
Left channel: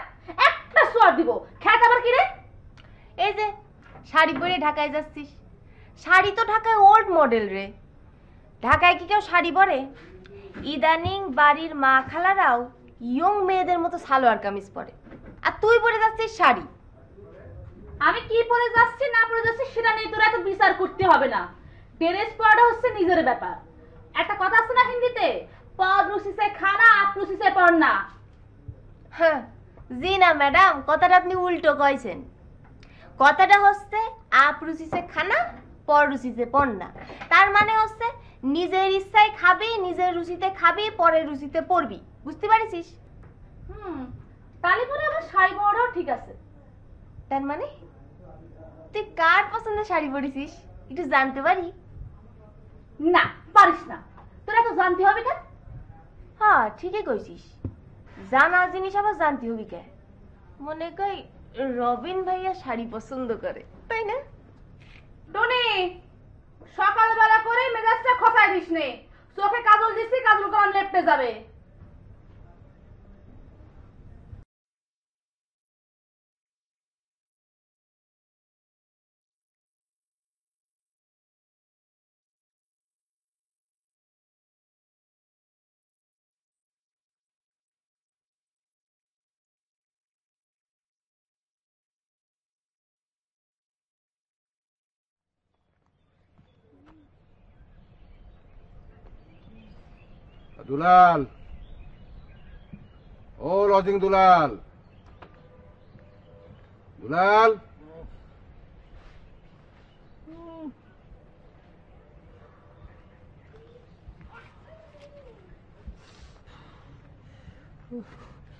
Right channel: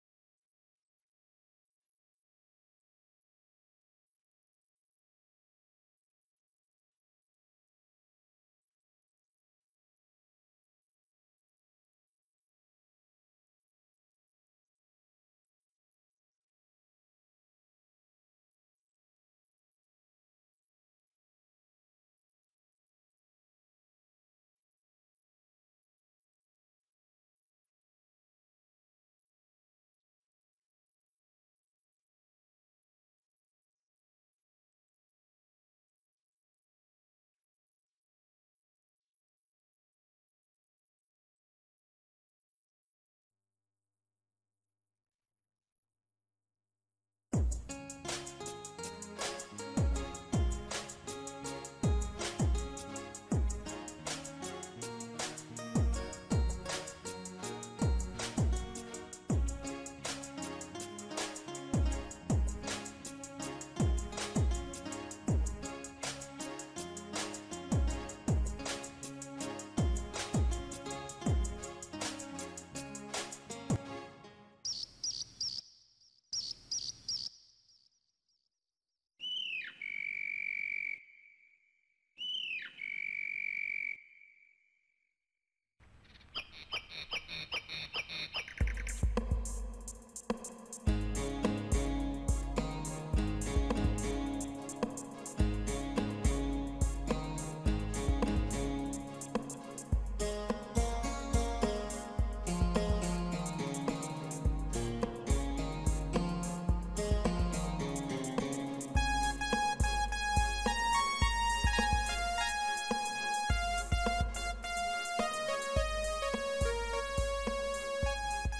একটা সোয়ার দিব, খ্যাত আবার কি রে? এই যে শাড়ি পরে ঢাকায় যাচ্ছিস, শাড়ি তো ঢাকায় ওল্ড মডেল রে। ঢাকায় কি কেউ শাড়ি পরে? ইদানিং বাড়ির মা খালারাও ইয়ং মেয়েদের মতো সালোয়ার কামিজ পরে, আর তুই পরে যাচ্ছিস শাড়ি। আমি কি পরে যাচ্ছি না পরে যাচ্ছি সেটা নিয়ে তোরা এত বিচার করতে হবে না। ড্রেস পরাটা হচ্ছে নিজের ব্যাপার। একটা কথা আছে না হিন্দিতে, পর রুচি সে খানা, আপ রুচি সে পড়না। হ্যাঁ জি না ম্যাডাম, কথাটা আপনি উল্টো কইছেন। কথাটা হচ্ছে আপ রুচিতে খানা, পর রুচিতে পড়না। তার মানে হচ্ছে নিজের ইচ্ছায় খাবি, নিজের রুচিতে খাবি, পরের রুচিতে পড়বি। বুঝতে পারিস? তাহলে পরে আমার শাড়ি পরাটাও ঠিক আছে। তার মানে তুই কার পছন্দের শাড়ি পরেছিস একটু জানতে পারি? না পারিস না, তোরা তো জানতে হবে কেন? হ্যাঁ ঠিকই কইছিস, জানার জিনিস আবার জানতে হবে কেন? মনে কই রবিন ভাইয়া শাড়ি পছন্দ করে, তাই না? টনি, সকালবেলা করে মেজাজটা খপায় দিস নে, চোখে কাজল দিচ্ছি, কাজল করার লেপটে যাবে। দুলাল, ও লজিং দুলাল, দুলাল,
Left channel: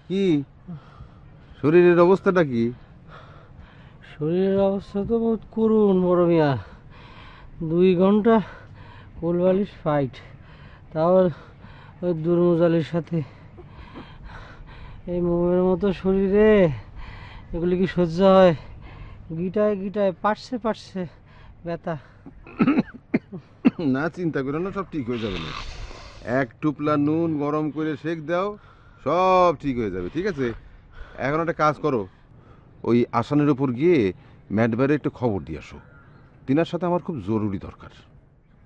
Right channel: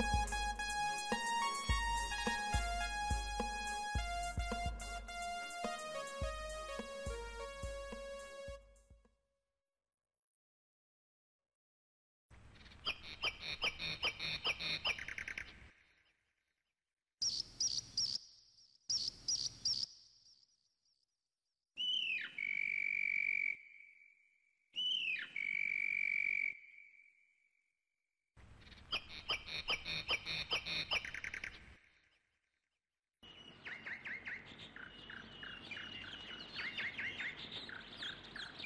কি শরীরের অবস্থাটা কি? শরীরের অবস্থা তো বহুত করুন বড় মিয়া। 2 ঘন্টা কোলবালিশ ফাইট, তাও ওই দুর্মুজালির সাথে। এই মোমের মতো শরীরে এগুলি কি সহ্য হয়? গিটায় গিটায় পাটছে পাটছে ব্যথা। না চিন্তা করো না, সব ঠিক হয়ে যাবে না। 1 টুপলা নুন গরম করে সেক দাও, সব ঠিক হয়ে যাবে। ঠিক আছে, এখন একটা কাজ করো, ওই আসানের উপর গিয়ে ম্যাডবারে একটু খবর দিয়ে আসো। তিনার সাথে আমার খুব জরুরি দরকার।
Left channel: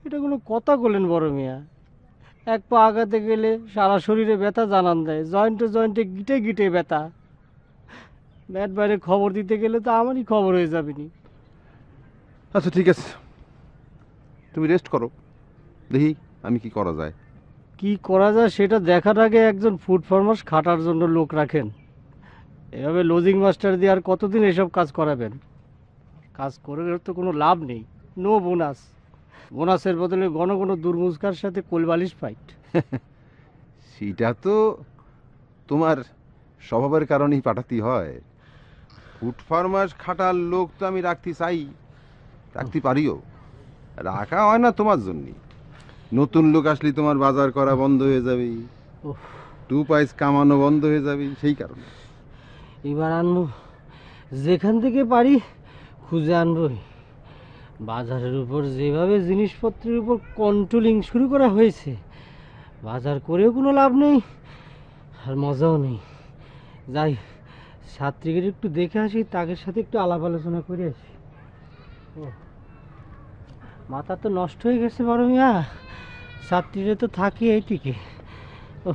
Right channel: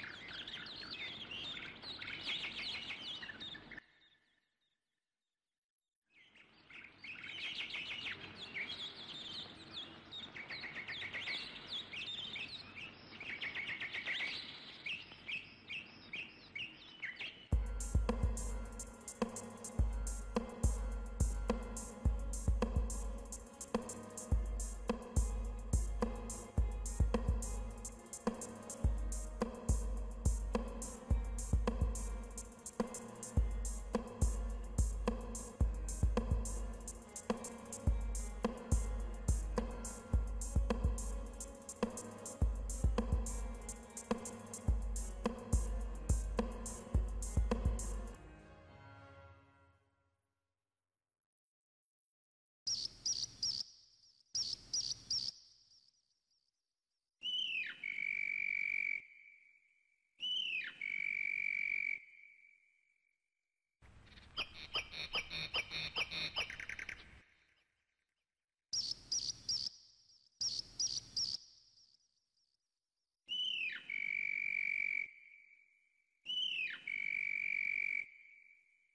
এটা কোনো কথা বলেন বড় মিয়া? এক পা আগাতে গেলে সারা শরীরে ব্যথা জানান দেয়, জয়েন্টে জয়েন্টে গিটে গিটে ব্যথা। ম্যাট বাইরে খবর দিতে গেলে তো আমারই খবর হয়ে যাবে। আচ্ছা ঠিক আছে, তুমি রেস্ট করো, দেখি আমি কি করা যায়। কি করা যায় সেটা দেখার আগে একজন ফুড ফার্মার্স খাটার জন্য লোক রাখেন। এভাবে লজিং মাস্টার দিয়ে আর কতদিন এসব কাজ করাবেন? কাজ করে তো কোনো লাভ নেই, নো বোনাস। বোনাসের বদলে ঘন ঘন দুর্মুজকার সাথে কোলবালিশ ফাইট। সেটা তো তোমার স্বভাবের কারণেই পাঠাতে হয়। ফুড ফার্মার্স খাটার লোক তো আমি রাখতে চাই, রাখতে পারিও, রাখা হয় না তোমার জন্য। নতুন লোক আসলে তোমার বাজার করা বন্ধ হয়ে যাবে, 2 পয়সা কামানো বন্ধ হয়ে যাবে, সেই কারণে। এবার আনবো, যেখান থেকে পারি খুঁজে আনবই। বাজারের উপর যেভাবে জিনিসপত্রের উপর কন্ট্রোলিং শুরু করা হয়েছে, বাজার করেও কোনো লাভ নেই আর মজাও নেই। যাই, ছাত্রীকে একটু দেখে আসি, তাদের সাথে একটু আলাপ আলোচনা করে আসি। ও মাথা তো নষ্ট হয়ে গেছে বড় মিয়া, ছাত্রীরা তো থাকি এইদিকে। ও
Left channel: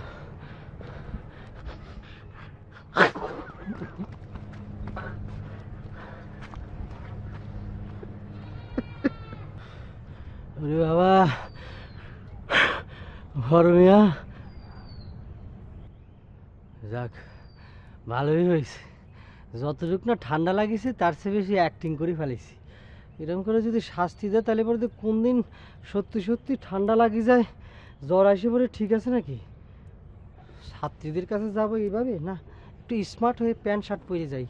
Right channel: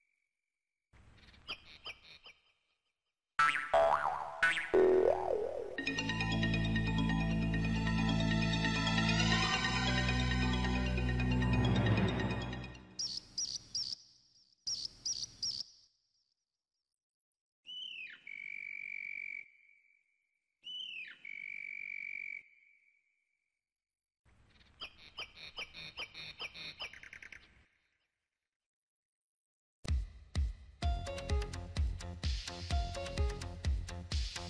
বাবা, বড় মিয়া, যাক ভালোই হয়েছে। যতটুকু না ঠান্ডা লাগিয়েছে তার চেয়ে বেশি অ্যাক্টিং করে ফেলেছি। এরকম করে যদি শাস্তি দেয় তাহলে পরে তো কোন দিন সত্যি সত্যি ঠান্ডা লাগিয়ে যায়, জ্বর আসে পরে ঠিক আছে নাকি? ছাত্রীদের কাছে যাবো এইভাবে? না, একটু স্মার্ট হয়ে প্যান্ট শার্ট পরে যাই।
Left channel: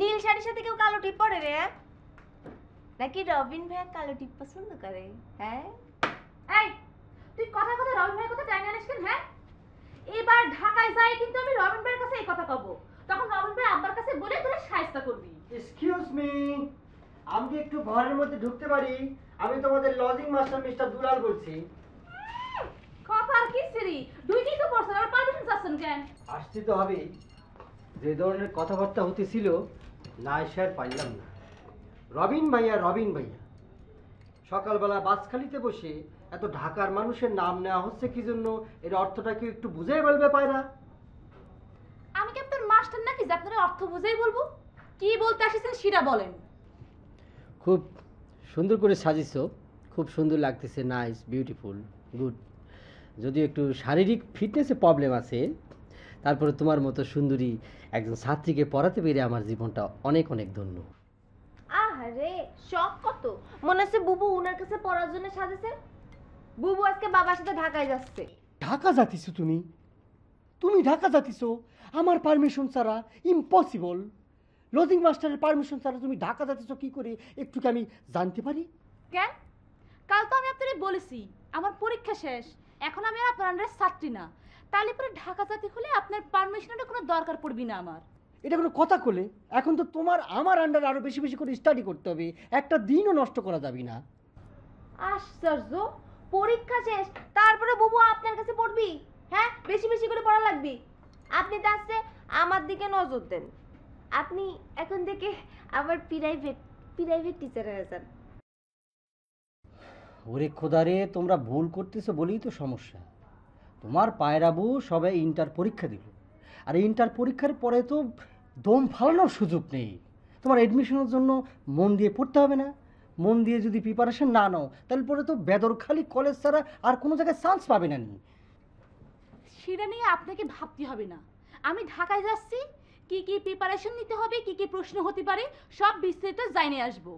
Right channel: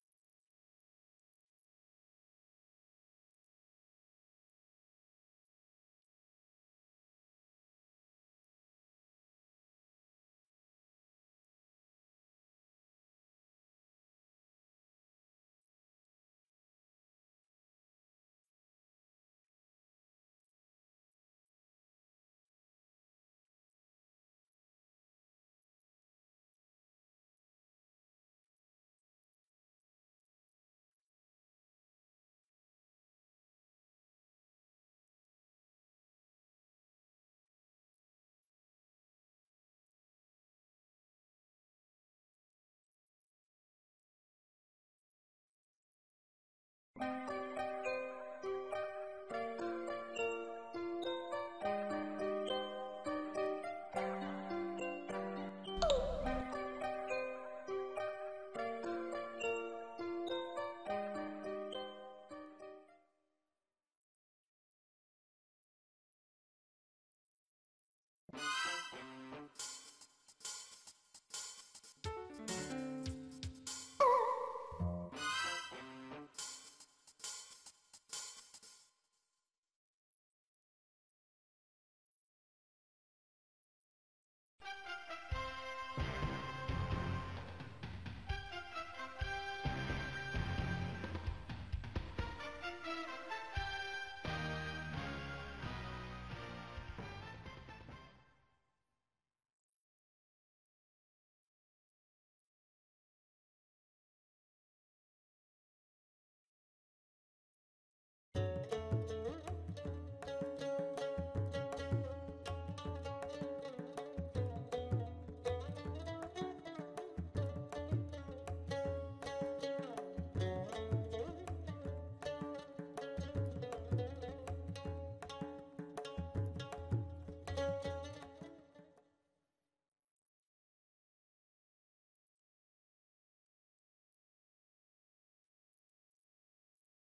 নীল শাড়ির সাথে কেউ কালো টিপ পরে রে? নাকি রবিন ভাই কালো টিপ পছন্দ করে? হ্যাঁ এই, তুই কথা কথা রবিন ভাইয়ের কথা টাইনা আনিস কেন? হ্যাঁ, এবার ঢাকায় যাই কিন্তু আমি রবিন ভাইয়ের কাছে এই কথা কব, তখন রবিন ভাই আব্বার কাছে বলে তোরা সাহায্য করবি। এক্সকিউজ মি, আমি কি একটু ঘরের মধ্যে ঢুকতে পারি? আমি তোমাদের লজিং মাস্টার মিস্টার দুলাল বলছি। কথা আর কি সিরি, দুইটাই তো পড়ছেন, আর পারমিশন চাচ্ছেন কেন? আসতে তো হবেই, যে ধরনের কথাবার্তা হতেছিল না এসে আর পারলাম না। রবিন ভাইয়া, রবিন ভাইয়া, সকালবেলা বাসখালিতে বসে এত ঢাকার মানুষের নাম নেওয়া হচ্ছে কি জন্য? এর অর্থটা কি একটু বুঝেই বলবে পায়রা? আমি কি আপনার মাস্টার নাকি যে আপনার অর্থ বুঝেই বলবো? কি বলতে আসছেন সেটা বলেন। খুব সুন্দর করে সাজিয়েছো, খুব সুন্দর লাগতেছে, নাইস, বিউটিফুল, গুড। যদি একটু শারীরিক ফিটনেসে প্রবলেম আছে, তারপরে তোমার মতো সুন্দরী একজন ছাত্রীকে পড়াতে পেরে আমার জীবনটা অনেক অনেক ধন্য। মনে হচ্ছে বুবু উনার কাছে পড়ার জন্য সাজেছে। বুবু আজকে বাবার সাথে ঢাকায় যাচ্ছে। ঢাকা যাচ্ছিস তুমি? তুমি ঢাকা যাচ্ছিস আমার পারমিশন ছাড়া? ইম্পসিবল। লজিং মাস্টারের পারমিশন ছাড়া তুমি ঢাকা যাচ্ছিস কি করে একটু কি আমি জানতে পারি? কেন? কাল তো আমি আপনাদের বলেছি আমার পরীক্ষা শেষ, এখন আমি আর আপনার আন্ডারে ছাত্রী না, তাহলে পরে ঢাকা যেতে হলে আপনার পারমিশনের কোনো দরকার পড়বি না আমার। এটা কোনো কথা করলে? এখন তো তোমার আমার আন্ডারে আরো বেশি বেশি করে স্টাডি করতে হবে, একটা দিনও নষ্ট করা যাবে না। আশ্চর্য, পরীক্ষা শেষ তারপরে বুবু আপনার কাছে পড়বি? হ্যাঁ, বেশি বেশি করে পড়া লাগবে। আপনি তো আসছে আমার দিকে নজর দেন। আপনি এখন থেকে আবার প্রাইভেট টিচার হয়ে যান। ওরে খোদারে, তোমরা ভুল করতেছো বলেই তো সমস্যা। তোমার পায়রাবু সবাই ইন্টার পরীক্ষা দিল, আর ইন্টার পরীক্ষার পরে তো দম ফালানোর সুযোগ নেই। তোমার এডমিশনের জন্য মন দিয়ে পড়তে হবে না? মন দিয়ে যদি প্রিপারেশন না নাও তাহলে পরে তো বেদরখালি কলেজ ছাড়া আর কোনো জায়গায় চান্স পাবে না। সেটা নিয়ে আপনাকে ভাবতে হবে না। আমি ঢাকায় যাচ্ছি, কি কি প্রিপারেশন নিতে হবে, কি কি প্রশ্ন হতে পারে সব বিস্তারিত জানিয়ে আসবো।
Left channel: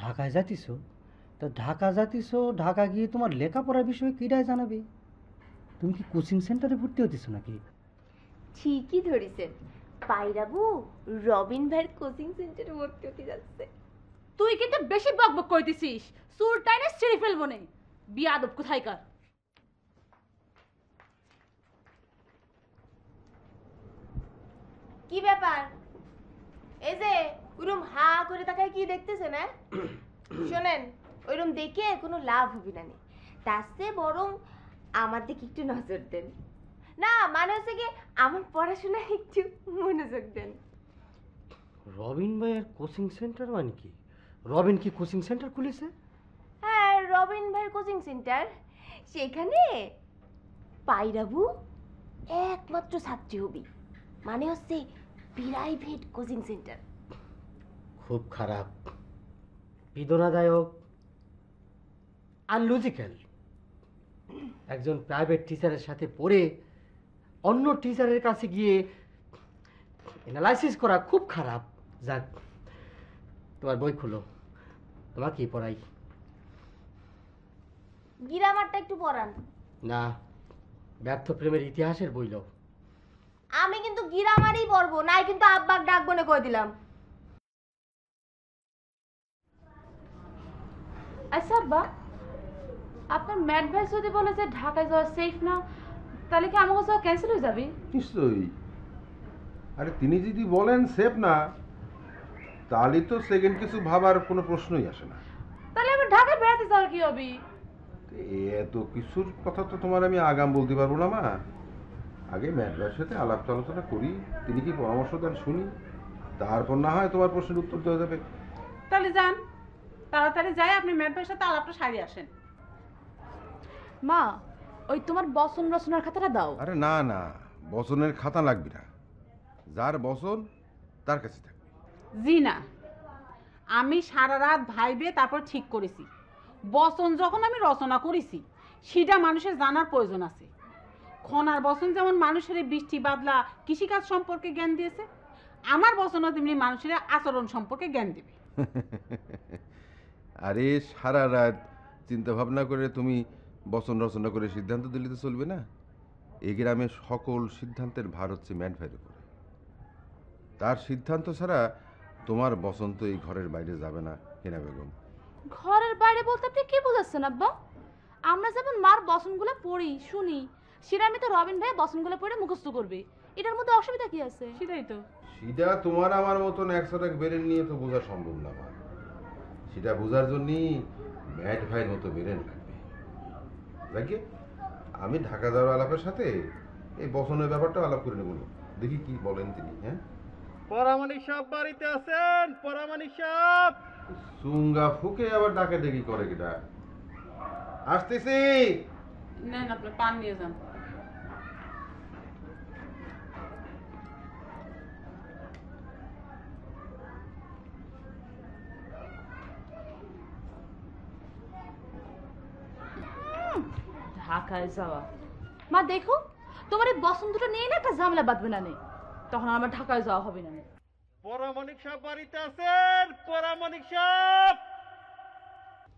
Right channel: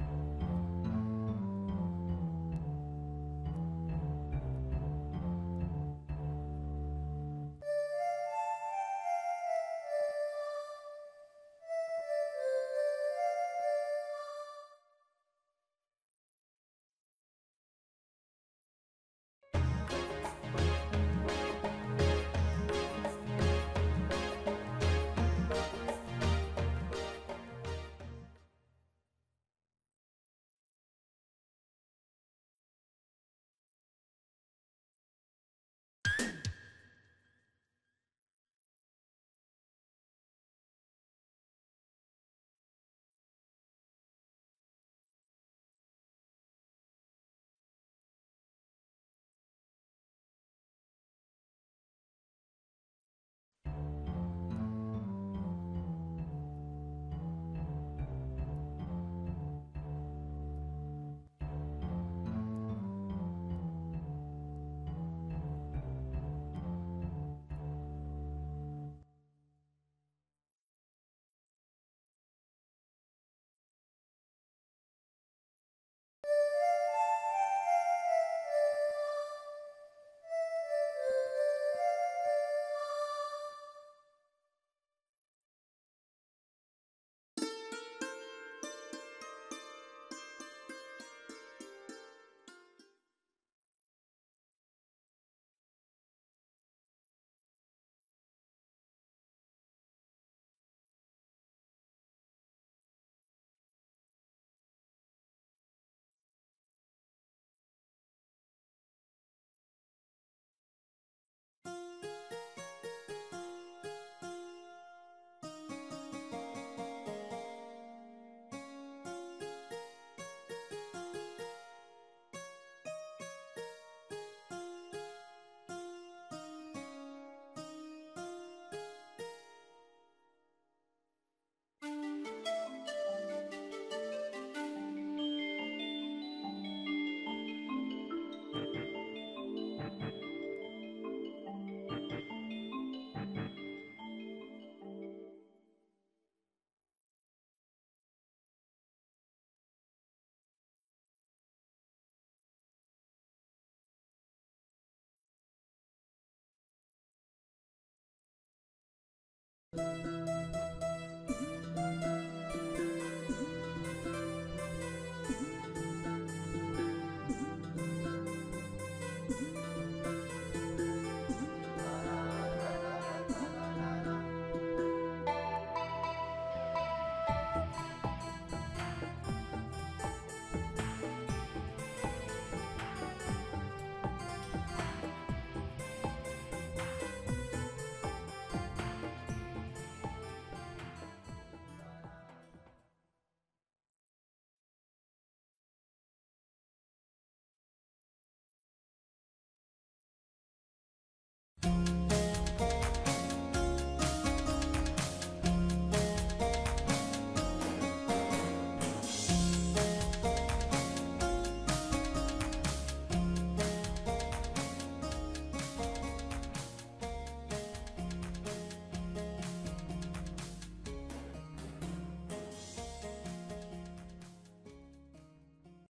ঢাকায় যাচ্ছিস? তো ঢাকা যাচ্ছিস, ঢাকা গিয়ে তোমার লেখাপড়ার বিষয়ে কিরাই জানাবে? তুমি কি কোচিং সেন্টারে ভর্তি হতেছ নাকি? ঠিকই ধরেছেন, পায়রাবু রবিন ভাইয়ের কোচিং সেন্টারে ভর্তি হতে যাচ্ছে। তুই কিন্তু বেশি বকবক করতেছিস, সুর টাইনে ছিঁড়ে ফেলবো না, বিয়াদব কোথায়কার। কি ব্যাপার? এই যে ওইরকম হা করে তাকায় কি দেখতেছেন? হ্যাঁ শোনেন, ওইরকম দেখে কোনো লাভ হবে না, তার চেয়ে বরং আমার দিকে একটু নজর দেন। না মানে হচ্ছে কি, আমার পড়াশোনা একটু মনোযোগ দেন। রবিন ভাইয়ের কোচিং সেন্টার মানে কি? রবিন কি কোচিং সেন্টার খুলেছে? হ্যাঁ, রবিন ভাইয়ের কোচিং সেন্টার। সেখানে পায়রাবু একমাত্র ছাত্রী হবি, মানে হচ্ছে প্রাইভেট কোচিং সেন্টার। খুব খারাপ, বেদনাদায়ক, আনলজিক্যাল। একজন প্রাইভেট টিচারের সাথে পড়ে অন্য টিচারের কাছে গিয়ে অ্যানালাইসিস করা খুব খারাপ। যাক, তোমার বই খুলো, তোমার কি পড়াই? গ্রামারটা একটু পড়ান না, ব্যর্থ প্রেমের ইতিহাসের বই নাও। আমি কিন্তু গ্রামারই পড়বো, নাই কিন্তু আব্বাক ডাকবো না কই দিলাম। আচ্ছা আব্বা, আপনার ম্যাট ভাই যদি বলে যে ঢাকায় যাওয়া সেফ না, তাহলে কি আমাকে যাওয়া ক্যান্সেল হয়ে যাবে? নিশ্চয়ই। আরে তিনি যদি বলেন সেফ না, তাহলে তো সেকেন্ড কিছু ভাবার কোনো প্রশ্নই আসে না। তাহলে আবার ঢাকায় বেড়াতে যাওয়ার কি হবে? এত কিছুর কথা তো তোমার আমি আগাম বলতে পারবো না মা। আগে ম্যাডামের সাথে আলাপ আলোচনা করি, তিনি কি পরামর্শ দেন শুনি, তারপর না হয় তোমার প্রশ্নের উত্তর দেওয়া যাবে। তাহলে যান, তাড়াতাড়ি যাই, আপনি ম্যাট ভাইয়ের সাথে আলাপটা সারিয়ে আসেন। মা, ওই তোমার বচন রচনার খাতাটা দাও। আরে না না, বচনের খাতা লাগবে না, যার বচন তার কাছে থাকবে। জি না, আমি সারা রাত ভাইবে তারপর ঠিক করেছি, বচন যখন আমি রচনা করেছি সেটা মানুষের জানার প্রয়োজন আছে। খনার বচন যেমন মানুষের বৃষ্টি বাদলা কৃষিকাজ সম্পর্কে জ্ঞান দিয়েছে, আমার বচনও তেমনি মানুষের আচরণ সম্পর্কে জ্ঞান দেবে। আরে সারা রাত চিন্তা ভাবনা করে তুমি বচন রচনা করে সিদ্ধান্ত দিলে তো চলবে না। এই গ্রামের সকল সিদ্ধান্তের ভার হচ্ছে ম্যাট ভাইয়ের উপরে। তার সিদ্ধান্ত ছাড়া তোমার বচন তো এই ঘরের বাইরে যাবে না। ঘরের বাইরে বলতে আপনি কি বোঝাচ্ছেন আব্বা? আমরা যেমন মার বচনগুলো পড়ি শুনি, সেটা আমি তো রবিন ভাই বচনগুলো পড়ে মুখস্থ করবে, এটার মধ্যে অসুবিধা কি আছে? সেটাই তো। এটা তোমার আমার মতন একসাথে বেড়ে নিয়ে তো বোঝা সম্ভব না। সেটা বোঝার জন্যই ম্যাট ভাইয়ের মতো বেড়ে থাকে। আমি ঢাকা যাওয়ার আলাপের সাথে এই বচনের ব্যাপারটা আলাপ করে নেব, দেখি কি বলেন তিনি। হ্যাঁ, পরামানিক সাহেব বাড়িতে আছেন? পরামানিক সাহেব সুঙ্গা ফুকে আবার ডাকে দেখি করে কিটা। আসতেছি। নেন, আপনি পান নিয়ে যান। ঢাকায় যাওয়া, মা দেখো তোমার এই বচন দুটো নিয়ে না একটা ঝামেলা বাঁধবে না, তখন আমার ঢাকায় যাওয়া হবে না। পরামানিক সাহেব বাড়িতে আছেন? পরামানিক সাহেব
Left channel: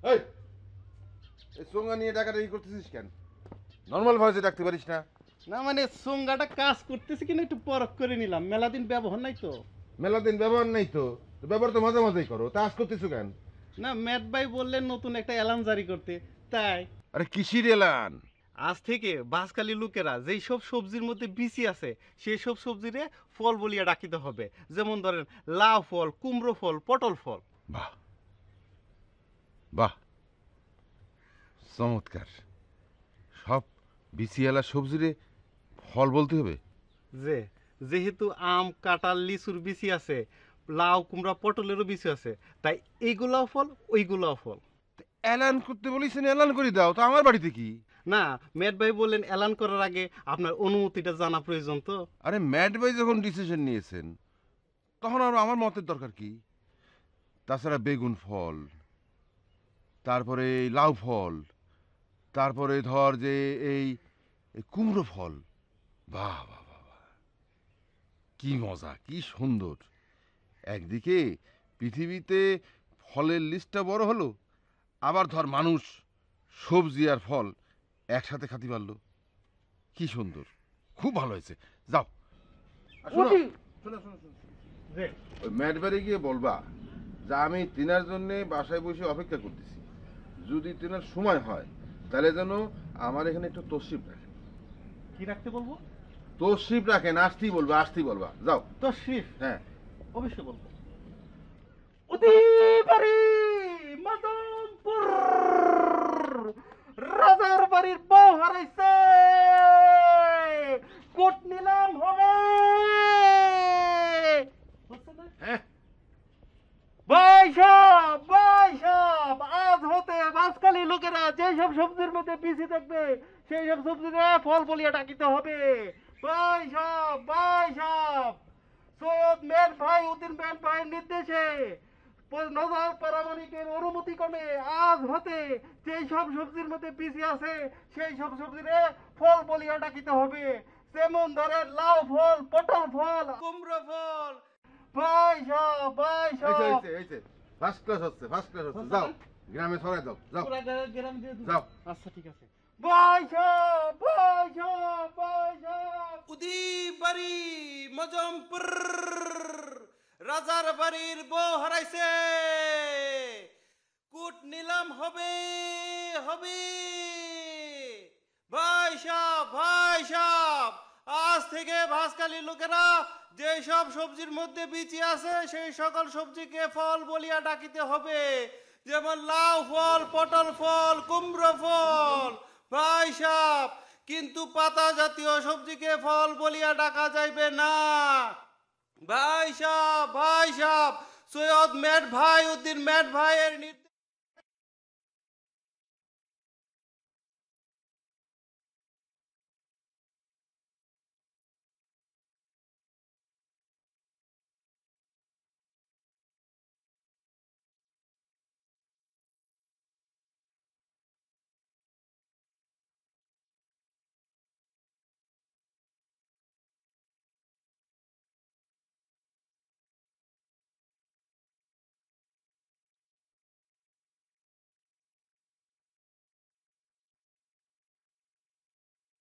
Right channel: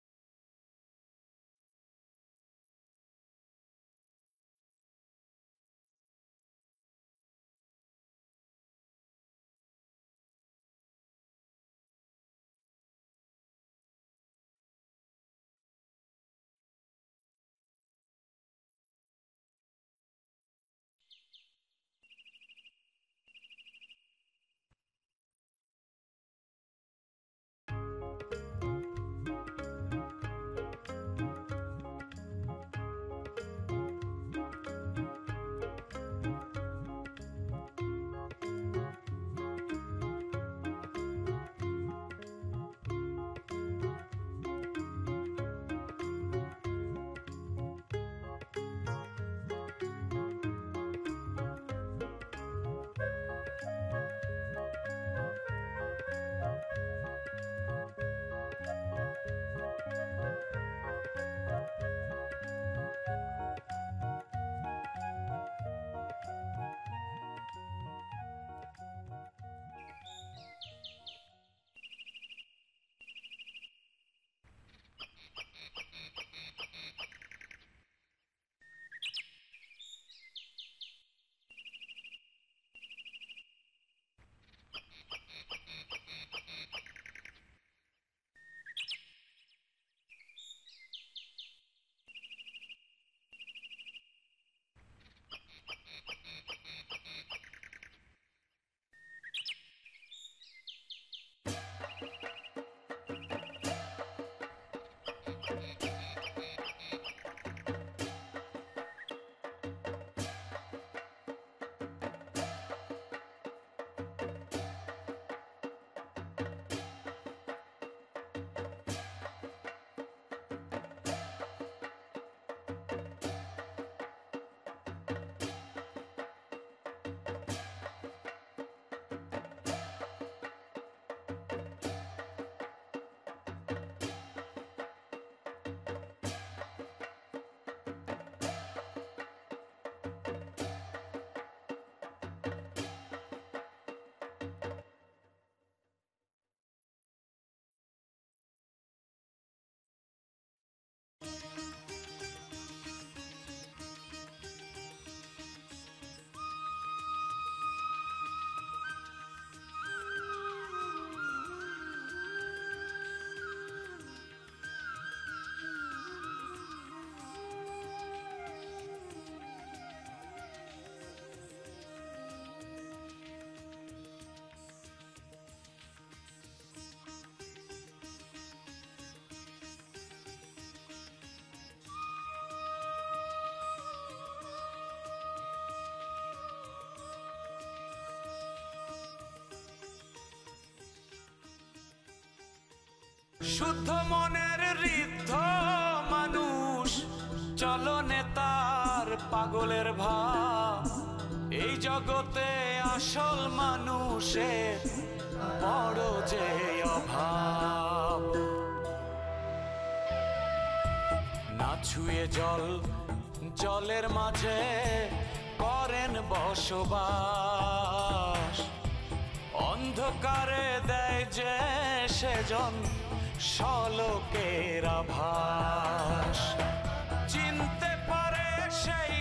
এই সোঙ্গা নিয়ে ডাকাডাকি করতেছিস কেন? নর্মাল ভয়েসে ডাকতে পারিস না? না মানে সোঙ্গাটা কাজ করতেছে কিনা একটু পরখ করে নিলাম, মেলা দিন ব্যবহার নাই তো। মেলা দিন ব্যবহার নাই তো, ব্যবহার তো মাঝে মাঝেই করো, তা আজ করতেছো কেন? না ম্যাট ভাই বললেন নতুন একটা অ্যালার্ম জারি করতে, তাই। আরে কিসির এলান? আজ থেকে বাসকালী লোকেরা যেই সব সবজির মধ্যে বিচি আছে সেই সব সবজিরে ফল বলিয়া ডাকিতে হবে। যেমন ধরেন লাউ ফল, কুমড়ো ফল, পটল ফল। বাহ, চমৎকার। সব বিসিয়ালা সবজিরে ফল বলতে হবে? যেহেতু আম, কাঁঠাল, লিচুর বিচি আছে, লাউ, কুমড়া, পটলেরও বিচি আছে, তাই এইগুলাও ফল, ওইগুলাও ফল। এলান করতে বলেছেন, এলান করে দাও তো। আমার বাড়িতে কি? না, ম্যাট ভাই বললেন এলান করার আগে আপনার অনুমতিটা জানা প্রয়োজন তো। আরে ম্যাট ভাই যখন ডিসিশন নিয়েছেন তখন আর আমার মতের দরকার কি? তাছাড়া বেগুন ফল, তারপরে লাউ ফল, তারপরে ধর যে এই কুমড়ো ফল। বাহ, কি মজা, কি সুন্দর। একদিকে পৃথিবীতে ফলের লিস্টটা বড় হলো, আবার ধর মানুষ সবজি আর ফল একসাথে খাতে পারলো। কি সুন্দর, খুব ভালো হয়েছে। যাও, ওই ম্যাটবারে গিয়ে বলবা যে আমি তিনার জন্য বাসায় বসে অপেক্ষা করতেছি, যদি তিনার সময় হয় তাহলে যেন আমার এখানে একটু তশরিফ রাখেন। কি রাখতে বলবো? তশরিফ রাখেন, আসতেই বলবা, আসতেই বলবা। যাও। তশরিফ? হ্যাঁ, অবশ্যই বলবো। রাজার বাড়ির বউ হারাইছে, কোট নিলাম হবে। আজ হতে বাসকালী লোকেরা যেসব সবজির মধ্যে বিচি থাকবে সেই সব সবজিতে ফল বলিয়া ডাকিতে হবে। সৈয়দ মেট ভাই উদ্দিন মেট ভাইয়ের নির্দেশে নজর পারামানিকের অনুমতি ক্রমে আজ হতে সেই সব সবজির মধ্যে বিচি আছে সেই সব সবজিতে ফল বলিয়া ডাকিতে হবে। যেমন ধরেন লাউ ফল, পটল ফল, কুমড়ো ফল। ফার্স্ট ক্লাস হচ্ছে, ফার্স্ট ক্লাস হচ্ছে। যাও, গ্রামে ছড়াই দাও। যাও, যাও। আচ্ছা, ঠিক আছে। উদিবাড়ি মজমপুর, রাজার বাড়ির বউ হারাইছে, কুট নিলাম হবে হবে। ভাই সাহেব, আজ থেকে ভাসকালী লোকেরা যেই সব সবজির মধ্যে বিচি আছে সেই সকল সবজিকে ফল বলিয়া ডাকিতে হবে। যেমন লাউ ফল, পটল ফল, কুমড়ো ফল। ভাই সাহেব, কিন্তু পাতা জাতীয় সবজিকে ফল বলিয়া ডাকা যাইবে না। ভাই সাহেব, সৈয়দ মেট ভাই উদ্দিন মেট ভাই শুদ্ধ মনের ঋদ্ধ মানুষ, চলনে তার পাগলের ভাব। এই জগতে আসল মানুষের বড় যে অভাব। না ছুঁয়ে জলের মাঝে করেন বসবাস, অন্ধকারে দেয় যে সেজন শলোকের আভাস। চিনতে পারে সেই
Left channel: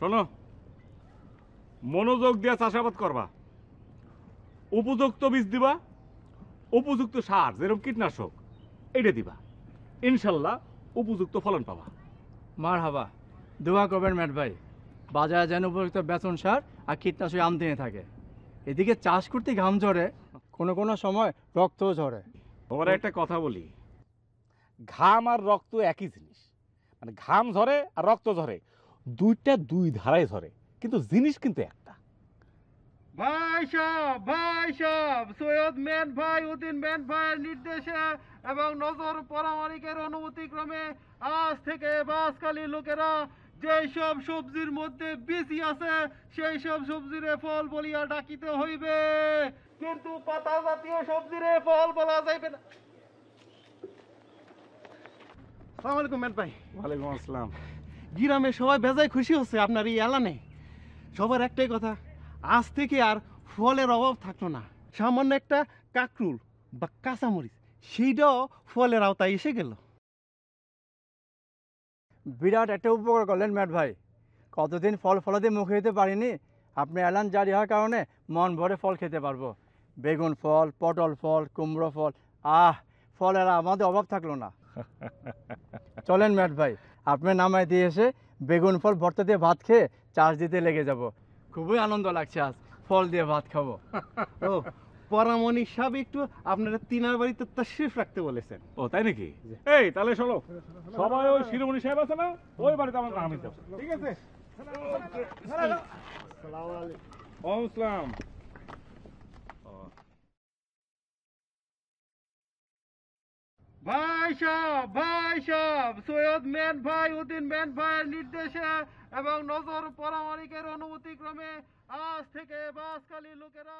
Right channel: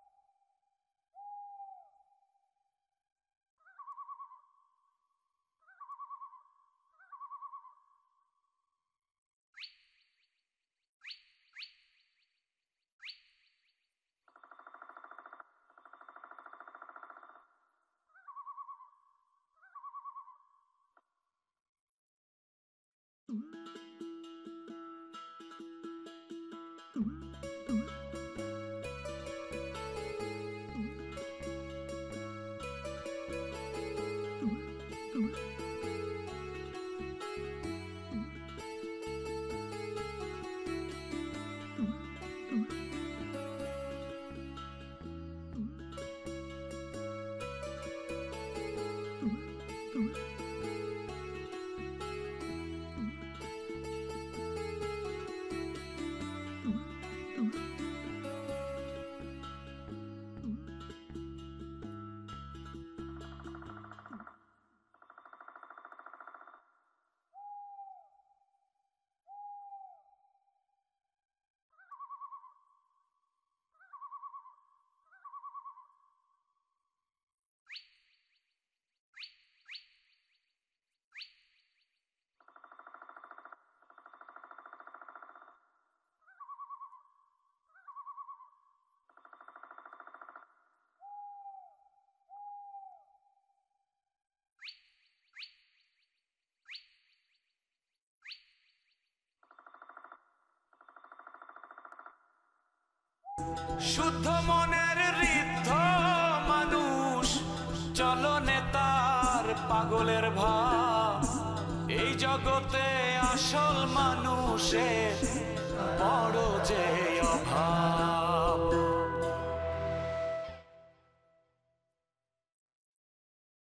শোনো, মনোযোগ দিয়ে চাষাবাদ করবা, উপযুক্ত বীজ দিবা, উপযুক্ত সার যেরকম কীটনাশক এইটা দিবা, ইনশাল্লাহ উপযুক্ত ফলন পাবা। মার হাবা, দোয়া করবেন ম্যাট ভাই, বাজারে যেন উপযুক্ত বেতন সার আর কীটনাশক আমদানি থাকে। এদিকে চাষ করতে ঘাম ঝরে, কোনো সময় রক্তও ঝরে। তোমার একটা কথা বলি, ঘাম আর রক্ত একই জিনিস। মানে ঘাম ঝরে আর রক্ত ঝরে, দুইটা দুই ধারায় ঝরে, কিন্তু জিনিস কিন্তু একটা। ভাই সাহেব, সৈয়দ মেট ভাই উদ্দিন মেট ভাইয়ের নির্দেশে এবং নজর পরামানিকের অনুমতি ক্রমে আজ থেকে বাসকালী লোকেরা যেই সব সবজির মধ্যে বিচি আছে সেই সব সবজিরে ফল বলিয়া ডাকিতে হইবে, কিন্তু পাতা জাতীয় সবজিরে ফল বলা যাইবে না। আসসালামু আলাইকুম ম্যাট ভাই। ওয়ালাইকুম আসসালাম। গ্রামে সবাই বেজায় খুশি হচ্ছে আপনার এই এলানে। সবার একটাই কথা, আজ থেকে আর ফলের অভাব থাকলো না। সামান্য একটা কাকরুল বা কাঁচামরিচ সেইটাও ফলের আওতায় এসে গেল। বিরাট একটা উপকার করলেন ম্যাট ভাই। কতদিন ফল ফলাতে মুখে দিতে পারিনি, আপনি এলান জারি হওয়ার কারণে মন ভরে ফল খেতে পারবো। বেগুন ফল, পটল ফল, কুমড়ো ফল, ফলের আমাদের অভাব থাকলো না। চলেন ম্যাট ভাই, আপনার নামায় দিয়ে এসে বেগুন ফল ভর্তা দিয়ে ভাত খেয়ে চার্জ দিতে লেগে যাব। খুবই আনন্দ লাগছে আজ ফল দিয়ে ভাত খাবো। ও পরামনিক সাহেব একটু আপনারা তিনার বাড়িতে তাশরিফ রাখতে বলেছেন। ও তাই নাকি? এই তাহলে চলো, সবাই ওই শিরোমণি সাহেব আছে না, ওই বাড়িতে আমার নাম দিতে। শুদ্ধ মনের ঋদ্ধ মানুষ, চলো নেতার পাগলের ভাব, এই জগতে আসল মানুষে এবং নগর পরামনিকের অনুমতি ক্রমে আজ থেকে বাসখালী লোকেরা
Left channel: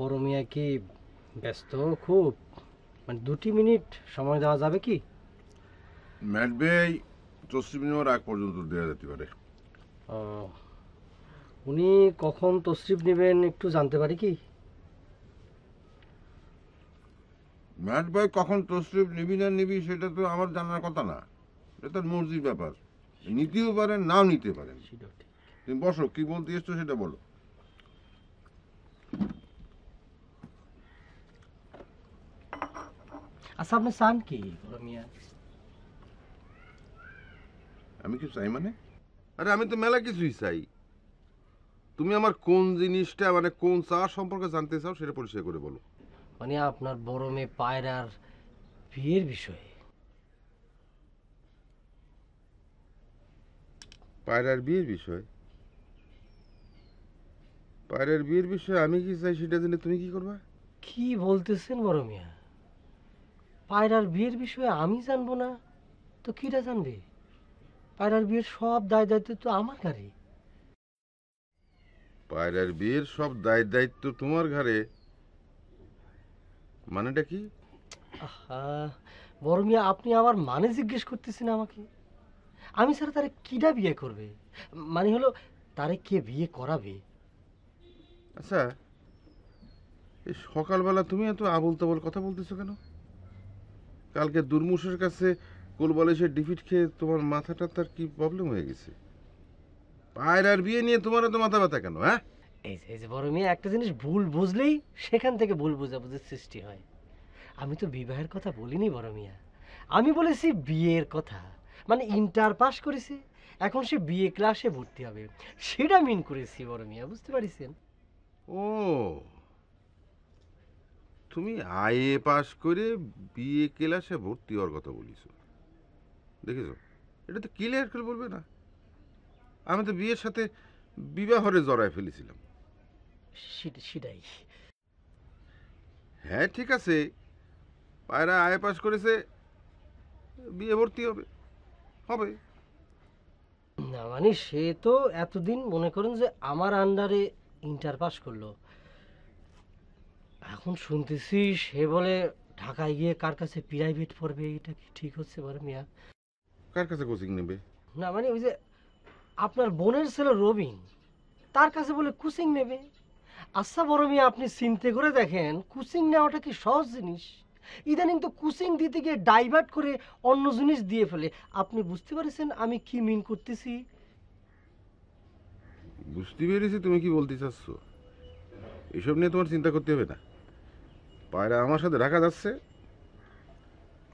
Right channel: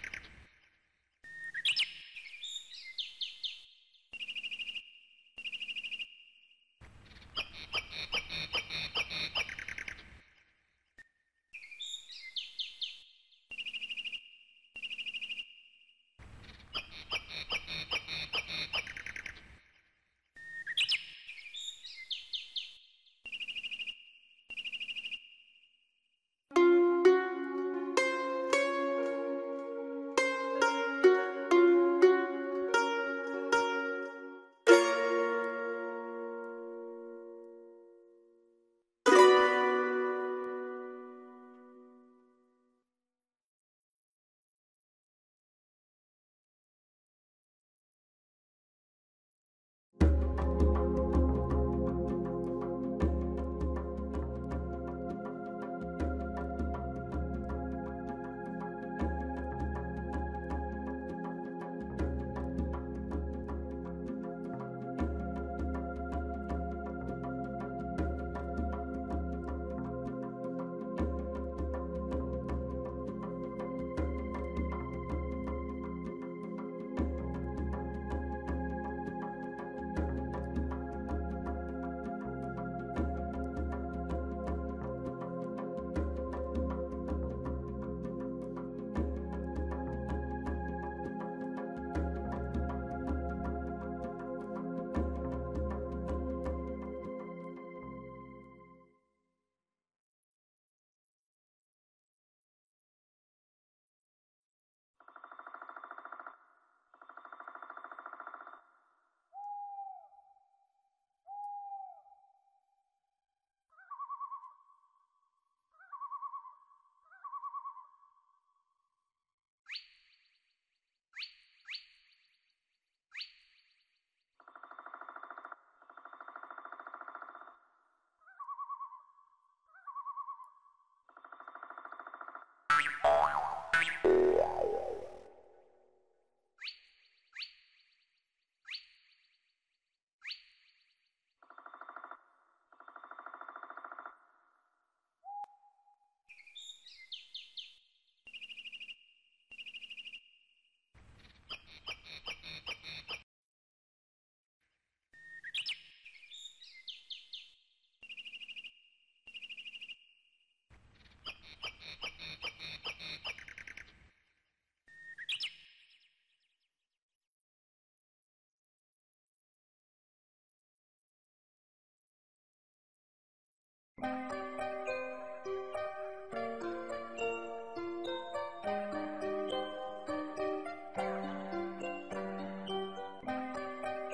বড় মিয়া কি ব্যস্ত খুব? মানে 2 মিনিট সময় দেওয়া যাবে কি? ম্যাট ভাই তসলিম নেওয়ার আগ পর্যন্ত দেওয়া যেতে পারে। উনি কখন তশরিফ নেবেন একটু জানতে পারি কি? ম্যাট ভাই কখন তসলিম নিবি না নিবি সেটা তো আমার জানার কথা না, এটা মর্জির ব্যাপার। নিতেও পারেন, নাও নিতে পারেন। তুমি বসো, কি বলতে এসছো সেটা বলো। আচ্ছা আপনি চান কি? আমি কি চাই মানে? আরে আমি তো মেলা কিছুই চাই। তুমি আমার কোন জিনিসটা মানে কোন চা সম্পর্কে জানতে চাও সেটা পরিষ্কার করে বলো। মানে আপনার বড় মেয়ে পায়রার বিয়ের বিষয়ে। পায়রার বিয়ের বিষয়? পায়রার বিয়ের বিষয়ে আমি কি চাই সেটা জেনে তুমি কি করবে? কি বলতেছেন বড় মিয়া? পায়রার বিয়ের বিষয়ে আমি জানবো না তো কিরা জানবে? পায়রার বিয়ের সব দায় দায়িত্ব তো আমার ঘাড়ে। পায়রার বিয়ের সব দায় দায়িত্ব তোমার ঘাড়ে মানেটা কি? বড় মিয়া আপনি আমার মানে জিজ্ঞেস করতেছেন আমাকে? আমি স্যার তারে কিরা বিয়ে করবে, মানে হলো তারে কে বিয়ে করাবে? আচ্ছা এই সকালবেলা তুমি এত আবল তাবল কথা বলতেছো কেন? কালকে দুর্মুষের কাছে কোলবালিশের ডিফিট খেয়ে তোমার মাথাটা তার কি প্রবলেম হয়ে গেছে? পায়রার বিয়ে নিয়ে তোমার এত মাথা ব্যথা কেন? হ্যাঁ এই যে বড় মেয়ে একটা জিনিস ভুল বুঝলেই সেখান থেকে ভুল বোঝাবুঝির সৃষ্টি হয়। আমি তো বিবাহের কথা বলিনি বড় মিয়া, আমি বলেছি বিয়ের কথা। মানে ইন্টার পাস করেছে, এখন সে বিয়ে ক্লাসে ভর্তি হবে, সেটা মিন করেছি বড় মিয়া, বুঝতে পারছেন? ও তুমি আইএ পাস করে বিএ ক্লাসে ভর্তি হওয়ার কথা বলেছো, দেখেছো? এটা তো ক্লিয়ার করে বলবে না? আমি তো বিয়ের সাথে বিবাহরে জড়ায় ফেলেছিলাম। হ্যাঁ ঠিক আছে, পায়রা আইএ পাস করেছে, বিয়ে ভর্তি হবে হবে না মানে সে তো এতদিন মনে করেন যে আমার আন্ডারে ইন্টার পাস করলো, এখন এখন শুনতেছি সে বলে ঢাকায় গিয়ে কার কাছে প্রাইভেট পড়বে, এটা কি ঠিক হচ্ছে বলেন মিয়া? কার কাছে কোচিং নেবে? না মানে ওই যে আপনার বোনের ছেলে রবিন, তার কাছে বলে কোচিং নেবে। আচ্ছা বড় মিয়া, আপনি চিন্তা করে দেখেন কোচিং নেওয়াটা কি সহজ জিনিস? ইদানিং তো কোচিং দিতে গিয়ে ডাইভার্ট করে অন্য জিনিস দিয়ে ফেলে। আপনি বুঝতে পারছেন আমি কি মিন করতেছি? বুঝতে পেরেছি তুমি কি বলতে চাচ্ছ। এসব নিয়ে তোমার চিন্তা করতে হবে না। পায়রা আমার সাথে রাখা যাচ্ছে,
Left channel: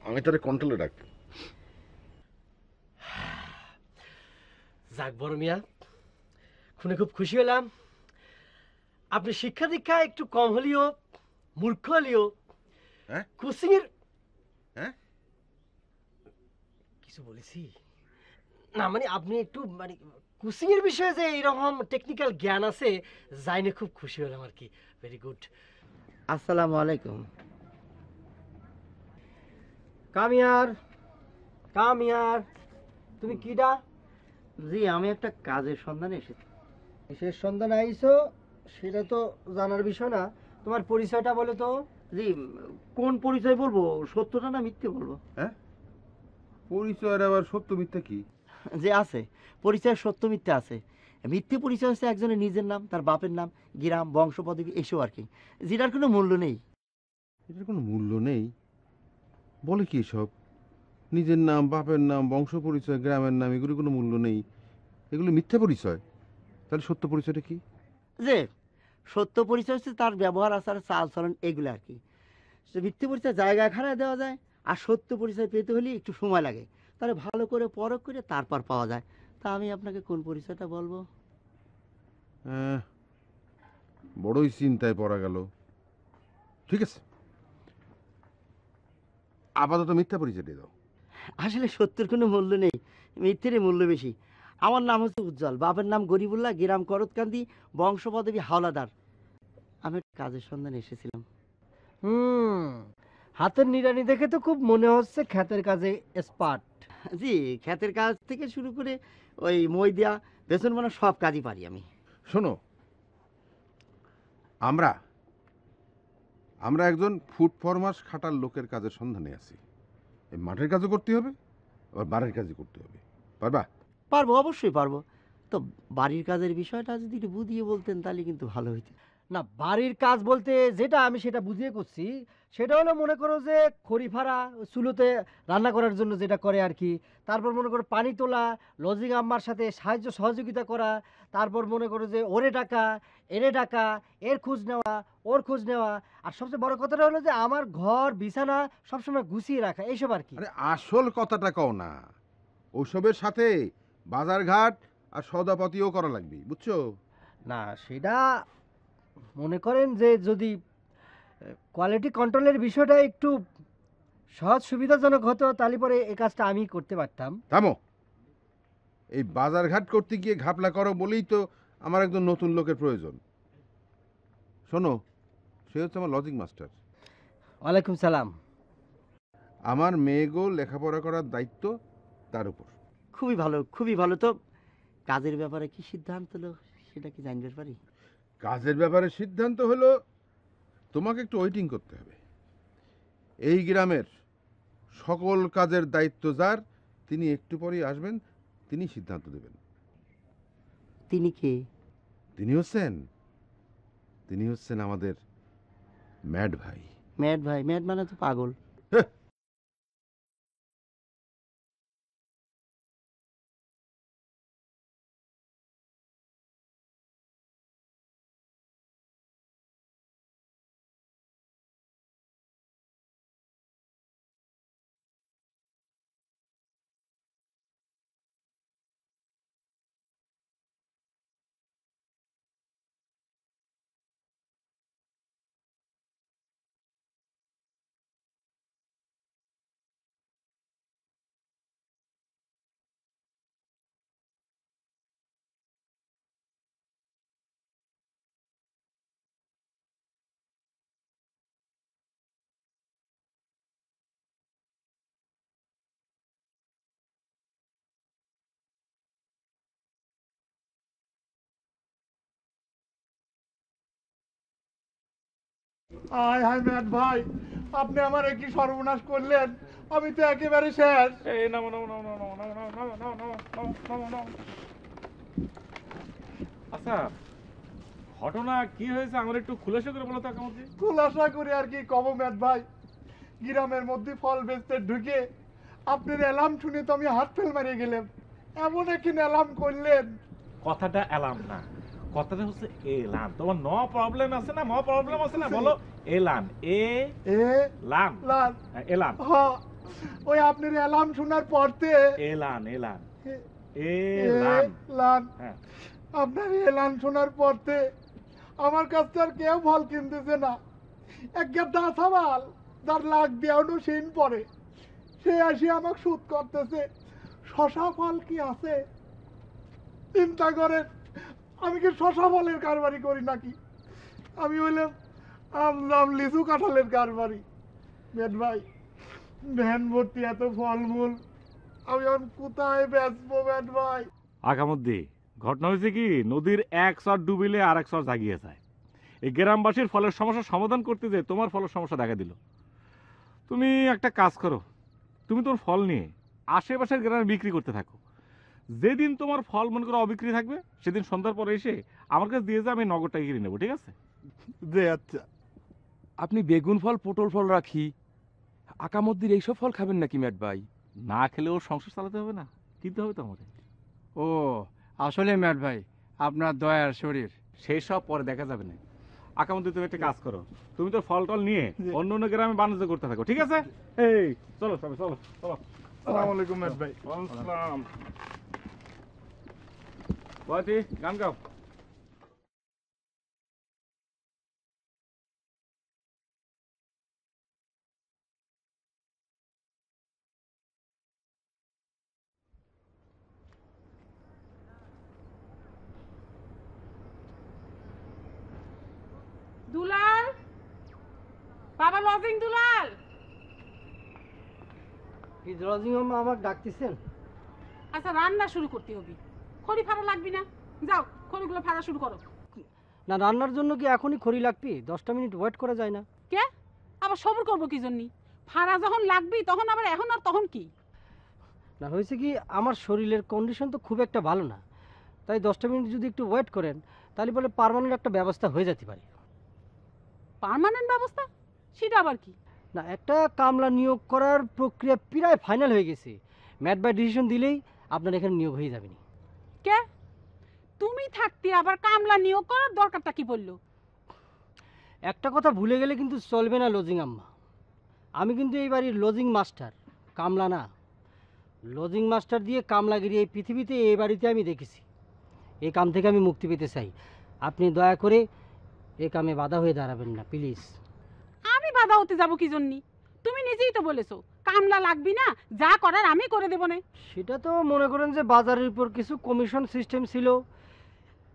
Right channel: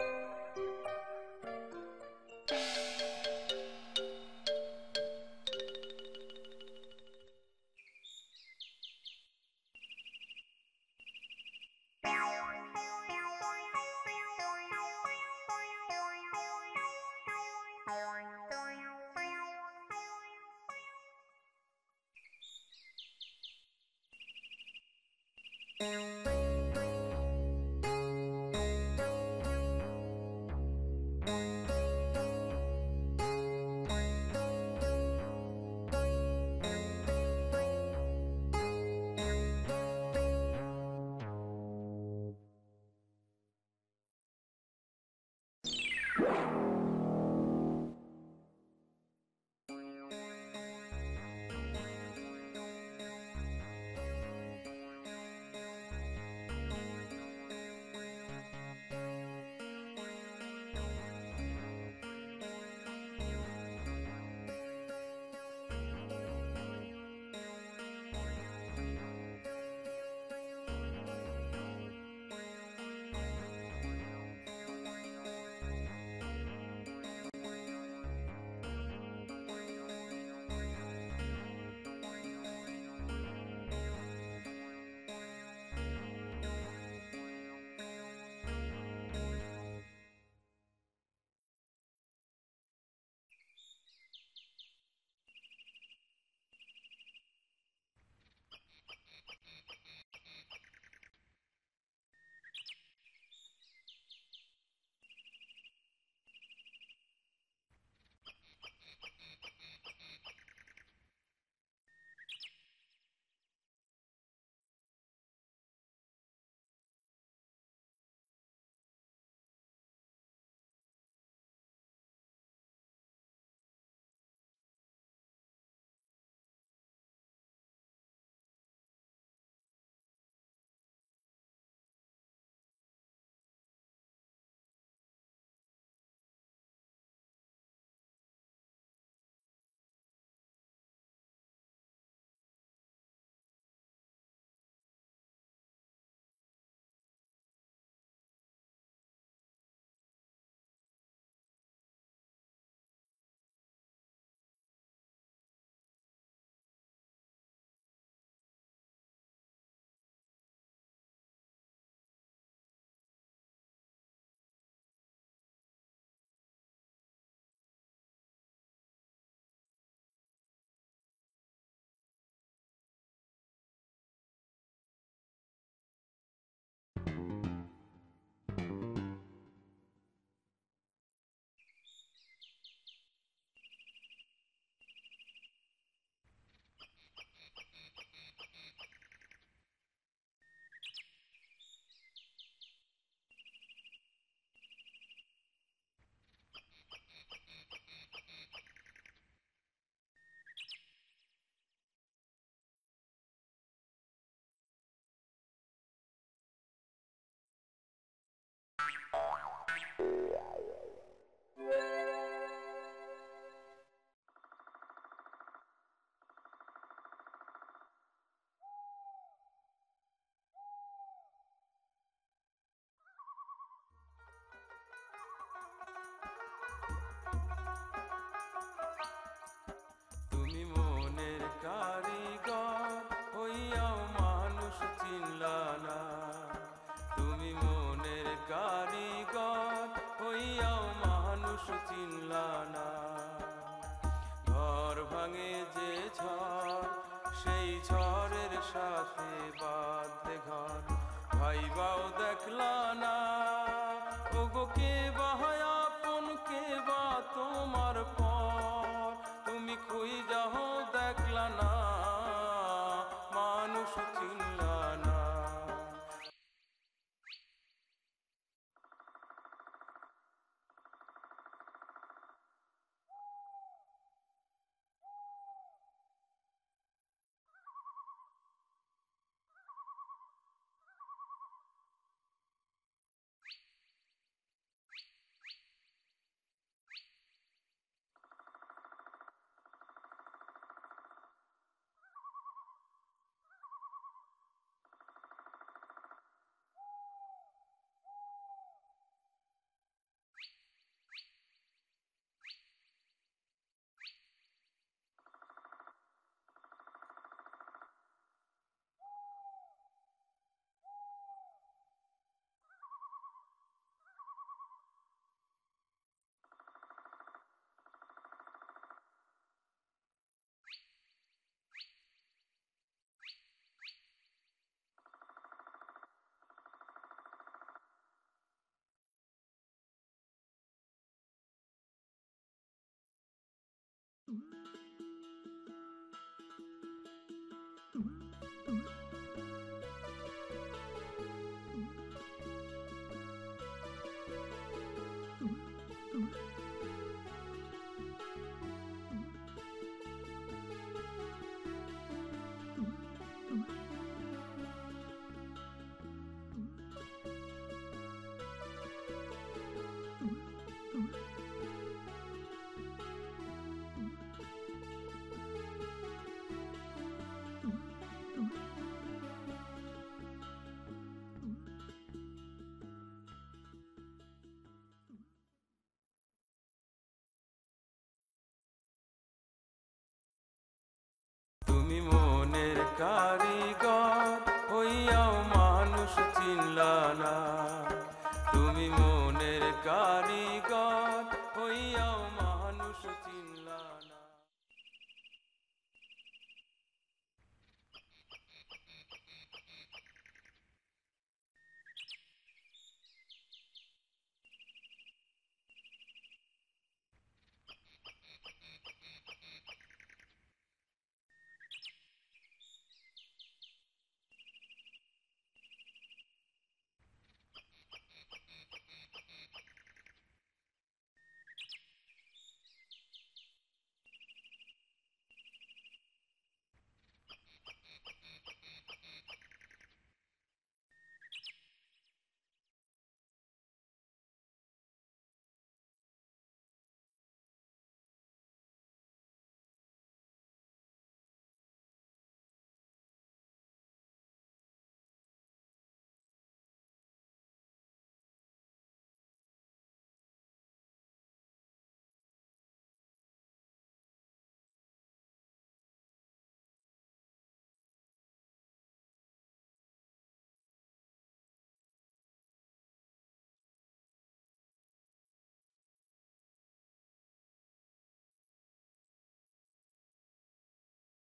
আমি তারে কন্ট্রোলে রাখবো। যাক বড় মিয়া, শুনে খুব খুশি হলাম। আপনি শিক্ষা দীক্ষা একটু কম হলেও মূর্খ হলেও কোচিং এর কিছু বলেছি না, মানে আপনি একটু মানে কোচিং এর বিষয়ে যে এরকম টেকনিক্যাল জ্ঞান আছে জাইনে খুব খুশি হলাম আর কি। Very good. আসসালামু আলাইকুম। কামিয়ার কামিয়ার, তুমি কিডা? জি, আমি একটা কাজের সন্ধানে এসেছি। কিসের সন্ধানে আইছো সেটা তো জানার বিষয় না, তোমার পরিচয়টা বলো তো। জি, কোন পরিচয় বলবো, সত্যটা না মিথ্যে বলবো? হ্যাঁ, পরিচয়ের আবার সত্য মিথ্যা কি? যে আছে পরিচয়, সত্য মিথ্যে আছে। মিথ্যে পরিচয় হচ্ছে একজনের নিজের নাম, তার বাপের নাম, গ্রাম, বংশ পদ্ধতি এসব আর কি, যেটার কোনো মূল্য নেই। কোনো মূল্য নেই বলে কি সব? নিজের নাম, বাপের নাম, বংশ পরিচয়, গ্রামের নাম, এগুলো কোনো মূল্য নেই, এগুলো মিথ্যা পরিচয়। তাহলে সত্য পরিচয়টা কি? যে সত্য পরিচয় হচ্ছে তার ব্যবহার, আচার, চাল চলন, এগুলো আর কি। মিথ্যে পরিচয় জায়গায় খারাপ দেওয়া যায়, আর সত্য পরিচয় পেতে হলে একটু সময় লাগে, তাহলে ভালো করে পরখ করে তারপর পাওয়া যায়। তা আমি আপনাকে কোন পরিচয়টা বলবো? বড়ই চিন্তায় পড়া গেল। ঠিক আছে, আপাতত মিথ্যা পরিচয় দিয়ে দাও। আসলে সত্যের কোনো মূল্য নেই, মিথ্যেরই মূল্য বেশি। আমার নাম হচ্ছে উজ্জ্বল, বাপের নাম গরিবুল্লাহ, গ্রাম করতকান্দি, বংশ পদবী হাওলাদার। আমি কাজের সন্ধানে এসেছিলাম। হাতের নিড়ানি দেখে তো খুব মনে হচ্ছে ক্ষেতের কাজে এক্সপার্ট। জি, ক্ষেতের কাজ থেকে শুরু করে ওই মই দেওয়া, বেসন বানা সব কাজই পারি আমি। শোনো, আমরা একজন ফুড ফরমাস খাটার লোকের কাজের সন্ধানে আছি। এই মাঠের কাজও করতে হবে, আবার বাড়ির কাজও করতে হবে। পারবা? পারবো, অবশ্যই পারবো। তো বাড়ির কাজের বিষয়টা যদি একটু বুঝিয়ে বলতেন তাহলে কিন্তু ভালো হইতো। না, বাড়ির কাজ বলতে যেটা আমি সেটা বুঝিয়ে করছি, সেটা হলো মনে করো যে খড়ি ফাড়া, চুলোতে রান্না করার জন্য যেটা করে আর কি। তারপর মনে করো পানি তোলা, লজিং আম্মার সাথে সাহায্য সহযোগিতা করা। তারপর মনে করো যে ওরে ডাকা, এরে ডাকা, এর খোঁজ নেওয়া, ওর খোঁজ নেওয়া। আর সবচেয়ে বড় কথাটা হলো যে আমার ঘর বিছানা সবসময় গুছিয়ে রাখা, এইসব আর কি। আরে আসল কথাটা কও না, ওসবের সাথে বাজারঘাট আর সদাপাতিও করা লাগবে, বুঝছো? না, সেটা মনে করেন যে যদি কোয়ালিটি কন্ট্রোলের বিষয়টা একটু সহজ সুবিধাজনক হতো তাহলে পরে এই কাজটা আমি করতে পারতাম। থামো, এই বাজারঘাট করতে গিয়ে ঘাপলা করো বলেই তো আমার একজন নতুন লোকের প্রয়োজন। শোনো, সে হচ্ছে আমার লজিক মাস্টার। ওয়ালাইকুম সালাম। আমার মেয়েগো লেখাপড়া করার দায়িত্ব তার উপর। খুবই ভালো, খুবই ভালো। তো কাজের ব্যাপারে কি সিদ্ধান্ত হলো সেটা কি জানতে পারি? কাজের ব্যাপারে সিদ্ধান্ত হলো তোমাকে একটু ওয়েটিং করতে হবে। এই গ্রামের সকল কাজের দায়িত্ব যার, তিনি একটু পরেই আসবেন, তিনি সিদ্ধান্ত দেবেন। তিনি কে? তিনি হচ্ছেন আমাদের ম্যাড ভাই। ম্যাড ভাই? ম্যাড মানে তো পাগল। তুমি মনের কারিগর হইয়াও মানুষ চিনলা না, তুমি মনের কারিগর হইয়াও মানুষ চিনলা না। ঘর ভাঙে যে ঝড়, সেই ঝড়ের সাথে বাঁধে ঘর, ভাইবাও দেখলা না। ওগো কে বাহায় আপন, কে বা তোমার পর, তুমি খুই যাও দেখলা না, মানুষ চিনলা না। হায় হায় ম্যাট ভাই, আপনি আমার কি সর্বনাশ করলেন, আমি তো একেবারে শেষ। এই নামো নামো নামো নামো নামো নামো নামো নামো নামো নামো নামো। আচ্ছা ঘটনা কি হয়েছে আমার একটু খুলাসা করে বলো তো কামতি। খুলাসা করে আর কি কব ম্যাট ভাই, গ্রামের মধ্যে ফল বেচতে ঢুকে আপনার অ্যালার্ম শুনে তো আমি হাত ফেল মারিয়ে গেলাম। এমন একটি অ্যালার্ম করলেন। কথাটা এলাম না, কথাটা হচ্ছে এলান। তোমার ন প্রবলেম আছে না, ম প্রবলেম আছে না, বলো এলান। এ লান লান এলান। হ্যাঁ, ওই আপনার অ্যালার্ম শোনার পরতে এলান এলান এলান লান, হ্যাঁ আপনার এলান শোনার পরতে আমার কাছে আর কেউ ফল কিনতেছে না। একটা দাসাবাল যার লাখ দেওয়ানো সিন পরে সে আসি আমাকে সুদ করতেছে। শশা ফল কি আছে চিন্তা করেন, আমি কি শশা ফলের কারবারি করি নাকি? আমি হইলাম আম লিচু কাঁঠালের কারবারি। মেট ভাই, ভ্যান ভর্তি এত ফলমূল আমি এখন কোথায় বেচবো মেট ভাই? আগামধ্যে ঘটনা হয়েছে কি, নদীর এক চর ডুবিলে আর এক চর জাগিয়ে যায়। এই গ্রামবাসীর ফলের সমস্যা সমাধান করতে যে তোমার ফলের সমস্যা দেখা দিল। তুমি একটা কাজ করো, তুমি তোমার ফল নিয়ে আশেপাশের গ্রামে বিক্রি করতে থাকো। যেদিন তোমার ফল মনে করো অবিক্রি থাকবে সেদিন সন্ধ্যার পরে এসে আমার কাছে দিয়ে যাবে, আমি নগদ টাকা কিনে নেবো, ঠিক আছে? যে আচ্ছা, আপনি বেগুন ফল, পটল ফল রাখি, আকামদ্দির এইসব ফল খাবেন নাকি ম্যাট ভাই? না খেলেও সংসার চালাতে হবে না, কিনতে হবে তোমার। ও আসলে ম্যাট ভাই আপনার দয়ার শরীর। সেই সব পরে দেখা যাবে না। আকামদ্দি তুমি একটা কাজ করো, তুমি তো ফল টল নিয়ে অন্য অন্য গ্রামে বাণিজ্য করতে থাকো, ঠিক আছে? এই চলো চলো চলো চলো। আসসালামু আলাইকুম ম্যাট ভাই। আসসালাম। বাতি গান গাও। তুমি মনের কারিগর হইয়াও মানুষ চিনলা না, তুমি মনের কারিগর হইয়াও মানুষ চিনলা না। দুলাল, বাবা লজিং দুলাল। এই লজিং আমার ডাকতেছেন? আচ্ছা রান্না শুরু করতে হবে, খড়ি ফাড়া লাগবি না, যাও খড়িগুলো ফাড়া শুরু করো। না, রান্নার জন্য কি এখনই খড়ি লাগবে? 10টা মিনিট ওয়েট করা যায় না? কে আবার সবর করবো কি জন্যি? ফাড়া যখন লাগবি তখন আবার এখন আর তখন কি? না, হয়েছে কি আমার শরীরের কন্ডিশন তো খুব একটা ভালো না, তাই 10টা মিনিট যদি একটু ওয়েট করেন তাহলে বলে পার্মানেন্ট একটা ব্যবস্থা হয়ে যেতে পারে। পার্মানেন্ট ব্যবস্থা? সেটা আবার কি? না, একটা কামলা নিয়োগ করার প্রক্রিয়া প্রায় ফাইনাল হয়ে গেছে। ম্যাট বাই ডিসিশন দিলেই আপনার এখানে নিয়োগ হয়ে যাবেনি। কে তুমি থাকতে আবার কামলা নিয়োগ করার দরকারটা কি বললো? একটা কথা ভুলে গেলে কিন্তু চলবে না লজিং আম্মা, আমি কিন্তু এই বাড়ির লজিং মাস্টার, কামলা না। লজিং মাস্টার দিয়ে কামলাগিরি এই পৃথিবীতে এই বাড়িতে আমি দেখেছি। এই কাম থেকে আমি মুক্তি পেতে চাই। আপনি দয়া করে এই কামে বাধা হয়ে দাঁড়াবেন না প্লিজ। আমি বাধা হতে যাব কি জন্যি? তুমি নিজেই তো বলেছো কামলা লাগবি না, যা করার আমি করে দেবো না। সেটা তো মনে করেন যে বাজারের উপর কিছু কমিশন সিস্টেম ছিল,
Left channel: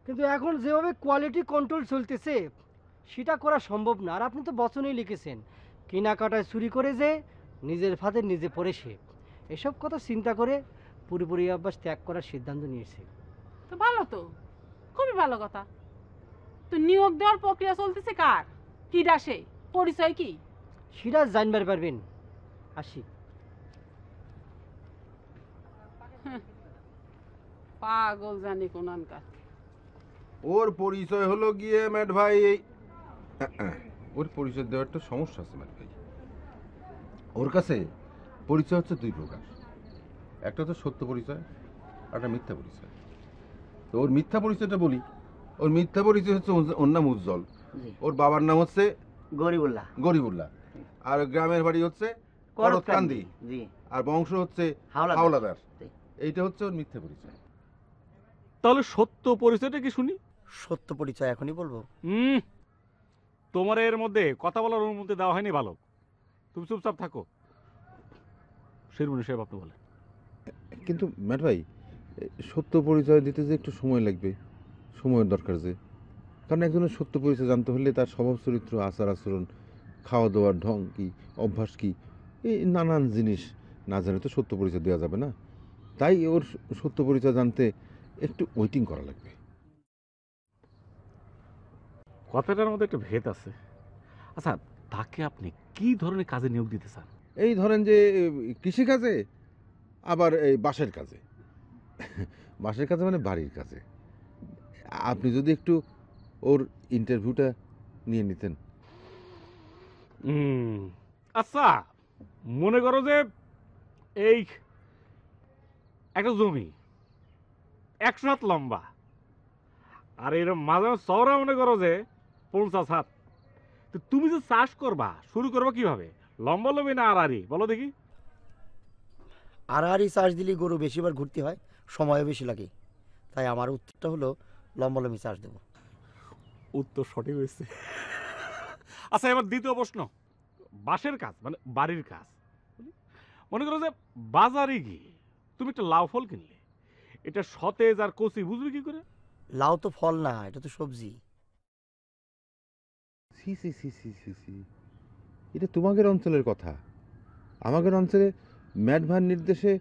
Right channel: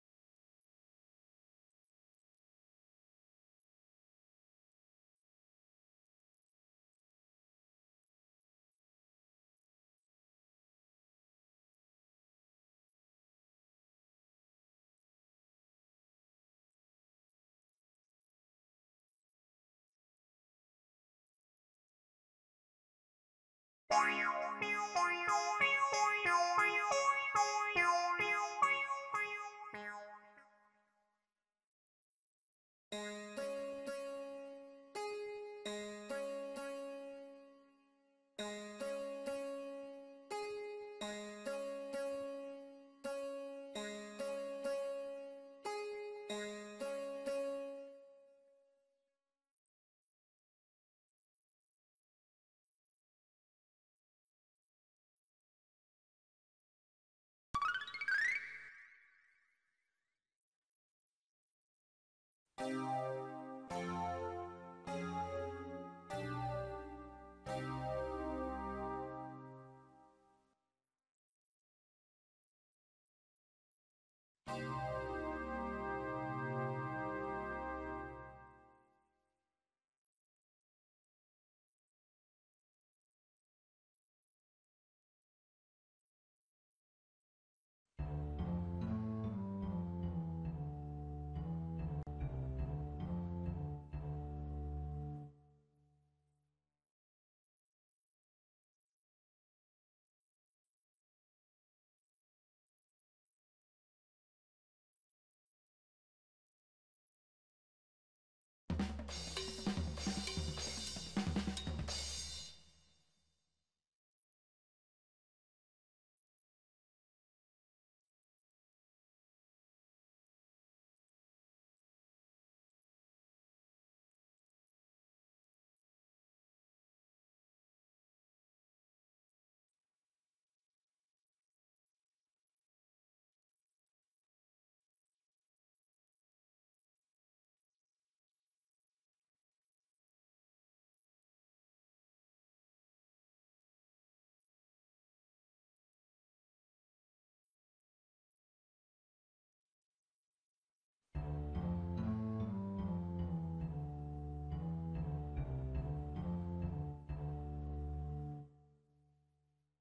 কিন্তু এখন যেভাবে কোয়ালিটি কন্ট্রোল চলতেছে সেটা করা সম্ভব না। আর আপনি তো বচনেই লিখেছেন কেনাকাটায় চুরি করে যে নিজের ফাঁদে নিজে পড়ে সে। এসব কথা চিন্তা করে পুরোপুরি অভ্যাস ত্যাগ করার সিদ্ধান্ত নিয়েছে। তো ভালো তো, খুবই ভালো কথা। তো নিয়োগ দেওয়ার প্রক্রিয়া চলতেছে কার? কি ডাসে পরিচয় কি? সেটা জানবার পারবেন। আসি। পাগল জানি কোনানকা। ওর পরিচয় হলো গিয়ে ম্যাট ভাই এই ওর পরিচয় দেওয়ার একটা সমস্যা আছে ম্যাট ভাই। ওর কাছে পরিচয় হচ্ছে দুই প্রকার, একটা তো সত্য পরিচয়, একটা মিথ্যা পরিচয়। তো ওর মিথ্যা পরিচয়টা বলি। ওর মিথ্যা পরিচয় হচ্ছে ওর নাম উজ্জ্বল, ওর বাবার নাম হচ্ছে গরিবুল্লাহ, গরিবুল্লাহ, আর গ্রামের বাড়ি হচ্ছে করতকান্দি, আর বংশ হচ্ছে হাওলাদার। এইটা হচ্ছে ওর মিথ্যা পরিচয়। তাহলে সত্য পরিচয়টা কি শুনি? সত্য পরিচয় এখনই বলবো? তোমার এর মধ্যে কথা বলার অনুমতি দেওয়া হয়নি, ভালো। তুমি চুপচাপ থাকো। শিরুনি সাহেব আপনি বলে। কিন্তু ম্যাট ভাই সত্য পরিচয় দিতে যে একটু সময় লাগবে, সময়ের দরকার যে। কারণ একজনের সত্য পরিচয় জানতে হলে তার স্বভাব চরিত্র, আচার আচরণ, খাওয়া দাওয়ার ঢং কি, অভ্যাস কি, এই নানান জিনিস না জানে তো সত্য পরিচয় দেওয়া যাবে না। তাই ওর সত্য পরিচয় জানতে একটু ওয়েটিং করা লাগবে। কথাটার মধ্যে একটা ভেদ আছে। আচ্ছা, তাকে আপনি কি ধরনের কাজে নিয়োগ দিতে চান? এই ধরেন যে কৃষিকাজে, আবার এই বাঁশের কাজে। বাঁশের কাজে মানে বাড়ির কাজে। আপনি যদি একটু ওর ইন্টারভিউটা নিয়ে নিতেন। আচ্ছা, মনে করো যে এই একটা জমি 100 হাত লম্বা, আর এরকম মাঝে চওড়া মনে করো যে 50 হাত। তো তুমি যে চাষ করবা, শুরু করবা কিভাবে? লম্বা লম্বি না আড়াআড়ি, বলো দেখি। আড়াআড়ি চাষ দিলে গরু বেশিবার ঘুরতে হয়, সময়ও বেশি লাগে। তাই আমার উত্তরটা হলো লম্বালম্বি চাষ দেবো। উত্তর সঠিক হয়েছে। আচ্ছা, এবার দ্বিতীয় প্রশ্ন, বাঁশের কাজ মানে বাড়ির কাজ। মনে করো যে বাজারে গিয়ে তুমি একটা লাউ ফল কিনলে, এটা সতেজ আর কচি বুঝবে কি করে? লাউ তো ফল না, এটা তো সবজি। সি সি সি সি সি সি, এটা তোমাদের অঞ্চলের কথা। আমাদের অঞ্চলে ম্যাডভার নির্দেশে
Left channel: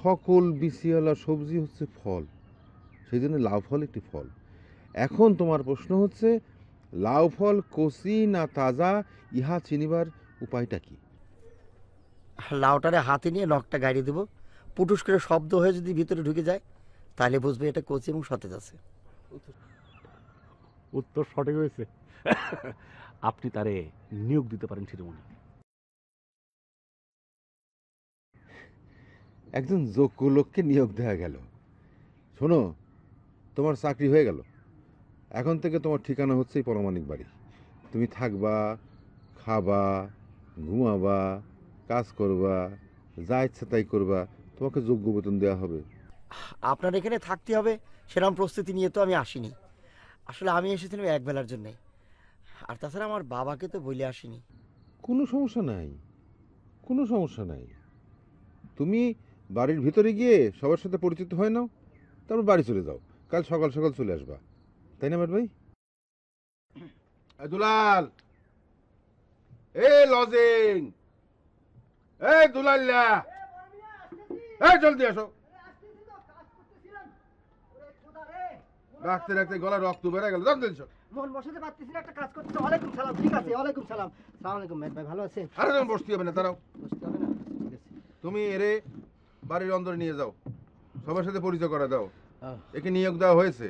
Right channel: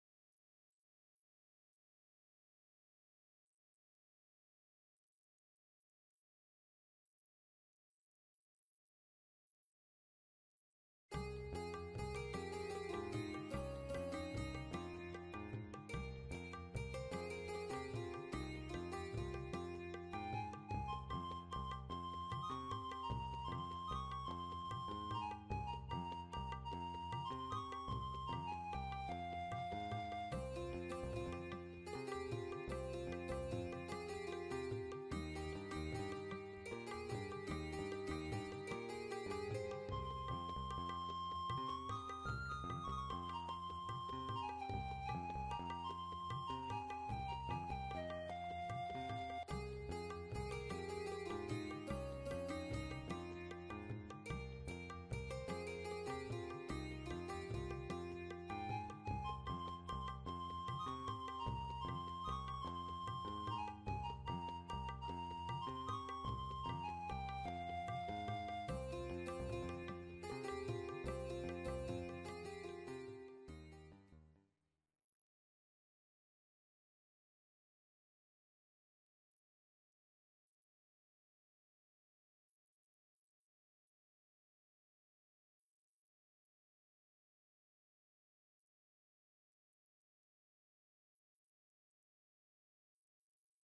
সকল বিসিওয়ালা সবজি হচ্ছে ফল, সেই জন্য লাউ ফল একটি ফল। এখন তোমার প্রশ্ন হচ্ছে লাউ ফল কচি না তাজা, ইহা চিনিবার উপায়টা কি? লাউটারে হাতে নিয়ে নখটা গাড়িয়ে দেবো, পুটুস করে শব্দ হয়ে যদি ভিতরে ঢুকে যায় তাহলে বুঝবে এটা কচি এবং সতেজ আছে। উত্তর সঠিক হয়েছে। আপনি তারে নিয়োগ দিতে পারেন শিরোমণি। একজন যোগ্য লোককে নিয়োগ দেওয়া গেল। শোনো, তোমার চাকরি হয়ে গেল। এখন থেকে তোমার ঠিকানা হচ্ছে এই পরমাণিক বাড়ি। তুমি থাকবা, খাবা, ঘুমাবা, কাজ করবা, যা ইচ্ছা তাই করবা, তোমাকে যোগ্য বেতন দেওয়া হবে। আপনার এখানে থাকতে হবে সেরকম প্রস্তুতি নিয়ে তো আমি আসিনি। আসলে আমি এসেছিলাম একবেলার জন্য, আর তাছাড়া আমার বাবাকে তো বলে আসিনি। কোনো সমস্যা নাই, কোনো সমস্যা নাই। তুমি বাড়ির ভিতরে গিয়ে সবার সাথে পরিচিত হয়ে নাও, তারপর বাড়ি চলে যাও। কাল সকাল সকাল চলে আসবা, তাই না ম্যাড ভাই? দুলাল, লজিং, দুলাল্লা, জলদি আসো। রাখতে রাখতে গলা রক্ত বেড়ে গেল। মন বসাতে পারতেছি না, একটা কাজ করতে। ওয়ালাইকুম সালাম। ঠিক আছে, ওয়ালাইকুম সালাম। সালাম আলাইকুম ম্যাড ভাই, ভালো আছেন? আরে তুমি বসতে হবে না, দাঁড়াও। বসতে হবে না, ঠিক আছে। তুমি এরে বাড়ির অন্দরে নিয়ে যাও, সবার সাথে পরিচয় করা দাও। একে নিয়োগ দেওয়া হয়েছে।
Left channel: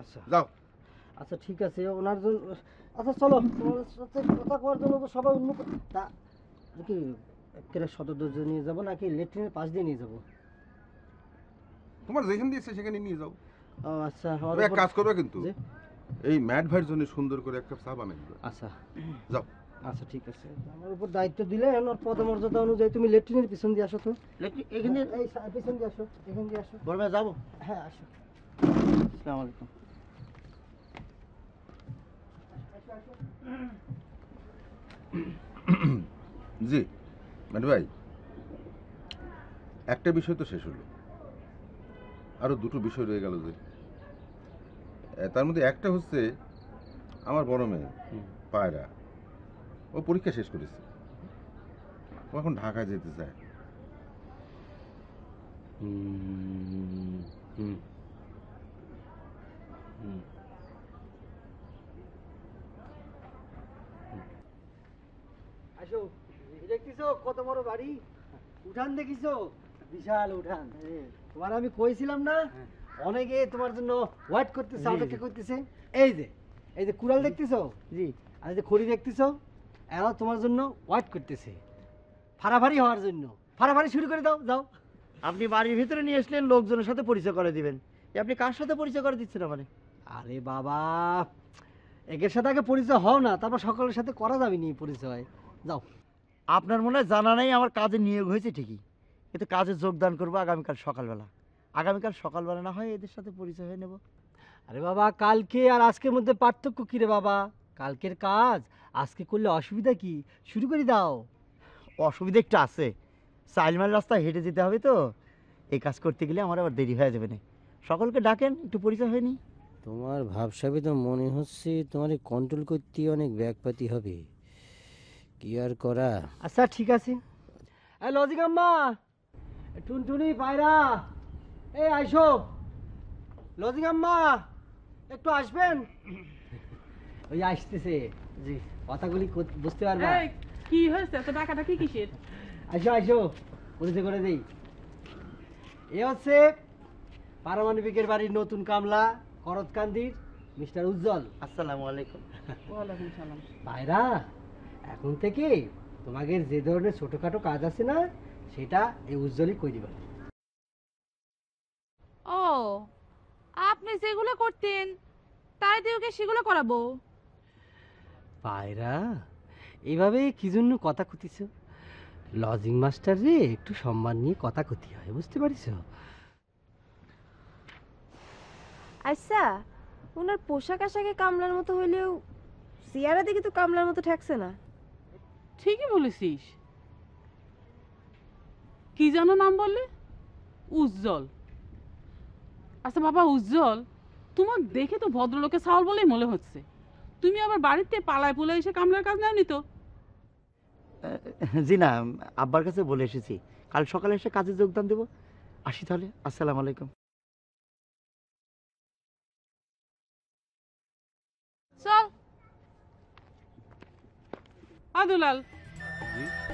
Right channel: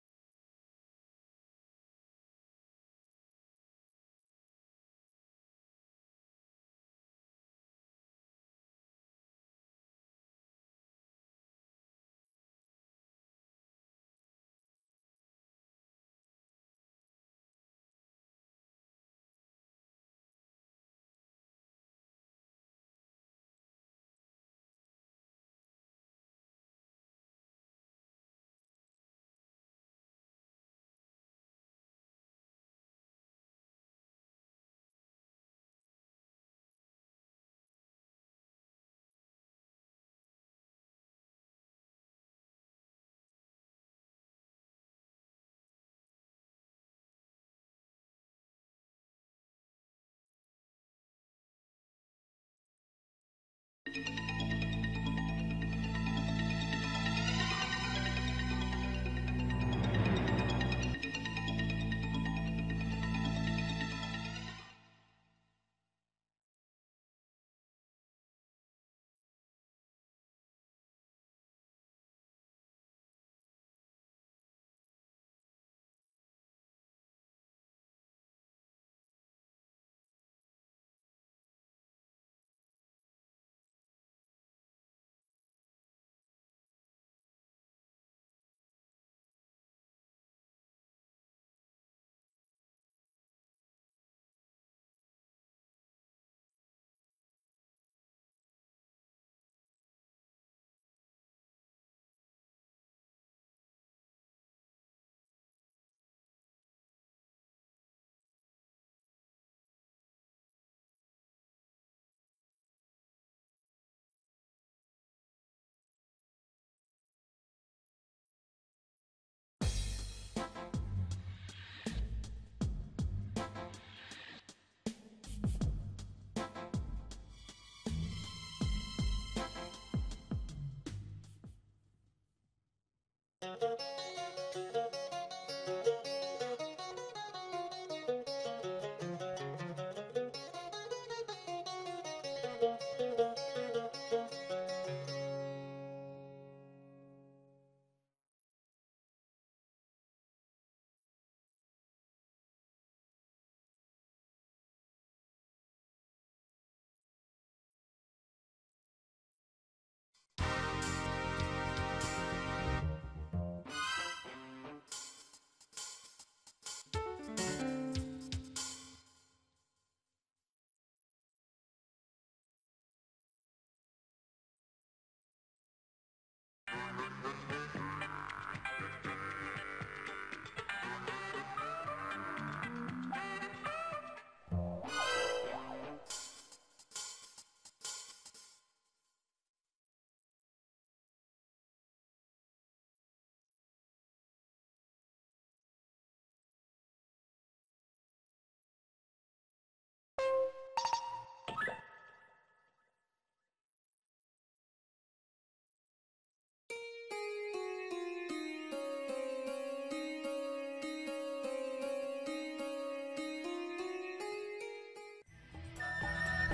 আচ্ছা যাও। আচ্ছা ঠিক আছে, ওনার জন্য। আচ্ছা চলো, তোমার সাথে কথা করার জন্য তো সবাই উন্মুখ। তা কি একেবারে সদর দরজা নিয়ে যাবো নাকি লেট্রিনের পাশ দিয়ে নিয়ে যাবো? তোমার যেখানে দিয়েছে সেখানে নিয়ে যাও। ও আচ্ছা, এক কাজ করবে কিন্তু, এই ম্যাড ভাইয়ের জন্য সুন্দর করে একটা চা বানিয়ে দিবে। আচ্ছা যাও। আচ্ছা ঠিক আছে, আমার উপর দায়িত্ব দিলে ওর পদমর্যাদা অনুযায়ী তুমি লেট্রিনের পিছন দিয়ে আসো তো। এখানে এই পিছন দিয়ে আসো, এখান দিয়ে আসো। বলবে যাবো? হ্যাঁ আসো। আসসালামু আলাইকুম। জি ম্যাড ভাই, একটা বিষয় তো শেষ হলো, আরো দুটো বিষয় রয়ে গেল। যে তার মধ্যে একটা হচ্ছে আমার বড় মেয়ে পায়রা, ও পরীক্ষা শেষ করেছে, ও এখন ঢাকায় যেতে চায়। আসো, দেখতেছো কত বড় বাড়ি, উঠান দেখিছো? বিশাল উঠান। তোমার আমি কইছিলাম না, অনেকে তোমার জন্য ওয়েট করতেছে, অপেক্ষা করতেছে। এই যে কুড়াল দেখতেছো? জি। আর এই যে খড়ি দেখতেছো, এরাও তোমার জন্য ওয়েট করতেছে, ফাড়াফাড়ি হওয়ার জন্য। ফাড়াফাড়ি শুরু করে দাও, যাও। আপনি বাড়ির ভিতরে নিয়ে আসলেন, লোকজনের সাথে পরিচয় করে দিবেন। আপনি কার সাথে পরিচয় করে দিচ্ছেন আমারে? আরে বাবা, একের সাথে আগে পরিচয় হও না, তারপর সকলের সাথে করা যাবে নি পরিচয়। যাও। আপনার মনে হয় জানা নেই আমার কাজে নিয়োগ হয়েছে ঠিকই, কিন্তু কাজে যোগদান করবো আগামীকাল সকালবেলা। আগামীকাল সকালবেলা না হয় এদের সাথে পরিচয় হয়ে নেব। আরে বাবা, কালকে আর আজকের মধ্যে পার্থক্য কী রে বাবা? কালকের কাজ আজকে করলে অসুবিধা কি? শুরু করে দাও। অসুবিধা একটু আছে, চাইলমাল রাস্তা হেঁটে যেতে হবে তো, এই কাজ করতে গেলে আমার আবার দেরি হয়ে যাবে না। সকলকে ডাকেন, একটু পরিচয় হয়নি। তোমার ভাবসাবে তো মনে হচ্ছে তোমার কন্ট্রোল করতে অনেক ব্যাগপাতি হবে, কি আর করা। আচ্ছা ঠিক আছে। এই লজিক আম্মা, টুনটুনি, পায়রা, এই আইসো। লজিক আম্মা, একটু আসবেন। ওই আসতেছে, কথাগুলি বুঝতে পারবা? কি হয়েছে তো ডাকাডাকি কিসের? আসো আসো, পরিচয় করে দেই। এ হচ্ছে পারমাণবিকের বাড়ির নতুন কামলা, করতকান্দির মিস্টার উজ্জ্বল। আসসালামু আলাইকুম। ওয়ালাইকুম সালাম। ভাইরা, এখন থেকে তোমাদের যে ধরনের ছোটখাটো কাজ আছে না, সেটা এই উজ্জ্বলই করে দিবা। ও, আপনি যেগুলো করতেন তাই দিয়ে ওকে সেগুলো করাবো? ভাইরা, এইভাবে কি জন্য কথা কতিছ? লজিং মাস্টার রে একটু সম্মান নিয়ে কথা কতি হয়, বুঝতে পারিস? আচ্ছা, ওনার পোশাক আশাকে কামলার মতো হইলেও চেহারা দেখে তো কামলার মতো ঠেকছে না। ঠিকই বলেছিস। কি যেন নাম বললে? উজ্জ্বল। আচ্ছা বাবা উজ্জ্বল, তোমার দেখে তো ভদ্রলোকের ছাওয়াল বলেই মনে হচ্ছে। তুমি আবার বাড়িতে পালায় পুলে এসে কামলার কাজ নাওনি তো? জি না, আব্বার কাছে বলে এসেছি কাল সকালে এসে কাজে যোগদান দেব। আসি তাহলে, আসসালামু আলাইকুম। চল আদুলাল,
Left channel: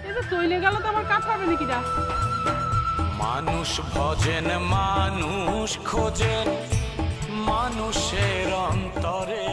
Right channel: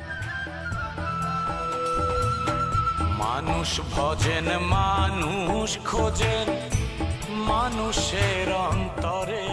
এটা চলে গেল তো আমার কাজ হবে নাকি? যা, মানুষ ভজেন মানুষ খোঁজেন মানুষের অন্তরে।